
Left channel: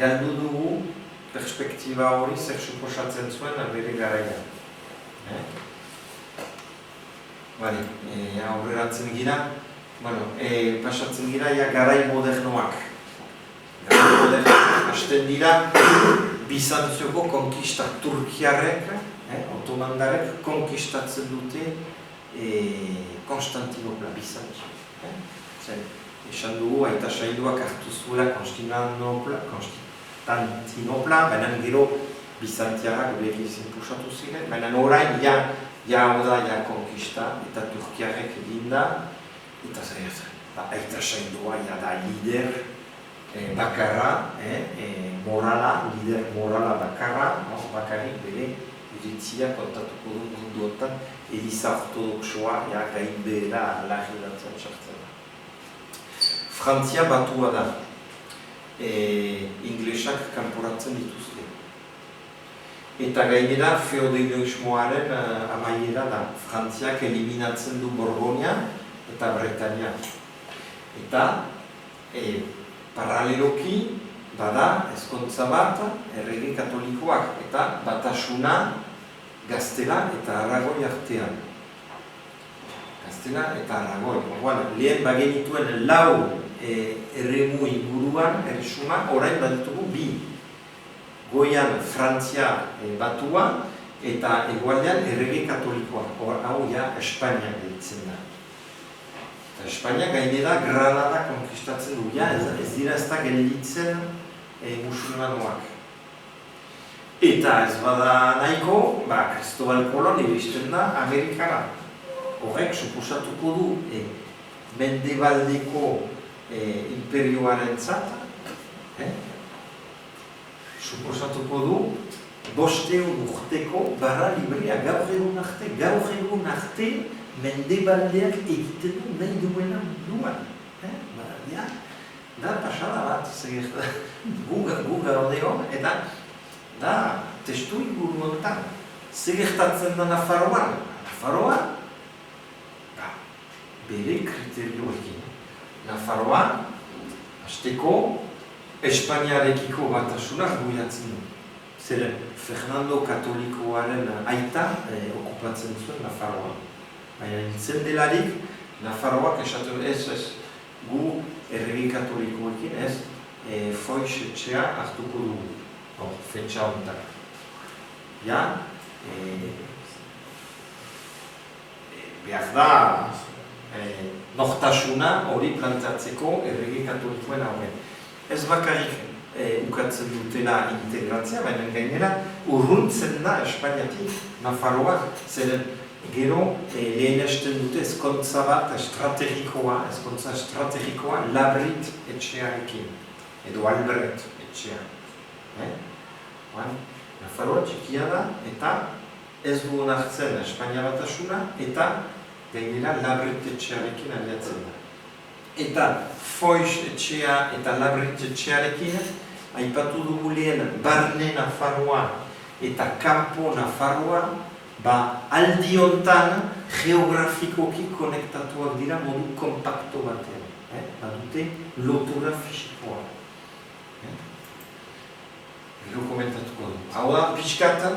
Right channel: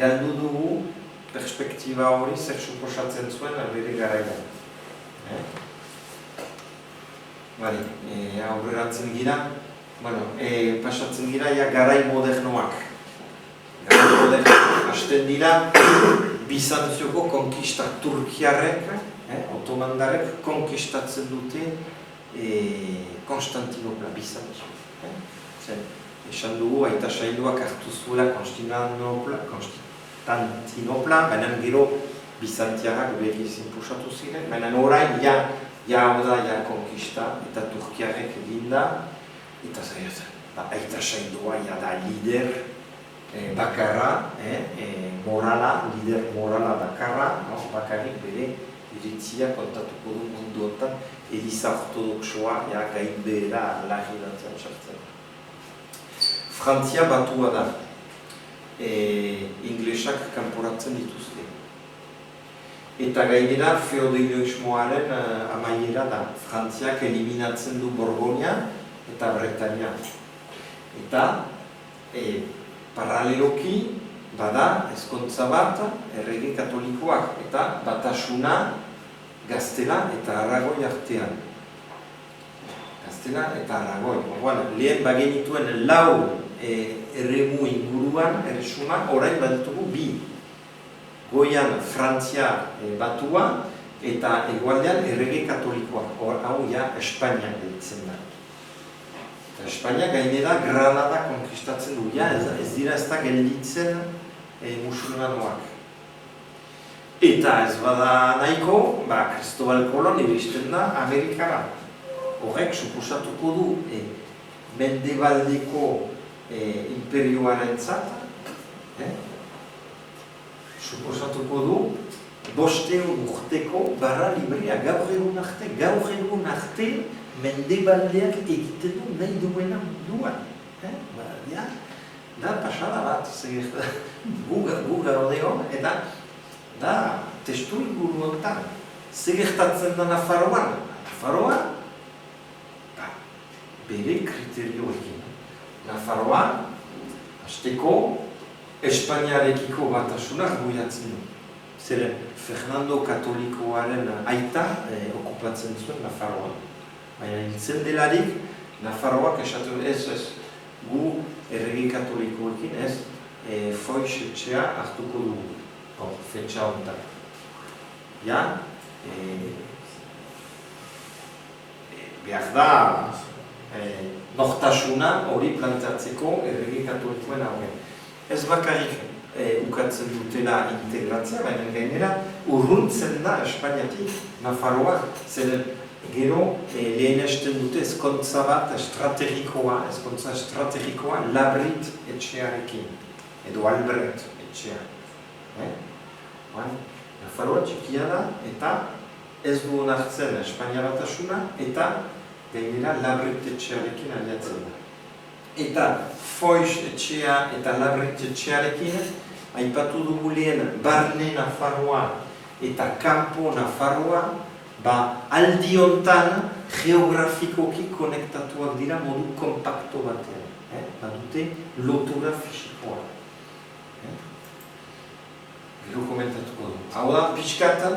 Galdu dugu perspektiba hori zer suposatzen zuen bere garaian. Aurreratzen gira, pasatzen gira garai modernoak. Garai modernoak hasten dira Bizantzioko konkista turkiarrek, otomandarek konkistatzen dute Konstantinopla, Bizantzio. Esan dugu, aita sailduak hartu zuela Konstantinopla, baina gero Bizantziarrak berriz inpusatu ziren, baina orain hau da konkista eta turkiarrek eginda, eta aita saildua da lider bakarra, lider morala bakarra, bakarrik bere iritzia kontatuko du munduotan, Eliza ortodoxoa gainbehera lahidatzen sartzen. Frantzia batua da, inglesak kanporatzen dituzte. Eta gainera feudalismoaren amaiera da, Frantziak eliminatzen du Borgoña eta Bretania. Eta paraleloki bada ezkontza bat errege katolikoak eta batasuna Gaztela eta Aragoi artean. Gaztela eta Aragoi. Lehen bagenituen lau erremu inguruan, erresuma, orain baditugu bi. Goian Frantzia batua eta egualdean errege katolikoa. Hau Espainia deitzen da. Espainia gainera Granada konkistatzen du. Ez dira ez da gelditzen musulmanoak. Eta ez bada nahiko, Cristobal Colon iristen da Amerikara. Horrek suposatuko du mendebaldeko imperioarentzat, suposatuko du 500 urteko barra librea gaur egun arte mendebaldeak egiten du nahi duena munduan. Da pasada bat, gu gaude hon, eta da testu inguru honetan. Zer gertatzen da Nafarroan? Nafarroan, bere kriterioekin. Nafarroan, hasteko, Espainiarekiko batasunak guiatzen du. Zeren, Fernando Katolikoaren aita okupatzen zuen Nafarroan. Baina nintzen delarik, Nafarroak esatu ez, gu erregi katolikoekin ez, Foix etxea hartuko dugu. Fetxa honetan. Ja, behar da, nortasuna hori plantatzeko erregi katolikoen aurren. Ez bakarrik ukatzen dutela integratzea, baina gainera urruntzen da Espainiatik, Nafarroa, zeren gero lehenesten dute ezkontza bat estrategikoa Labrit etxearekin, edo Albert etxea. Nafarroa txikia da, eta ez du onartzen Espainia batasuna, eta gainera Labrit etxearekin aliatzen da. Eta Foix etxea eta Labrit etxearekin aipatu dugu lehen barne Nafarroa eta kanpo Nafarroa aldi hontan geografikoki konektatuak dira modu kompakto batean. Badute lotura fisikoa. Gero komentatuko du. Hau da, pixkatan,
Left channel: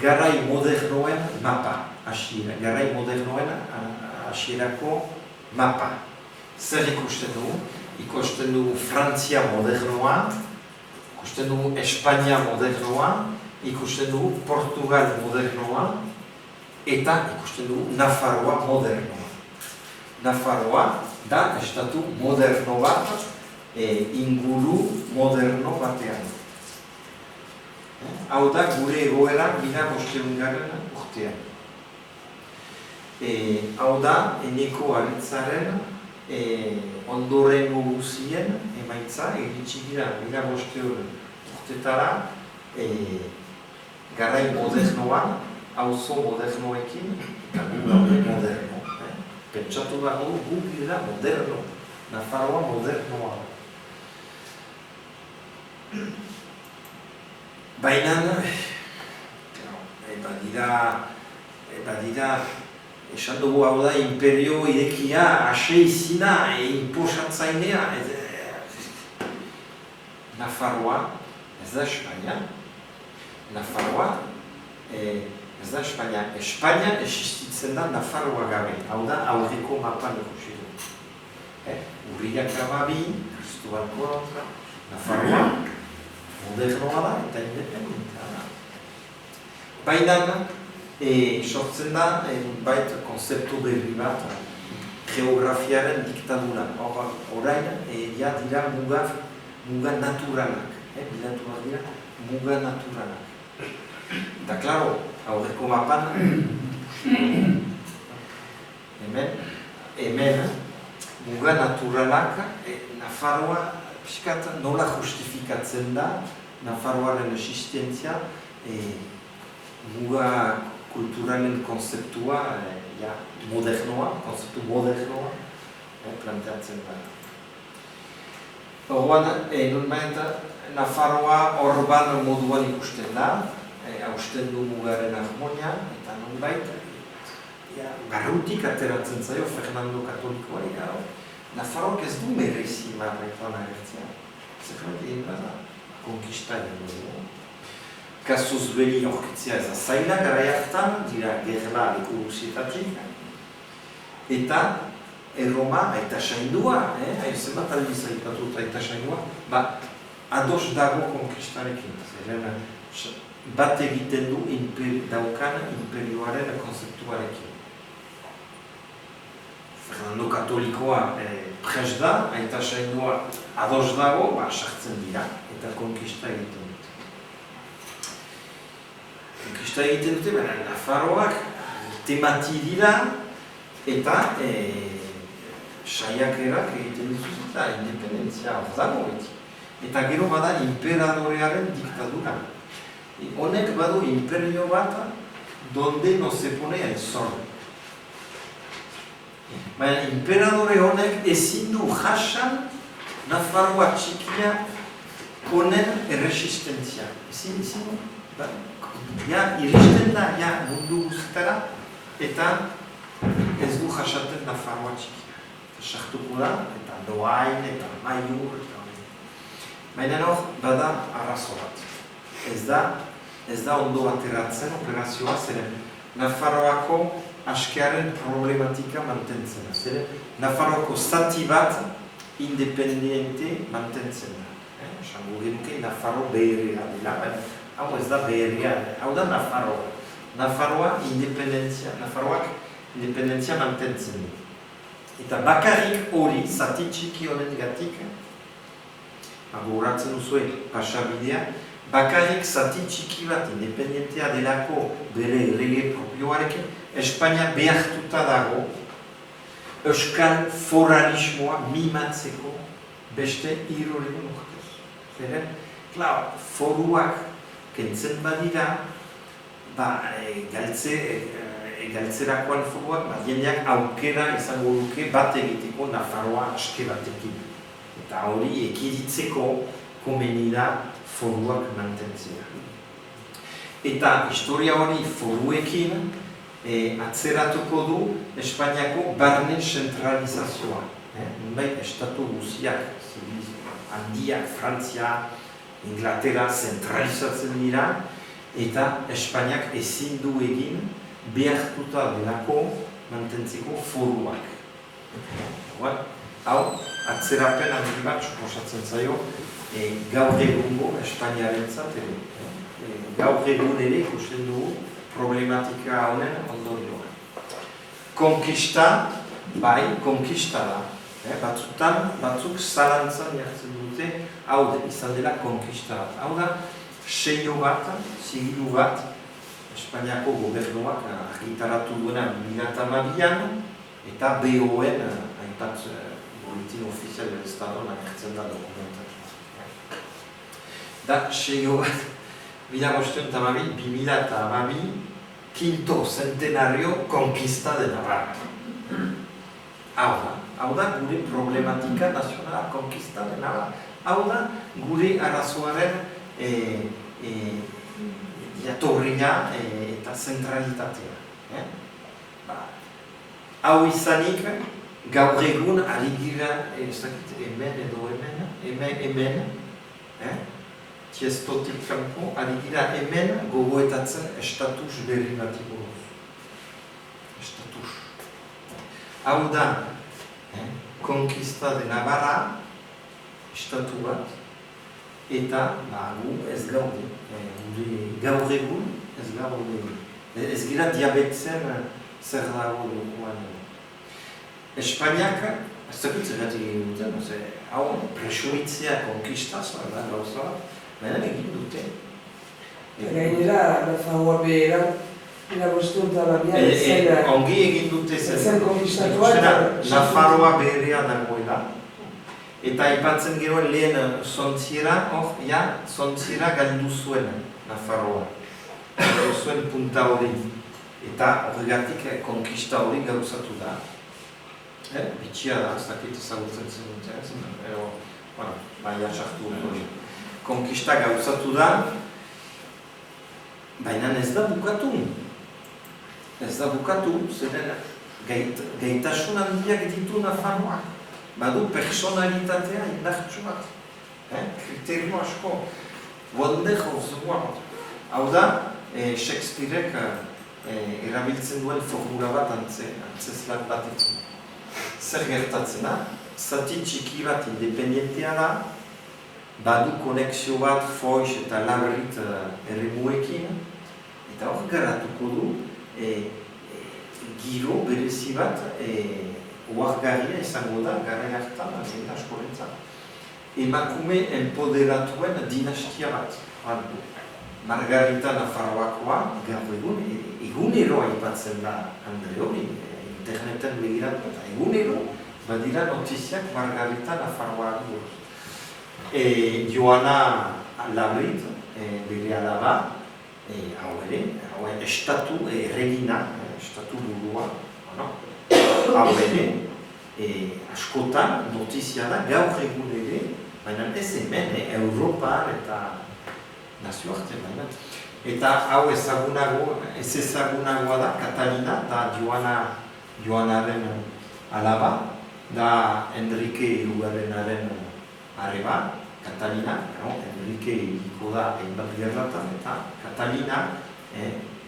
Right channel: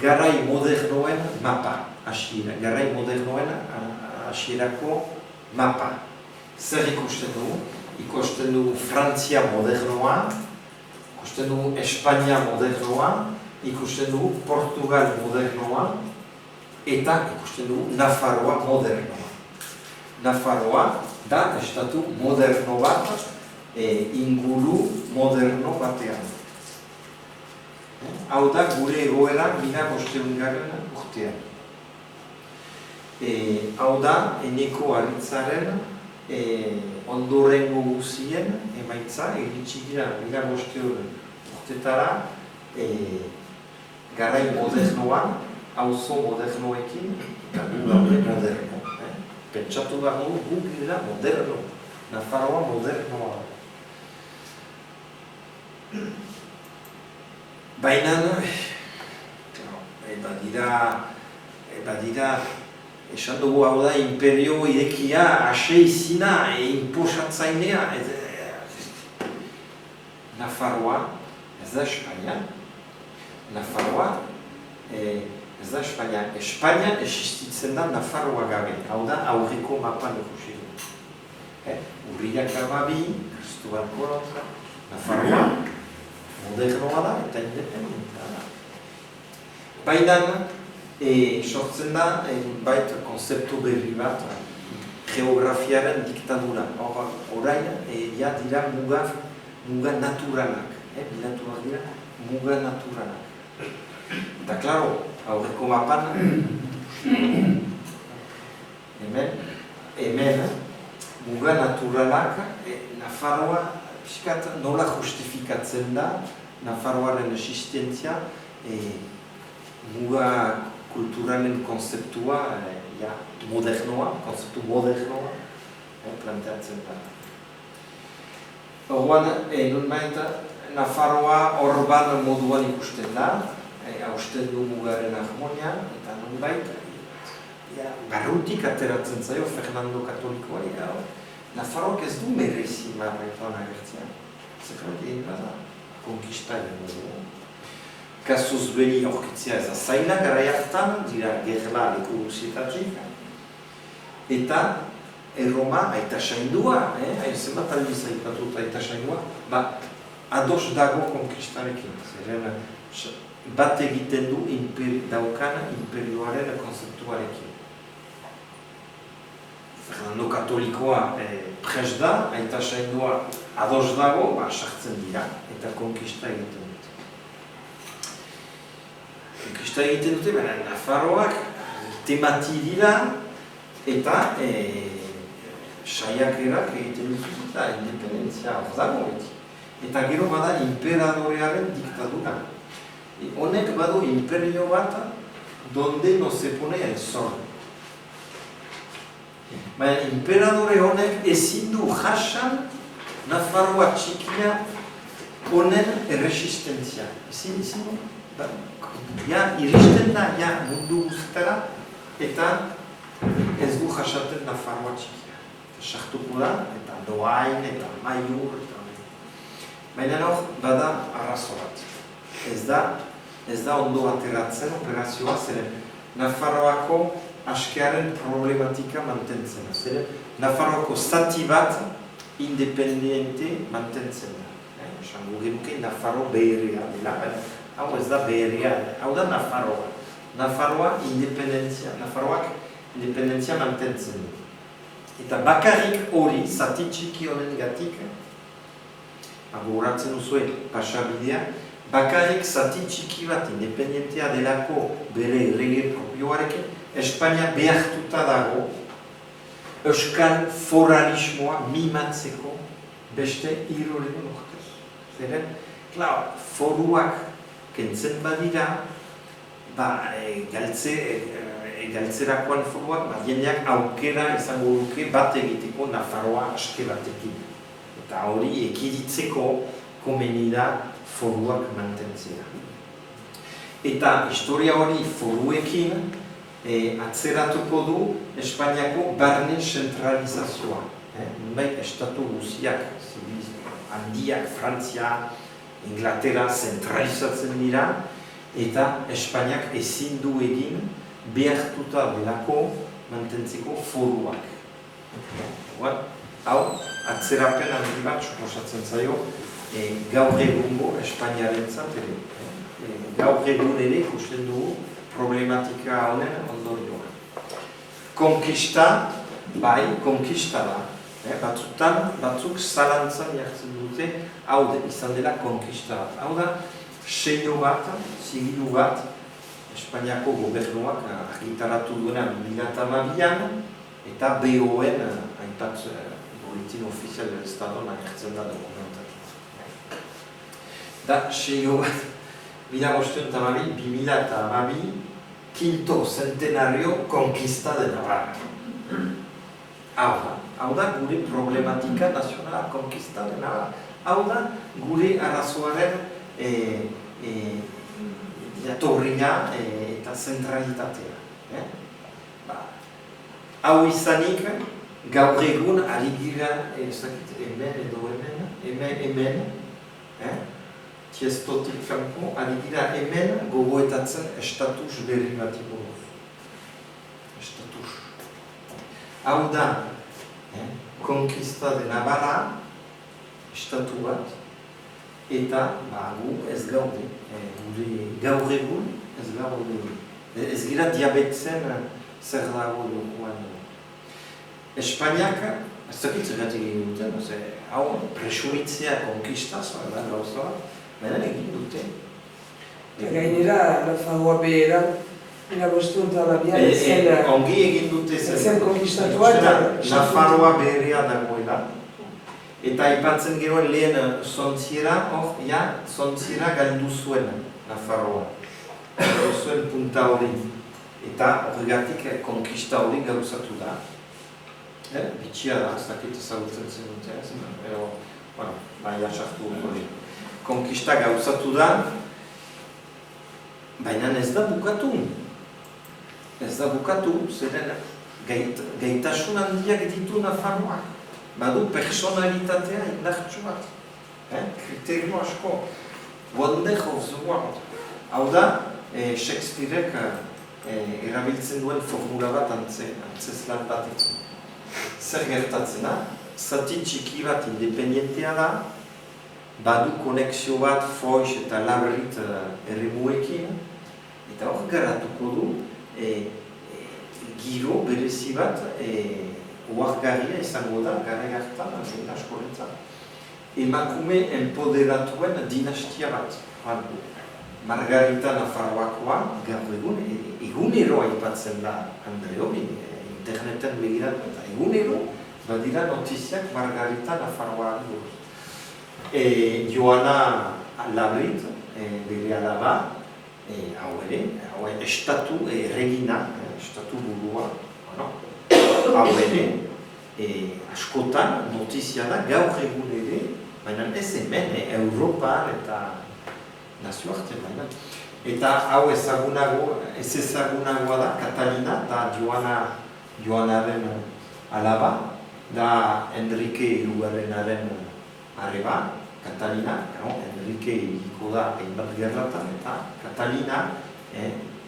garai modernoen mapa. Garai modernoen hasierako mapa. Zer ikusten dugu? Ikusten dugu Frantzia modernoa, ikusten dugu Espainia modernoa, ikusten dugu Portugal modernoa, eta ikusten dugu Nafarroa modernoa. Nafarroa da estatu moderno bat, inguru moderno batean. Hau da gure egoera 1500 urtean. Hau da Eneko Aritzaren ondorengo guzien emaitza, iritsi dira 1500 urtetara garai modernoan, auzo modernoekin, eta gu gaude moderno. Pentsatu dago gu gira moderno, Nafarroa modernoa. Baina, badira, esan dugu hau da imperio irekia, ase izina, inposatzainea. Nafarroa, ez da Espainia. Nafarroa, ez da Espainia. Espainia existitzen da Nafarroa gabe. Hau da aurreko mapan ikusi du. Urriak ababi, Cristobal Colon, Nafarroa, modernoa da eta independentea da. Baina, sortzen da, bait konzeptu berri bat, geografiaren diktadura. Orain, dira muga naturalak. Bilatuak dira, muga naturalak. Eta, klaro, aurreko mapan, hemen, muga naturalak, Nafarroa, piskat, nola justifikatzen da, Nafarroaren existentzia, muga kulturalen konzeptua, modernoa, konzeptu modernoa, planteatzen da. Horban, nunbait, Nafarroa horban moduan ikusten da, hausten du mugaren harmonia, eta nunbait, barrutik ateratzen zaio Fernando Katolikoari, Nafarroak ez du merezi marretan agertzea. Zerrat egin bada, konkista egin dugu. Kasuz beli aurkitzea ez da zaila garai hartan, dira gerla leku guzietatik. Eta Erroma, aita saindua, zenbat aldiz aipatut aita saindua, ados dago konkistarekin. Zeren bat egiten du daukan imperioaren konzeptuarekin. Fernando Katolikoa pres da, aita saindua ados dago, sartzen dira, eta konkista egiten dut. usta egiten dute, baina Nafarroak temati dira eta saiakerak egiten dituz eta independentzia hor dago beti. Eta gero bada imperadorearen diktadura. Honek badu imperio bat donde no se pone el sol. Baina imperadore honek ezin du jasan Nafarroa txikia honen erresistentzia. Ezin du. Iristen da mundu guztara eta ez du jasaten Nafarroa txikia. Sartuko da, eta Doain, eta Maiur, baina hor bada arrazo bat. Ez da ondo ateratzen operazioa, zeren Nafarroako askearen problematika mantentzen da. Zeren Nafarroako zati bat independiente mantentzen da. Esango genuke Nafarro beherria dela, baina hau ez da beherria, hau da Nafarroa. Nafarroak independentzia mantentzen du. Eta bakarrik hori, zati txiki honen gatik, gogoratzen duzue pasabidea, bakarrik zati txiki bat independentea delako bere lege propioarekin, Espainia behartuta dago euskal foralismoa mimatzeko beste hirurehun urtez. Zeren, foruak kentzen badira, galtzerakoan foruak, jendeak aukera izango duke bat egiteko Nafarroa aske batekin. Eta hori ekiditzeko komeni da foruak mantentzea. Eta historia hori foruekin atzeratuko du Espainiako barne zentralizazioa. Nunbait, estatu guziak, handiak, Frantzia, Inglaterra zentralizatzen dira, eta Espainiak ezin du egin behartuta delako mantentzeko foruak. Hau, atzerapen handi bat suposatzen zaio gaur egungo Espainiarentzat ere. Gaur egun ere ikusten dugu problematika honen ondorioa. Konkista, konkista da. Batzuk zalantzan jartzen dute, hau izan dela konkista bat. Hau da, seio bat, zigilu bat, Espainiako gobernuak argitaratu duena 2012an, eta BON, hainbat boletin ofizial del Estado agertzen da dokumentatu. Da, seio bat, 2012, quinto centenario conquista de Navarra. Hau da gure problematika nazionala conquista de Navarra. Hau da gure arazoaren jatorria eta zentralitatea. Hau izanik, gaur egun ari gira, hemen, tiestotik kanpo, ari gira hemen gogoetatzen estatus berri bati buruz. Estatus. Hau da, Conquista de Navarra, estatu bat, eta gu ez gaude, gaur egun ez gaude. Ez gira diabetzen zer dago duguan. Espainiak, ez dakit zergatik egin duten, hau presumitzea konkistaz, gauza, baina egin dute. Gainera, Nafarroa behera, irabostunta baina ongi egin dute zen konkistatua eta Nafarroa beherea dagoela. Eta aipatzen gero lehen zontziera, zontziera galdu zuen Nafarroa. Galdu zuen punta hori. Eta horregatik konkista hori gauzatu da. Bitxia da, ez dakit ezagutzen zen dute, baina sartu hori. Konkista gauzatu da, baina ez da bukatu. Ez da bukatu, zeren gaitasun handiak ditu Nafarroak. Badu personalitatea indartsu bat. Kriterio asko. Wonder of the world. Hau da, Shakespearek erabiltzen duen formula bat antzeslan batekin. Zer gertatzen da? Zati txiki bat independentea da, badu konexio bat Foix eta Labrit erremuekin, eta hor garatuko du giro berezi bat oargarria izango da gara hartan jende askorentzat. Emakume empoderatuen dinastia bat. Margarita Nafarroakoa, gaur egunero aipatzen da Andre hori, interneten begiratu eta egunero badira notiziak Margarita Nafarroa buruz. Joana Labrit, bere alaba, hau ere, estatu regina, estatu burua, hau ere, askotan notizia da gaur egun ere, baina ez hemen, Europan eta nazioarte, baina. Eta hau ez ezagunagoa da, Katalina da Joanaren alaba, da Enrique Hirugarrenaren arreba, Katalina, Enrique hiriko da hainbat gerratan, eta Katalina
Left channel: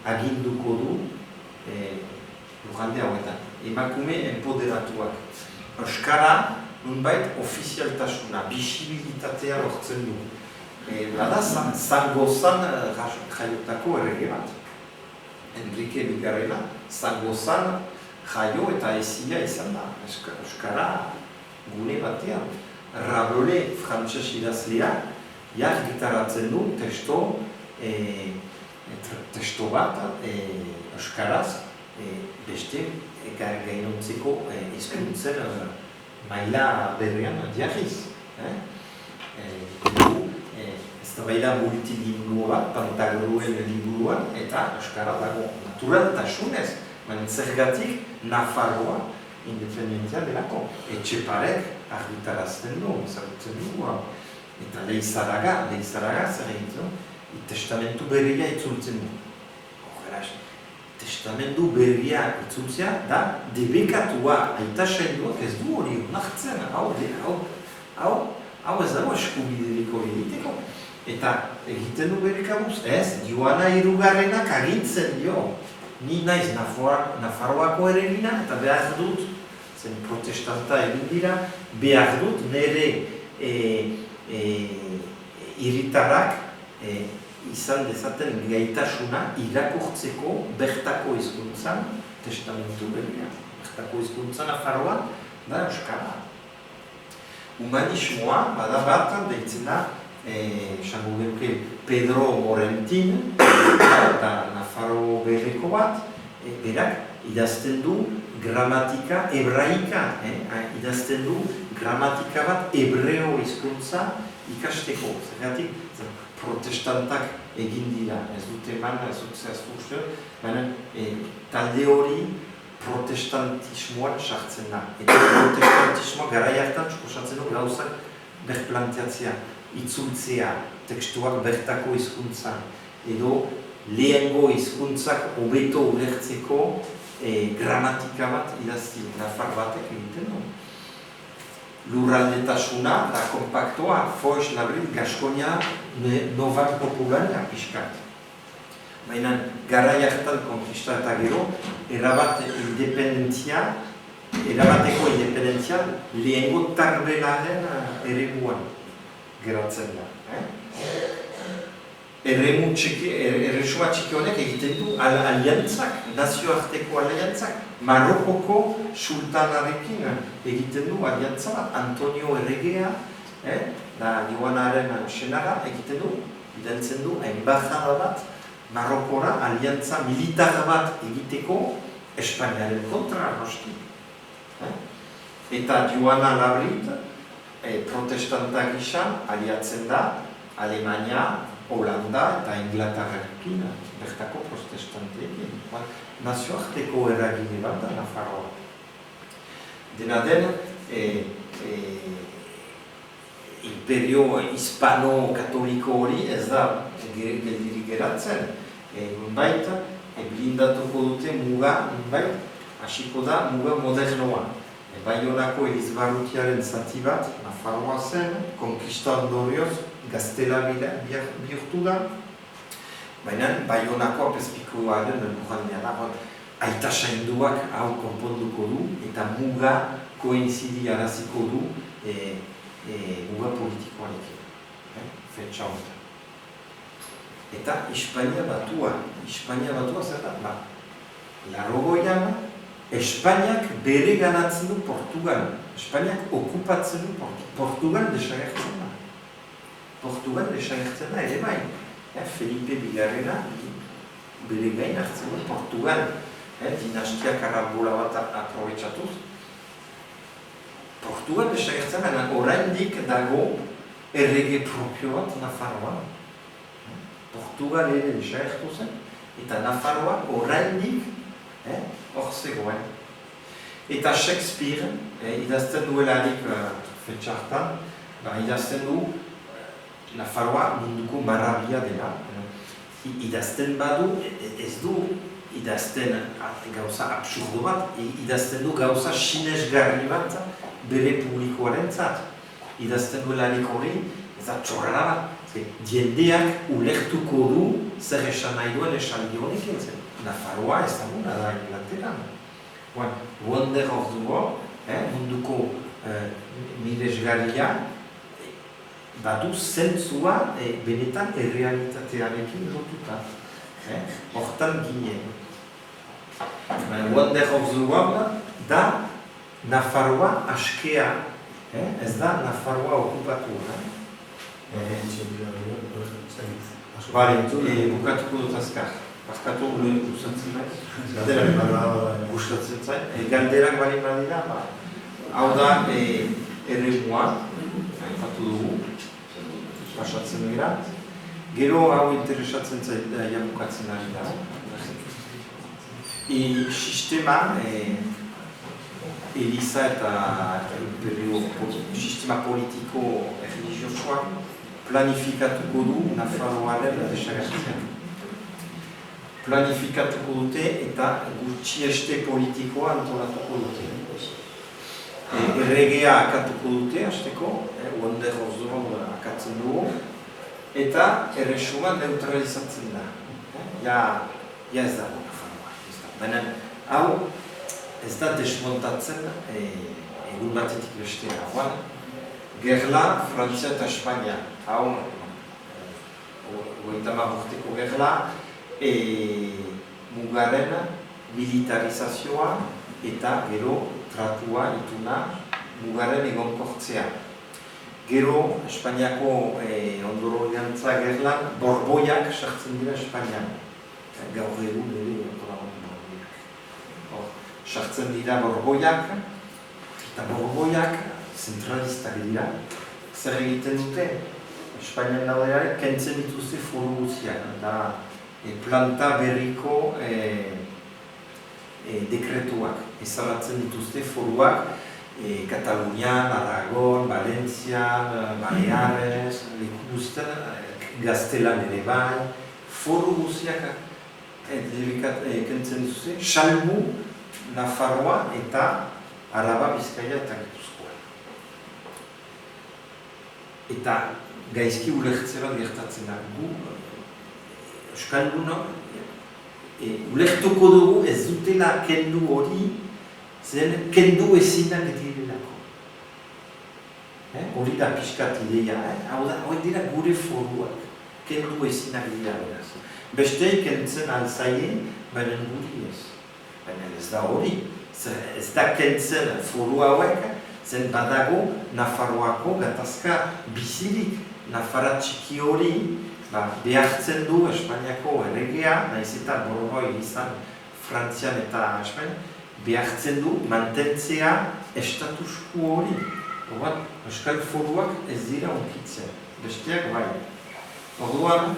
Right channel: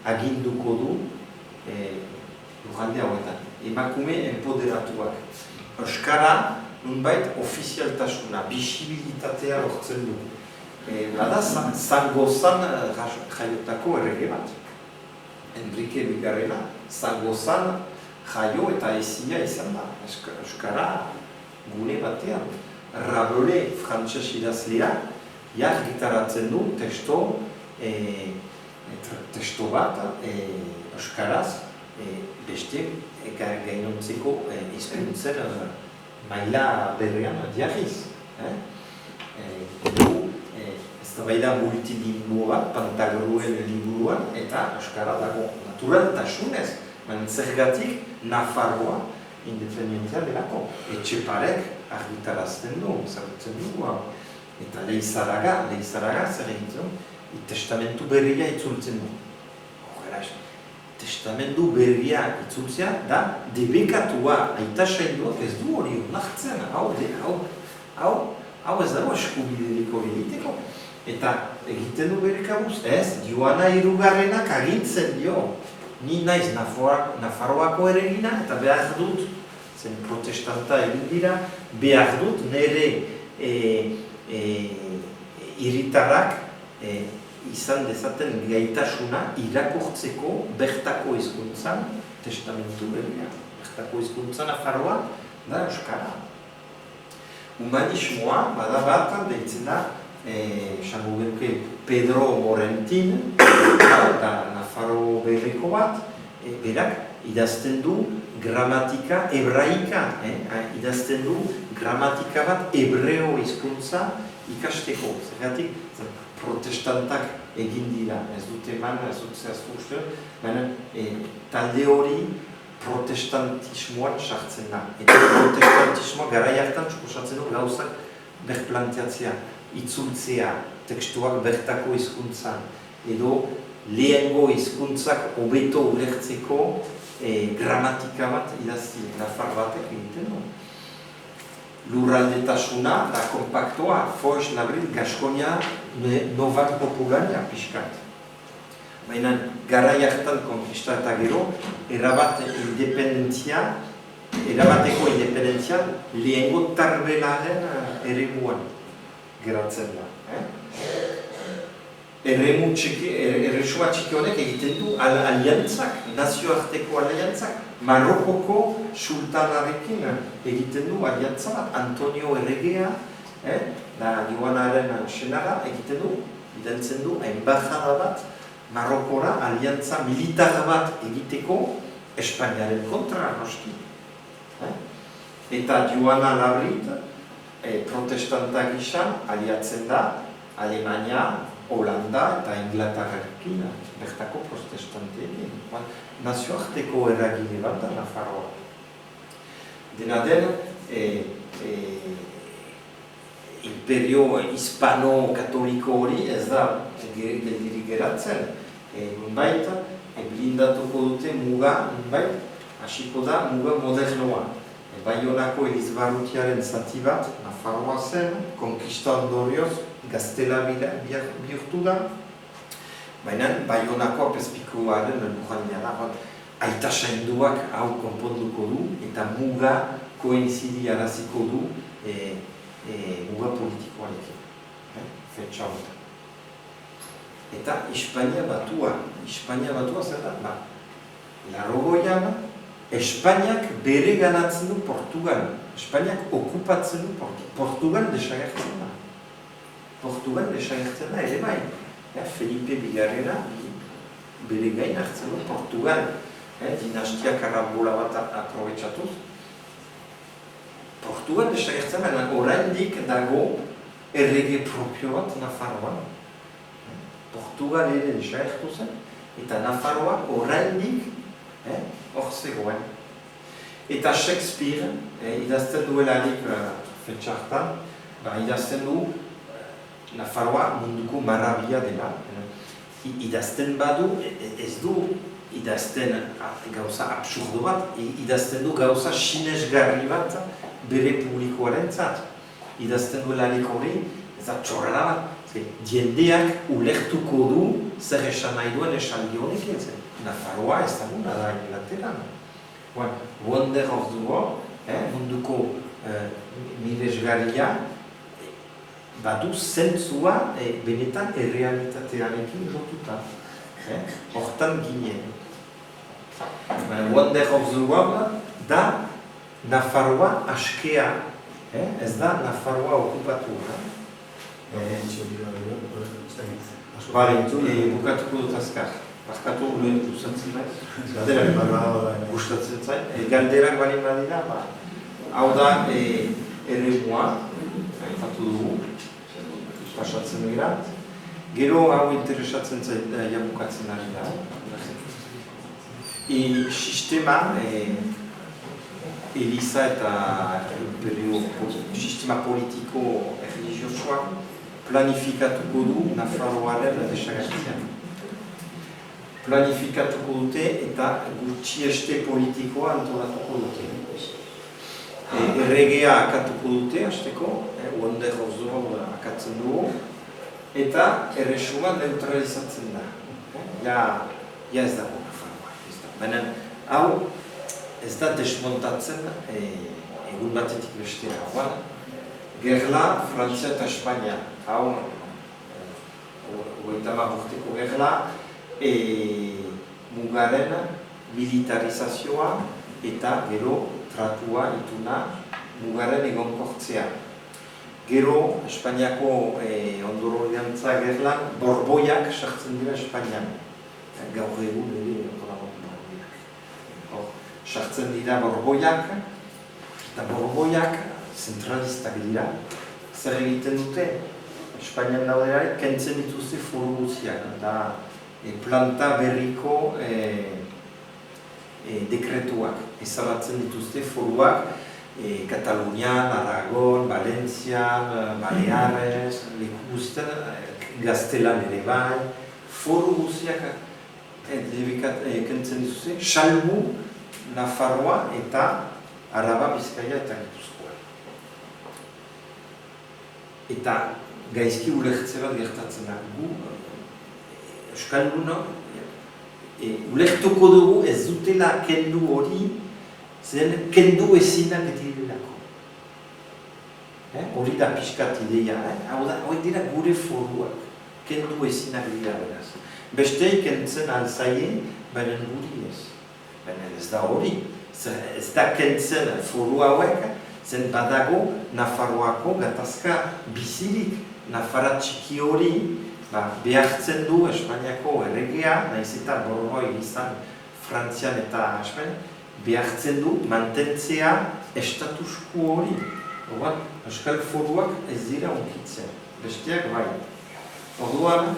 aginduko du lujande hauetan. Emakume empoderatuak. Euskara, nunbait, ofizialtasuna, bisibilitatea lortzen du. Bada, Zangozan jaiotako errege bat. Enrique Bigarrena, Zangozan jaio eta ezia izan da. Euskara gune batean. Rabelais, frantses idazlea, gitaratzen du testo bat euskaraz beste gainontzeko hizkuntzen maila berrian jarriz. Eztabaida multilingua bat, Pantagruel liburuan, eta euskara dago naturaltasunez, baina zergatik Nafarroa independentzia delako. Etxeparek argitarazten du, ezagutzen dugu. Eta Leizaraga zer egiten, testamentu berria itzultzen du. Testamentu berria itzultzea da debekatua, aita sailduak ez du hori onartzen, hau ez dago eskubiderik hori egiteko. Eta egiten du bere kabuz, ez, Joana Hirugarrenak agintzen dio. Ni naiz Nafarroako erregina eta behar dut, zen protestanta egin dira, behar dut nire hiritarrak izan dezaten gaitasuna irakurtzeko bertako hizkuntzan testamentu berria. Bertako hizkuntzan Nafarroa da euskara. Humanismoa bada bat deitzen da, esango genuke Pedro Morentin, da Nafarro berriko bat, berak idazten du gramatika hebraika, idazten du gramatika bat hebreo hizkuntza ikasteko. Zergatik protestantak egin dira, ez dute eman, ez dut zehaztu uste, baina talde hori protestantismoan sartzen da. Eta protestantismoa garai hartan suposatzen du gauzak berplanteatzea, itzultzea, tekstuak bertako hizkuntza, edo lehengo hizkuntzak hobeto ulertzeko gramatika bat idazti, nafar batek egiten du. Lurraldetasuna da kompaktoa, Foix, Labrit, Gaskonia, Novak Populania pixkat. Baina garai hartan konkista eta gero, erabateko independentzia lehengo tarbelaren eremuan geratzen da. Erresuma txiki honek egiten du aliantzak, nazioarteko aliantzak, Marokoko sultanarekin egiten du aliantza bat, Antonio Erregea, da Joanaren senara egiten du, identzen du, embajada bat, Marokora aliantza militar bat egiteko Espainiaren kontra, noski. Eta Joana Labrit, protestanta gisa, aliatzen da, Alemania, Holanda eta Inglaterrarekin, bertako protestanteekin. Nazioarteko eragile bat da Nafarroa. Dena den, imperio hispano-katoliko hori ez da geldirik geratzen. Nunbait, blindatuko dute muga, nunbait, hasiko da muga modernoa. Baionako Elizbarrutiaren zati bat, Nafarroa zen, konkista ondorioz, gaztela bihurtu da. Baina Baionako apezpikuaren lujandea da, aita sainduak hau konponduko du, eta muga koinzidi araziko du muga politikoarekin. Fetxa honetan. Eta Hispania batua zer da? Larogoian, Espainiak bere ganatzen du Portugal. Espainiak okupatzen du Portugal desagertzen da. Portugal desagertzen da ere bai. Felipe Bigarrena bere gain hartzen du Portugal, dinastia karambola bat aprobetxatuz. Portugal desagertzen, baina oraindik dago errege propio bat Nafarroan. Portugal ere desagertu zen, eta Nafarroa oraindik hor zegoen. Eta Shakespeare, idazten duelarik fetxartan, idazten du Nafarroa munduko marabia dela. Idazten badu, ez du idazten gauza absurdo bat, idazten du gauza sinesgarri bat bere publikoarentzat. Idazten duelarik hori, ez da txorrara bat. Diendeak ulertuko du zer esan nahi duen esaldi honek entzen. Nafarroa ez da guna da Inglaterran. Wonder of the World, munduko miresgarria, badu zentzua benetan errealitatearekin lotuta. Hortan ginen. Wonder of the World da Nafarroa askea, ez da Nafarroa okupatua. Bukatuko dut azkar. Barkatu gustatzen naiz. Gustatzen zait. Galderak balin badira, hau da eremua, aipatu dugu, pasatzen dira. Gero hau interesatzen zait bukatzen ari da. Sistema, Eliza eta sistema politiko religiosoa planifikatuko du Nafarroaren desagertzea. Planifikatuko dute eta gutxieste politikoa antolatuko dute. Erregea akatuko dute, hasteko, Wonder of the World akatzen dugu, eta erresuma neutralizatzen da. Ja ez dago Nafarroa. Baina, hau ez da desmontatzen egun batetik bestera. Gerla, Frantzia eta Espainia. Hau, 30 urteko gerla, mugaren militarizazioa eta gero tratua ituna mugaren egonkortzea. Gero, Espainiako ondororiantza gerlan, borboiak sartzen dira Espainian. Gaur egun ere borboiak. Sartzen dira borboiak, eta borboiak zentralistak dira. Zer egiten dute? Espainian daudeare, kentzen dituzte foru guztiak. Planta berriko dekretuak. Ezabatzen dituzte foruak Katalunian, Aragon, Valentzian, Baleares, leku guztien, Gaztelan ere bai. Foru guztiak kentzen dituzte, salbu Nafarroa eta Araba, Bizkaia eta Gipuzkoa. Eta gaizki ulertze bat gertatzen da. Euskaldunok ulertuko dugu ez dutela kendu hori, zen kendu ezinak direlako. Hori da pixkat ideia, hori dira gure foruak, kendu ezinak dira beraz. Bestei kentzen alzaie, baina guri ez. Baina ez da hori, ez da kentzen foru hauek, zen badago Nafarroako gatazka bizirik, Nafarra txiki hori, behartzen du Espainiako erregea, nahiz eta borboi izan Frantzian eta Espainia, behartzen du mantentzea estatusku hori. Euskal foruak ez dira onkitzen, besteak bai. Orduan,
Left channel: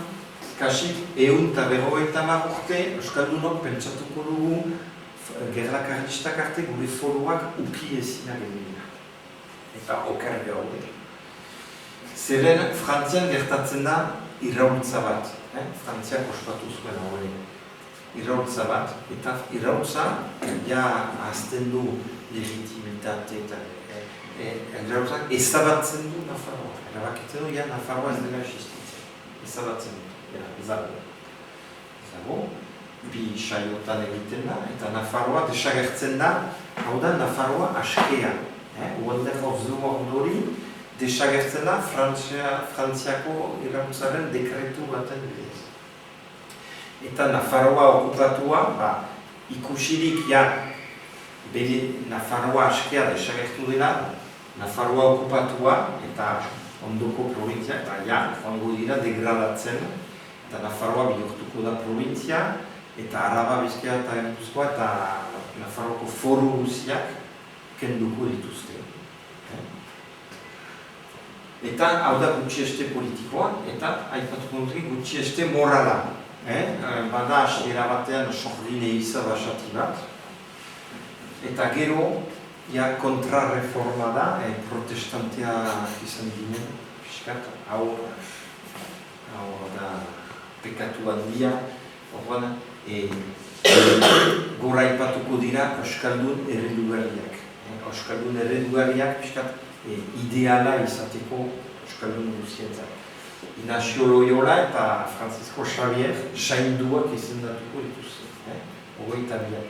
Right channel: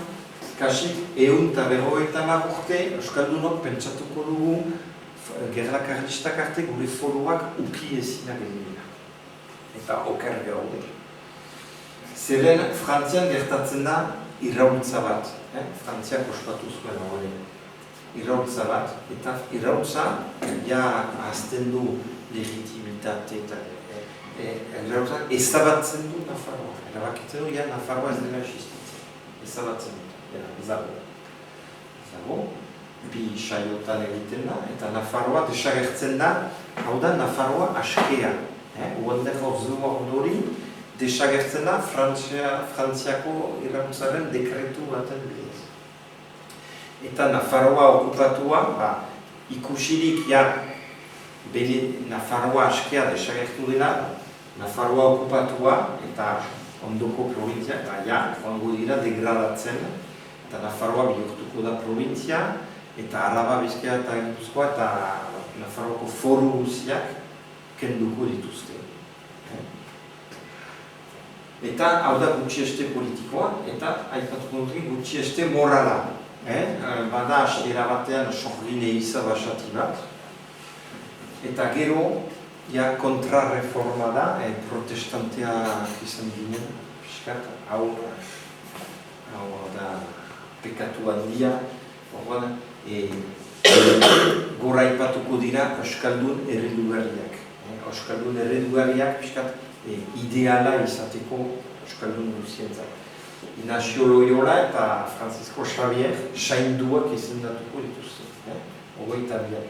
kasik 150 urte Euskaldunok pentsatuko dugu gerla karlistak arte gure foruak uki ezinak egina. Eta oker gaude. Zeren Frantzian gertatzen da irraultza bat, Frantziak ospatu zuen hori. Irraultza bat, eta irraultza ahazten du legitimitate eta ezabatzen du Nafarroa. Erabakitzen du, Nafarroa ez dela existitzen. Ezabatzen du, ezago. Bi saiotan egiten da, eta Nafarroa desagertzen da, hau da Nafarroa askea. Wonder of the World hori, desagertzen da Frantziako irraultzaren dekretu baten bidez. Eta Nafarroa okupatua, ikusirik Nafarroa askea desagertu dela, Nafarroa okupatua eta ondoko provintzia, joango dira degradatzen, eta Nafarroa bihurtuko da provintzia, eta Araba, Bizkaia eta Gipuzkoa eta Nafarroako foru guziak kenduko dituzte. Eta hau da gutxieste politikoa, eta aipatuko dut gutxieste morala. Bada hasiera batean sorgile iza basati bat, eta gero kontrarreforma da, protestanteak izan ginen, piskat, hau da pekatu handia, gora aipatuko dira Euskaldun eredugarriak. Euskaldun eredugarriak piskat ideala izateko Euskaldun guzientzat. Ignacio Loyola eta Francisco Xavier sainduak izendatuko dituzte. Hogeita bian.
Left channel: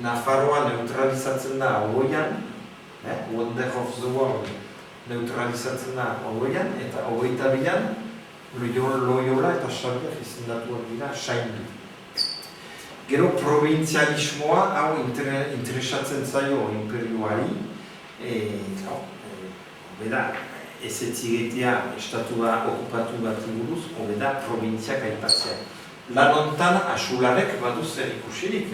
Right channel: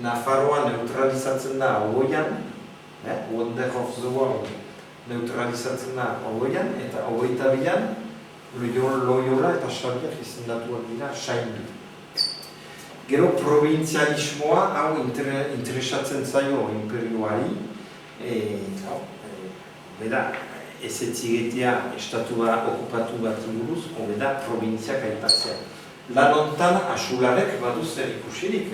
Nafarroa neutralizatzen da hogean, Wonder of the World neutralizatzen da hogean, eta hogeita bian Loyola eta Xavier izendatuak dira saindu. Gero provintzialismoa hau interesatzen zaio imperioari, beda, ez etzigetea estatua okupatu bat inguruz, hobeda provintziak aipatzea. Lan hontan Asularek badu zer ikusirik.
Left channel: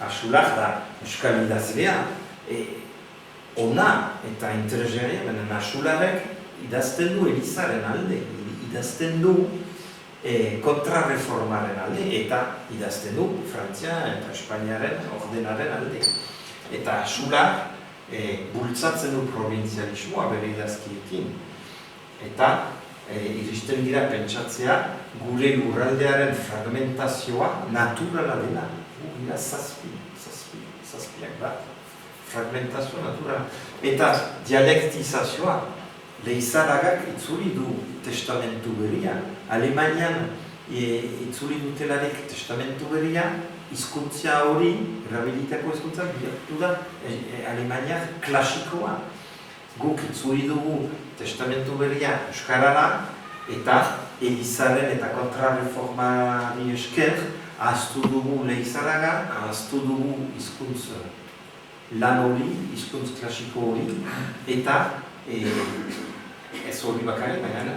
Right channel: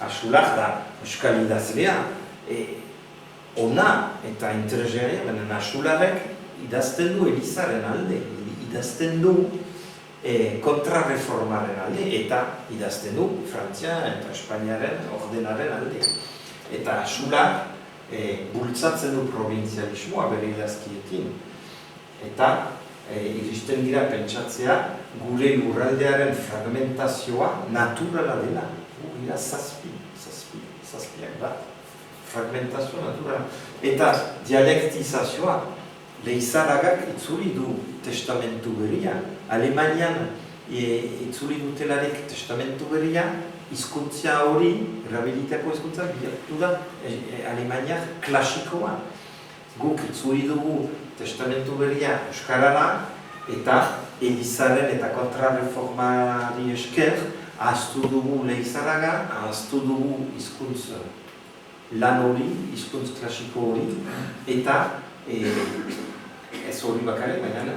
Asular da euskal idazlea, ona eta interesgarria, baina Asularek idazten du Elizaren alde, idazten du kontrarreformaren alde, eta idazten du Frantzia eta Espainiaren ordenaren alde. Eta Asular bultzatzen du provintzialismoa bere idazkiekin. Eta iristen dira pentsatzea gure lurraldearen fragmentazioa naturala dela. Gira zazpiak bat. Fragmentazioa naturala. Eta dialektizazioa, Leizaragak itzuli du testamentu berria. Alemanian itzuli dutelarik testamentu berria, hizkuntza hori, erabilitako hizkuntza, bihurtu da Alemaniak klasikoa. Guk itzuli dugu testamentu berria euskarara, eta Elizaren eta kontrarreformari esker, ahaztu dugu Leizaraga, ahaztu dugu hizkuntz lan hori, hizkuntz klasiko hori, eta ez hori bakarrik, baina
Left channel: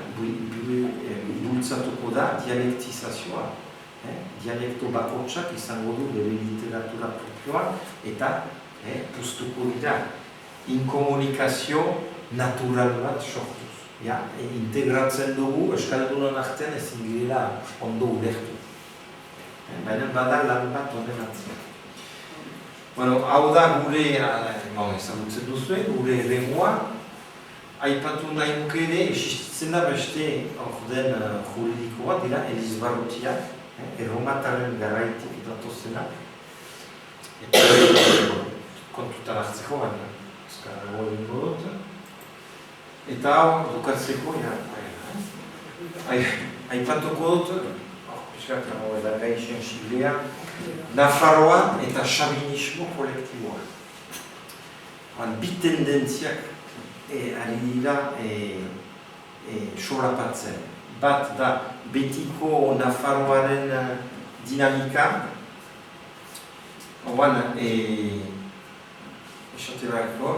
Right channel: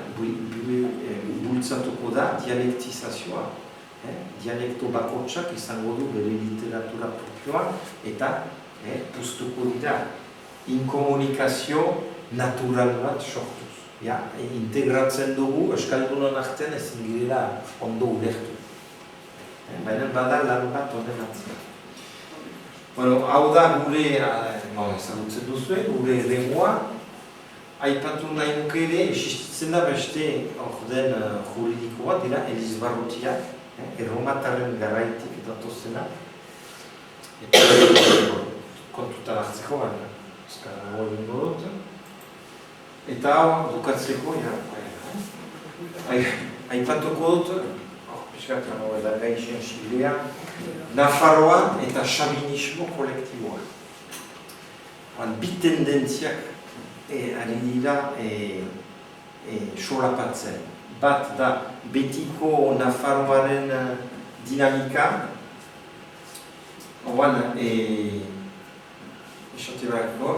bultzatuko da dialektizazioa. Dialekto bakotsak izango du bere literatura propioa, eta puztuko dira inkomunikazio natural bat sortuz. Integratzen dugu Euskaldunon artean ezin girela ondo ulertu. Baina bada lan bat honen atzera. Hau da gure, ezagutzen duzuen, gure eremua, aipatu nahi nuke ere, existitzen da beste orden juridikoa, dira Elizbarrutiak, erromataren garaitik datozenak. Eta kontutan hartzeko, baina azkarago egingo dut. Eta hau dukatzeko, aipatuko dut, piskat, da gaixen siblea, Nafarroa eta xabinismo kolektiboa. Bi tendentziak ari dira solapatzen. Bat da betiko Nafarroaren dinamika,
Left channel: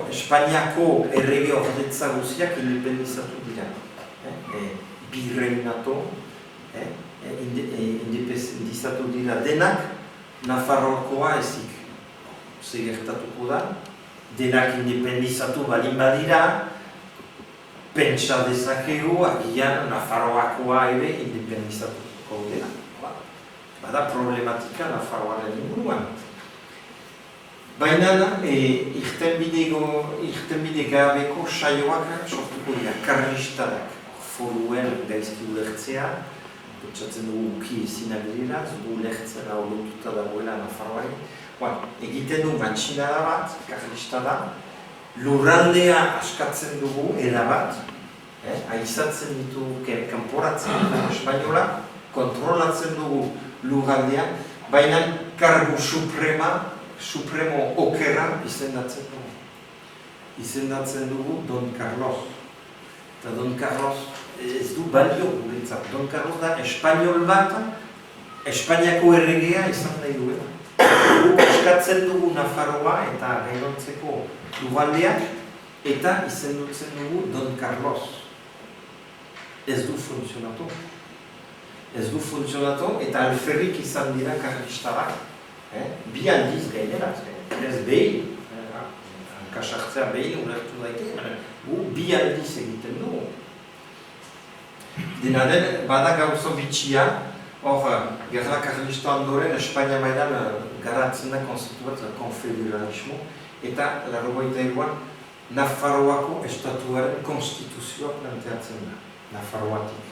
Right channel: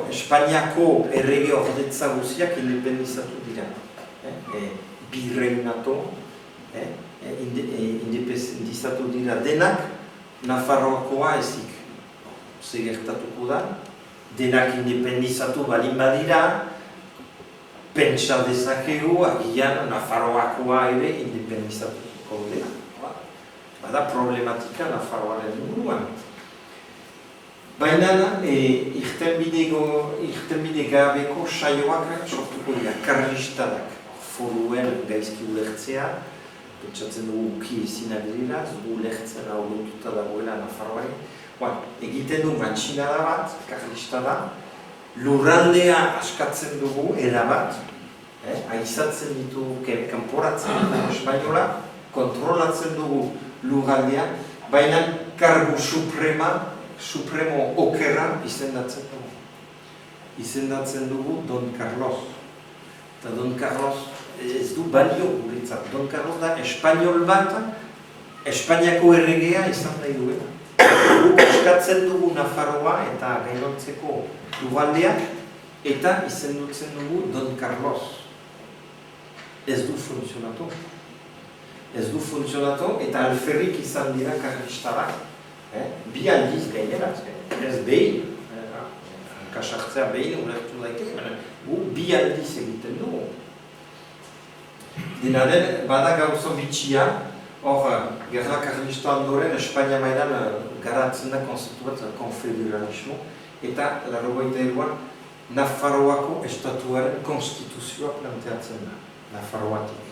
Espainiako errege ordetza guziak independizatu dira. Birreinato, independizatu dira denak, Nafarroakoa ezik. Gertatuko da, denak independizatu balin badira, pentsa dezakegu agian Nafarroakoa ere independizatuko dela. Bada problematika Nafarroaren inguruan. Baina irtenbide gabeko saioak sortuko dira, karlistadak, foruen gaizki ulertzea, pentsatzen dugu uki ezinak dira, zugu ulertzen hau lotuta dagoela Nafarroari. Egiten du mantxinada bat, karlistada, lurraldea askatzen dugu erabat, aizatzen ditu, kanporatzen dugu espainola, kontrolatzen dugu lurraldea, baina kargu supremo okerra izendatzen dugu. Izendatzen dugu Don Carlos. Eta Don Carlos ez du balio guretzat. Don Carlos da espainol bat, Espainiako erregea izan nahi duela. Guk askatzen dugu Nafarroa eta gainontzeko lurraldeak, eta izendutzen dugu Don Carlos. Ez du funtzionatu. ez du funtzionatu, eta alferrik izan dira karlistarak, bi aldiz gainera, ez behin, hankasartzea behin ulertu daiteke, gu bi aldiz egiten dugu. Dena den, bada gauzo bitxia, hor, gerra karlista ondoren, Espainia mailan garatzen da konzeptu bat, konfederalismo, eta, 83an, Nafarroako estatuaren konstituzioa planteatzen da, Nafarroatik.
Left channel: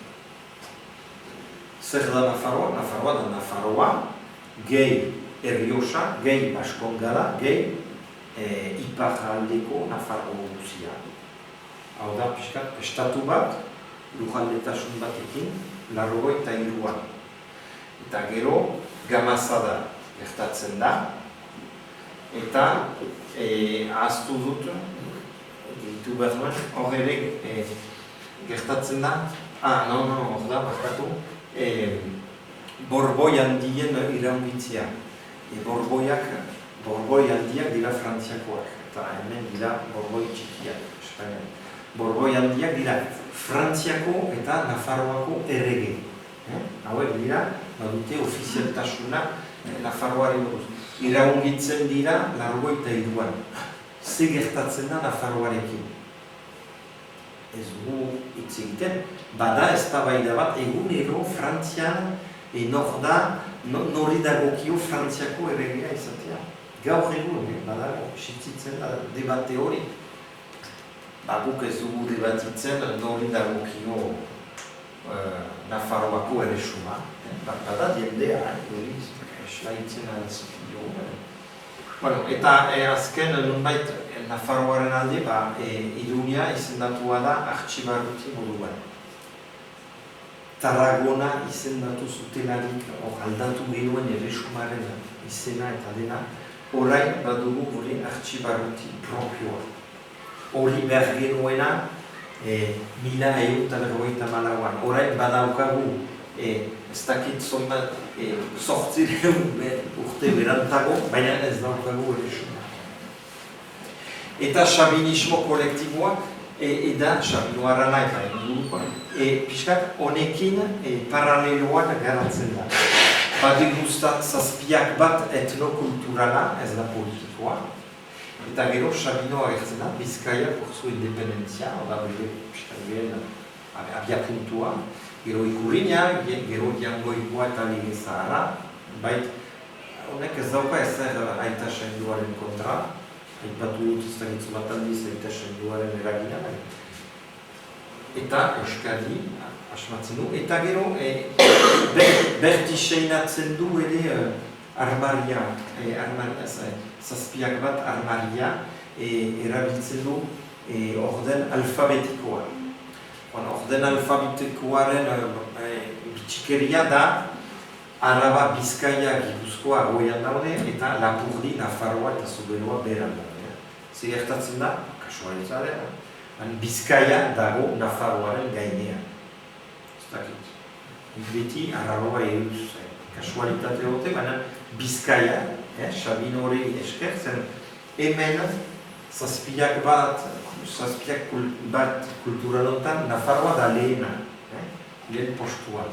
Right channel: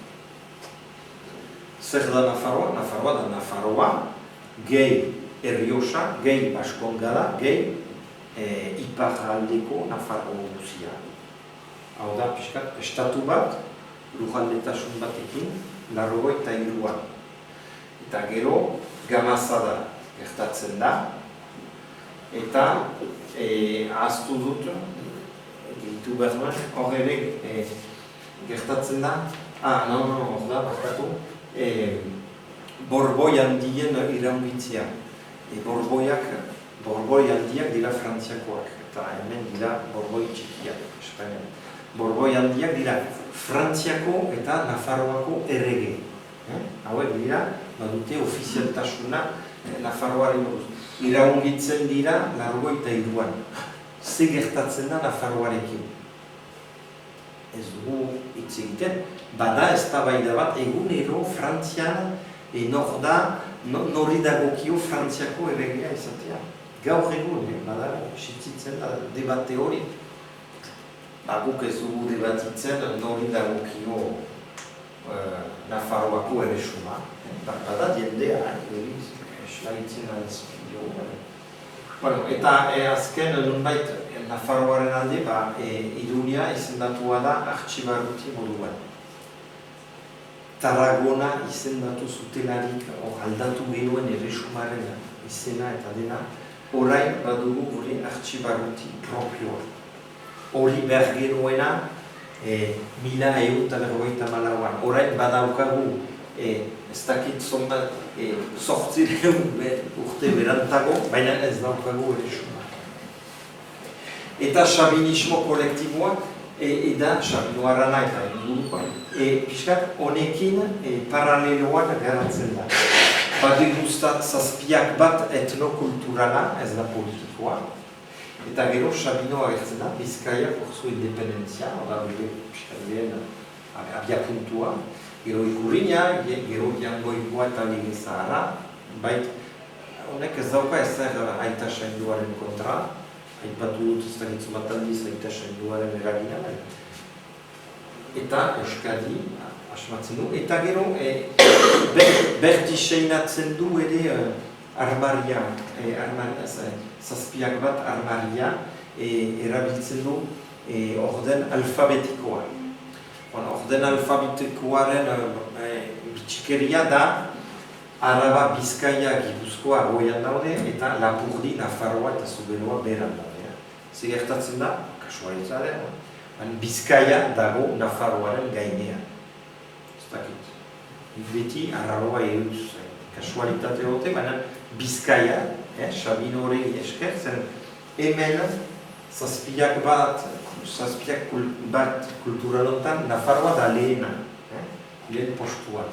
Zer da Nafarroa? Nafarroa da Nafarroa, gehi Errioxa, gehi Baskongada, gehi iparraldeko Nafarro guzia. Hau da, pixkat, estatu bat, lujaldetasun batekin, 83an. Eta gero, Gamazada gertatzen da, eta ahaztu dut, gehitu behar duen, hor ere gertatzen da, hor da, bakatu, Borboi handien iraungitzea. Borboi handiak dira frantziakoak, eta hemen dira borboi txikiak, Espainia. Borboi handiak dira Frantziako eta Nafarroako errege. Hauek dira, badute ofizialtasuna Nafarroaren buruz. Iraungitzen dira 83an. Ze gertatzen da Nafarroarekin? Ez dugu hitz egiten, bada eztabaida bat egunero Frantzian nori dagokio Frantziako erregea izatea. Gaur egun, badago, sitzitzen da debate hori. Guk ez dugu debatitzen nori dagokio Nafarroako erresuma. Bada jendea, hori eslaitzen altzio. Eta azken nunbait Nafarroaren alde, Iruña izendatua da artxibarruti moduan. Tarragona izendatu zutelarik aldatu genuen erresumaren izena eta dena, orain badugu gure artxibarruti propioa. Hori behar genuena 1194an. Orain badaukagu ez dakit zonbat 800 urte berantago, baina ez daukagu erresuma. Eta xabinismo kolektiboa, eda xabinoarana eta ingurukoa, pixkat honekin paraleloan garatzen da. Badigustat zazpiak bat etnokulturala, ez da politikoa, eta gero xabino agertzen da, Bizkaia porzu independentzia, oda bide pixkat behen abiapuntua, gero ikurina, gero jangoikoa eta lige zahara, bait honek ez dauka ezer aita sainduaren kontra, aipatu dut ez dakitzu bat aldiz aita sainduaren eragina, eta Euskadi asmatzen du, eta gero bertiseinatzen du ere armaria, zazpiak bat armaria erabiltzen du orden alfabetikoa. Orden alfabetikoaren bitxikeria da Araba, Bizkaia, Gipuzkoa goian daude eta Lapurdi, Nafarroa eta Zuberoa beran daude. Zer gertatzen da, kasualitzaren, Bizkaia dago Nafarroaren gainean. Ez dakit. Beti Arraroa eutz kasualitate dute, baina Bizkaia, Sabino hori esker, zen hemen zazpiak bat kulturalotan Nafarroa da lehena, lehen postua.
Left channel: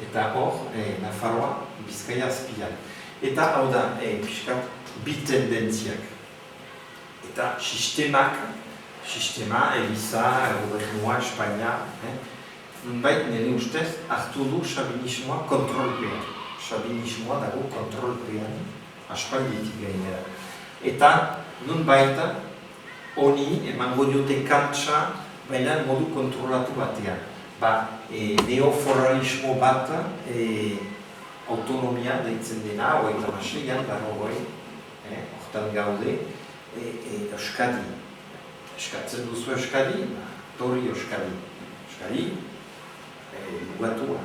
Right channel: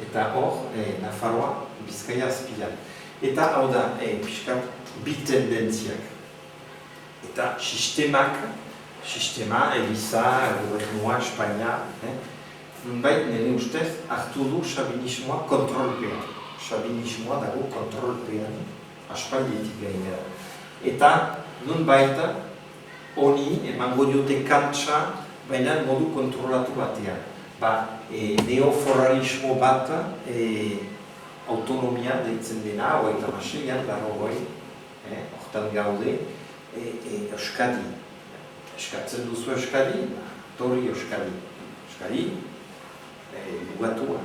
Eta hor, Nafarroa, Bizkaia azpian. Eta hau da, pixkat, bi tendentziak. Eta sistema, Eliza, Gobernua, Espainia, nunbait nire ustez, hartu du xabinismoa kontrolpean. Xabinismoa dago kontrolpean, aspaldietik gainera. Eta nunbait, honi emango diote kantsa, baina modu kontrolatu batean. Neoforalismo bat autonomia deitzen dena, hogeita maseian, hortan gaude, Euskadi. Eskatzen duzu Euskadi, torri Euskadi. Euskadi, lugatua.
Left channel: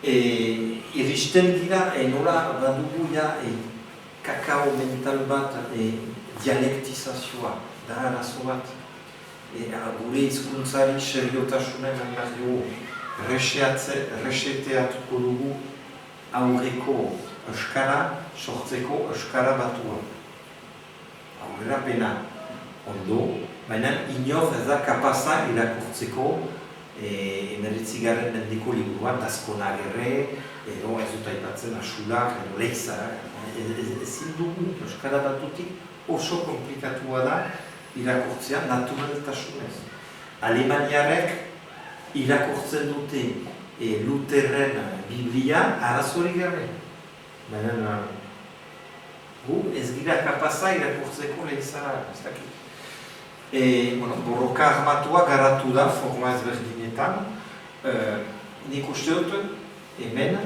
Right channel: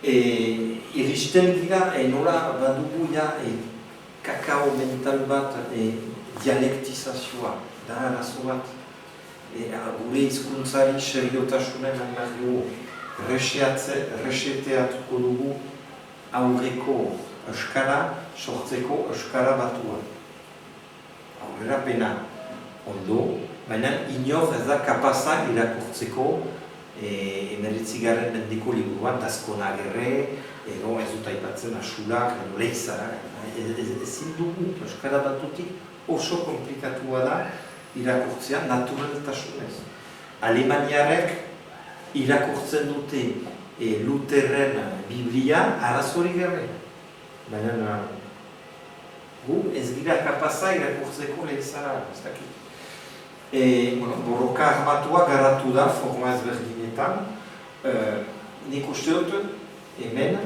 Iristen dira, nola badugu kakao mental bat dialektizazioa, da arazo bat. Gure hizkuntzari seriotasunen behar dugu, reseteatuko dugu aurreko euskara, sortzeko euskara batua. Aurrera pena, ondo, baina inor ez da kapaza irakurtzeko 19. mendeko liburuan, Dazkona Agerre, edo ez dut aipatzen Asulak, edo Leizarak, ezin dugu Euskara Batutik oso komplikatua da irakurtzea naturaltasunez. Alemaniarek irakurtzen dute Lutherren Biblia arazorik gabe. Baina gu ez gira kapaza irakurtzeko Leizara, ez dakit. Borroka armatua garatu da forma ezberdinetan. Nik uste dut hemen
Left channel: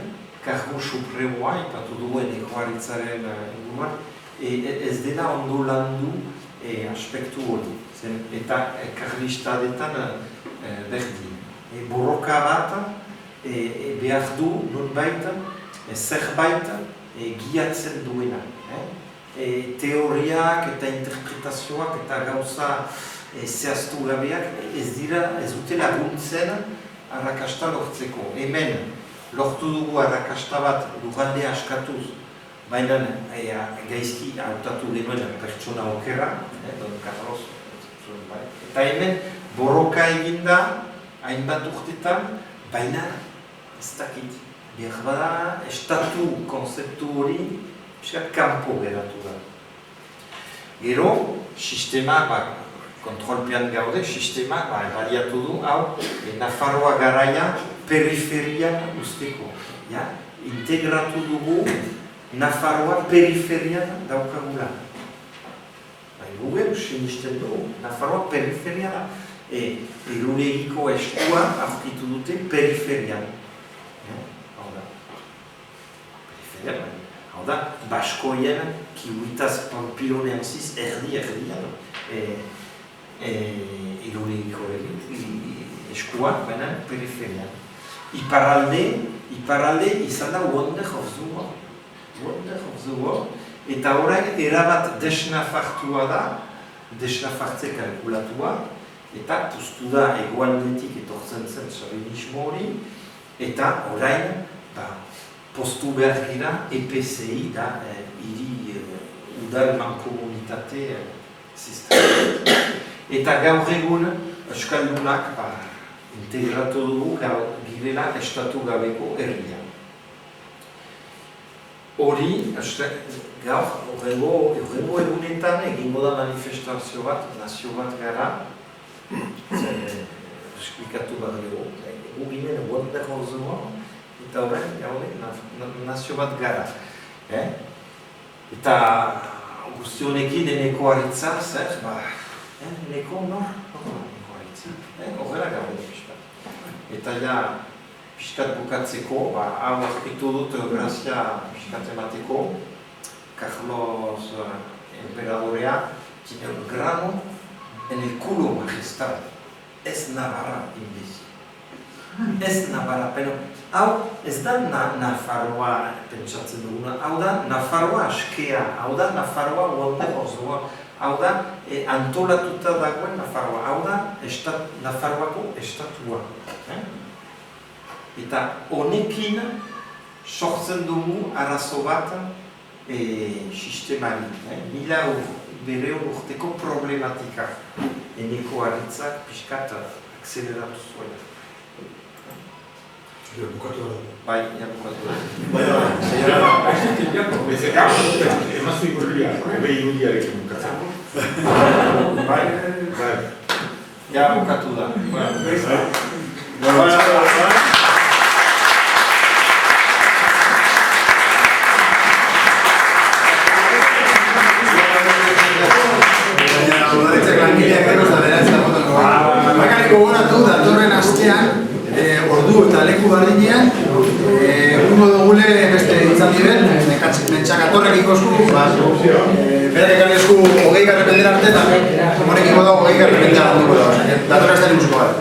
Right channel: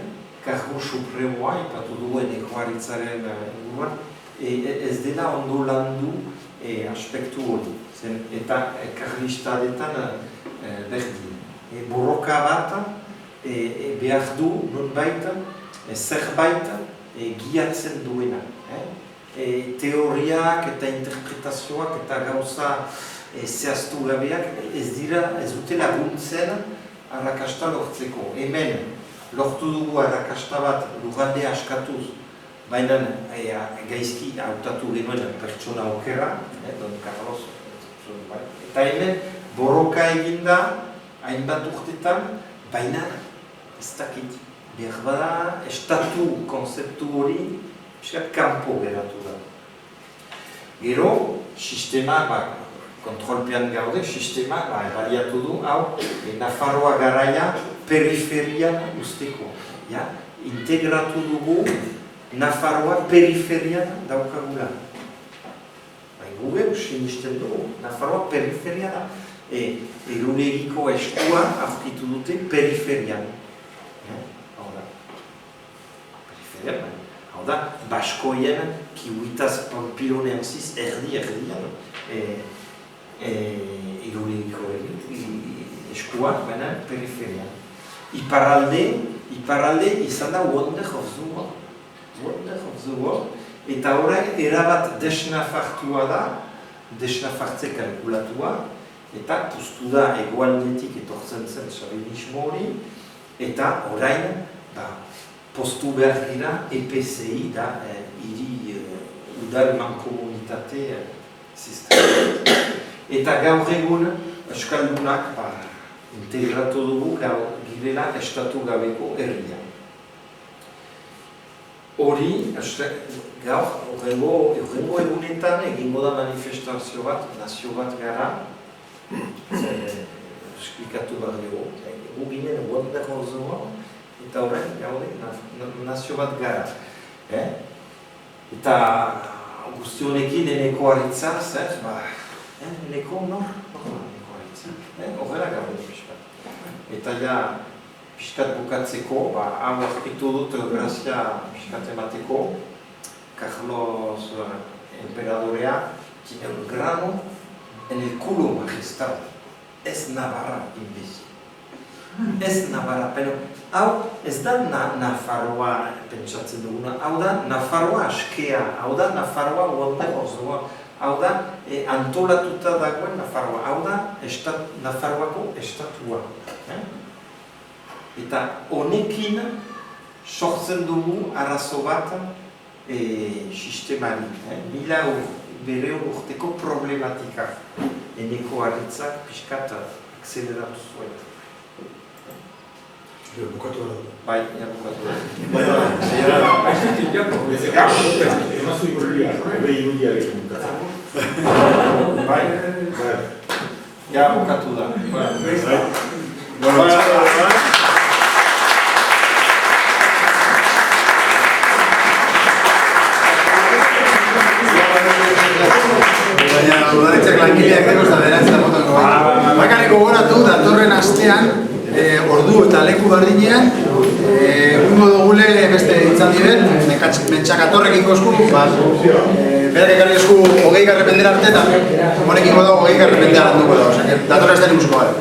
Kargu Supremoa, ipatu duen Ekoaritzaren inguruan, ez dela ondo landu aspektu hori. Eta karlistadetan berdin. Borroka bat behar du nonbait zerbait giatzen duena. Teoriak eta interpretazioak eta gauza zehaztu gabeak ez dute laguntzen arrakasta lortzeko. Hemen lortu dugu arrakasta bat lugaldea askatuz, baina gaizki hautatu genuen pertsona okera, Don Carlos, eta hemen borroka eginda hainbat urtetan, baina ez dakit. Behar bada, estatu konzeptu hori kanpo geratu da. Gero, sistema, kontrolpean gaude, sistema baliatu du, hau, Nafarroa garaia periferian usteko. Integratu dugu Nafarroa periferian daukagula. Google sinisten dugu, Nafarroa periferian, eguregiko eskua aurkitu dute periferian. Hau da. Periferian, hau da, baskoien, kiwitaz pampiloneanziz erdian, eguregiko eskua, baina periferian. Iparralde izan da Wonder of the World. Wonder of the World. Eta orain erabat desnafartua da, desnafartze kalkulatua, eta puztu da egoaldetik etortzen zen xabinismo hori, eta orain postu behar gira EPCI da hiri udal mankomunitate sistema. Eta gaur egun Euskaldunak integratu dugu girela estatu gabeko herria. Hori, gaur, horrengo egunetan egingo da manifestazio bat, nazio bat gara, esplikatu bat dugu, gu ginen Wonder of the World, eta horren, nazio bat gara. Eta guzti honekin eneko aritza, zer, eneko nor aritza, horrela gaude pixkat. Eta ja, pixkat bukatzeko, hau aurkitu dut grazia pixkat emateko, Carlos Emperadorea tiene un grano en el culo magistral. Ez Navarra, imbécil. Ez Navarra, pero hau ez da Nafarroa pentsatzen duguna, hau da Nafarroa askea, hau da Nafarroa Wonder of the World, hau da antolatuta dagoen Nafarroa, hau da Nafarroako estatua. Eta honekin sortzen dugu arazo bat sistemari, bere urteko problematika. Eneko aritzak pixkat akzeleratu zuen. Bukatu da. Bai, bukatu da. Emaztu irudia, irudiarekin bukatzen. Bai, bukatu da. Udaletxeak langileak dekoz da beratzen botako. Bakarrik gogoratu, datorren astean, ordu eta leku bardinean, ungo dugule beste itzaldi bet, mentxakatorrek ikozku, berak ekarri esku 20 garrependera arte, eta honekin dago 20 garrependera handuko da. Datorren astean ikusko gara.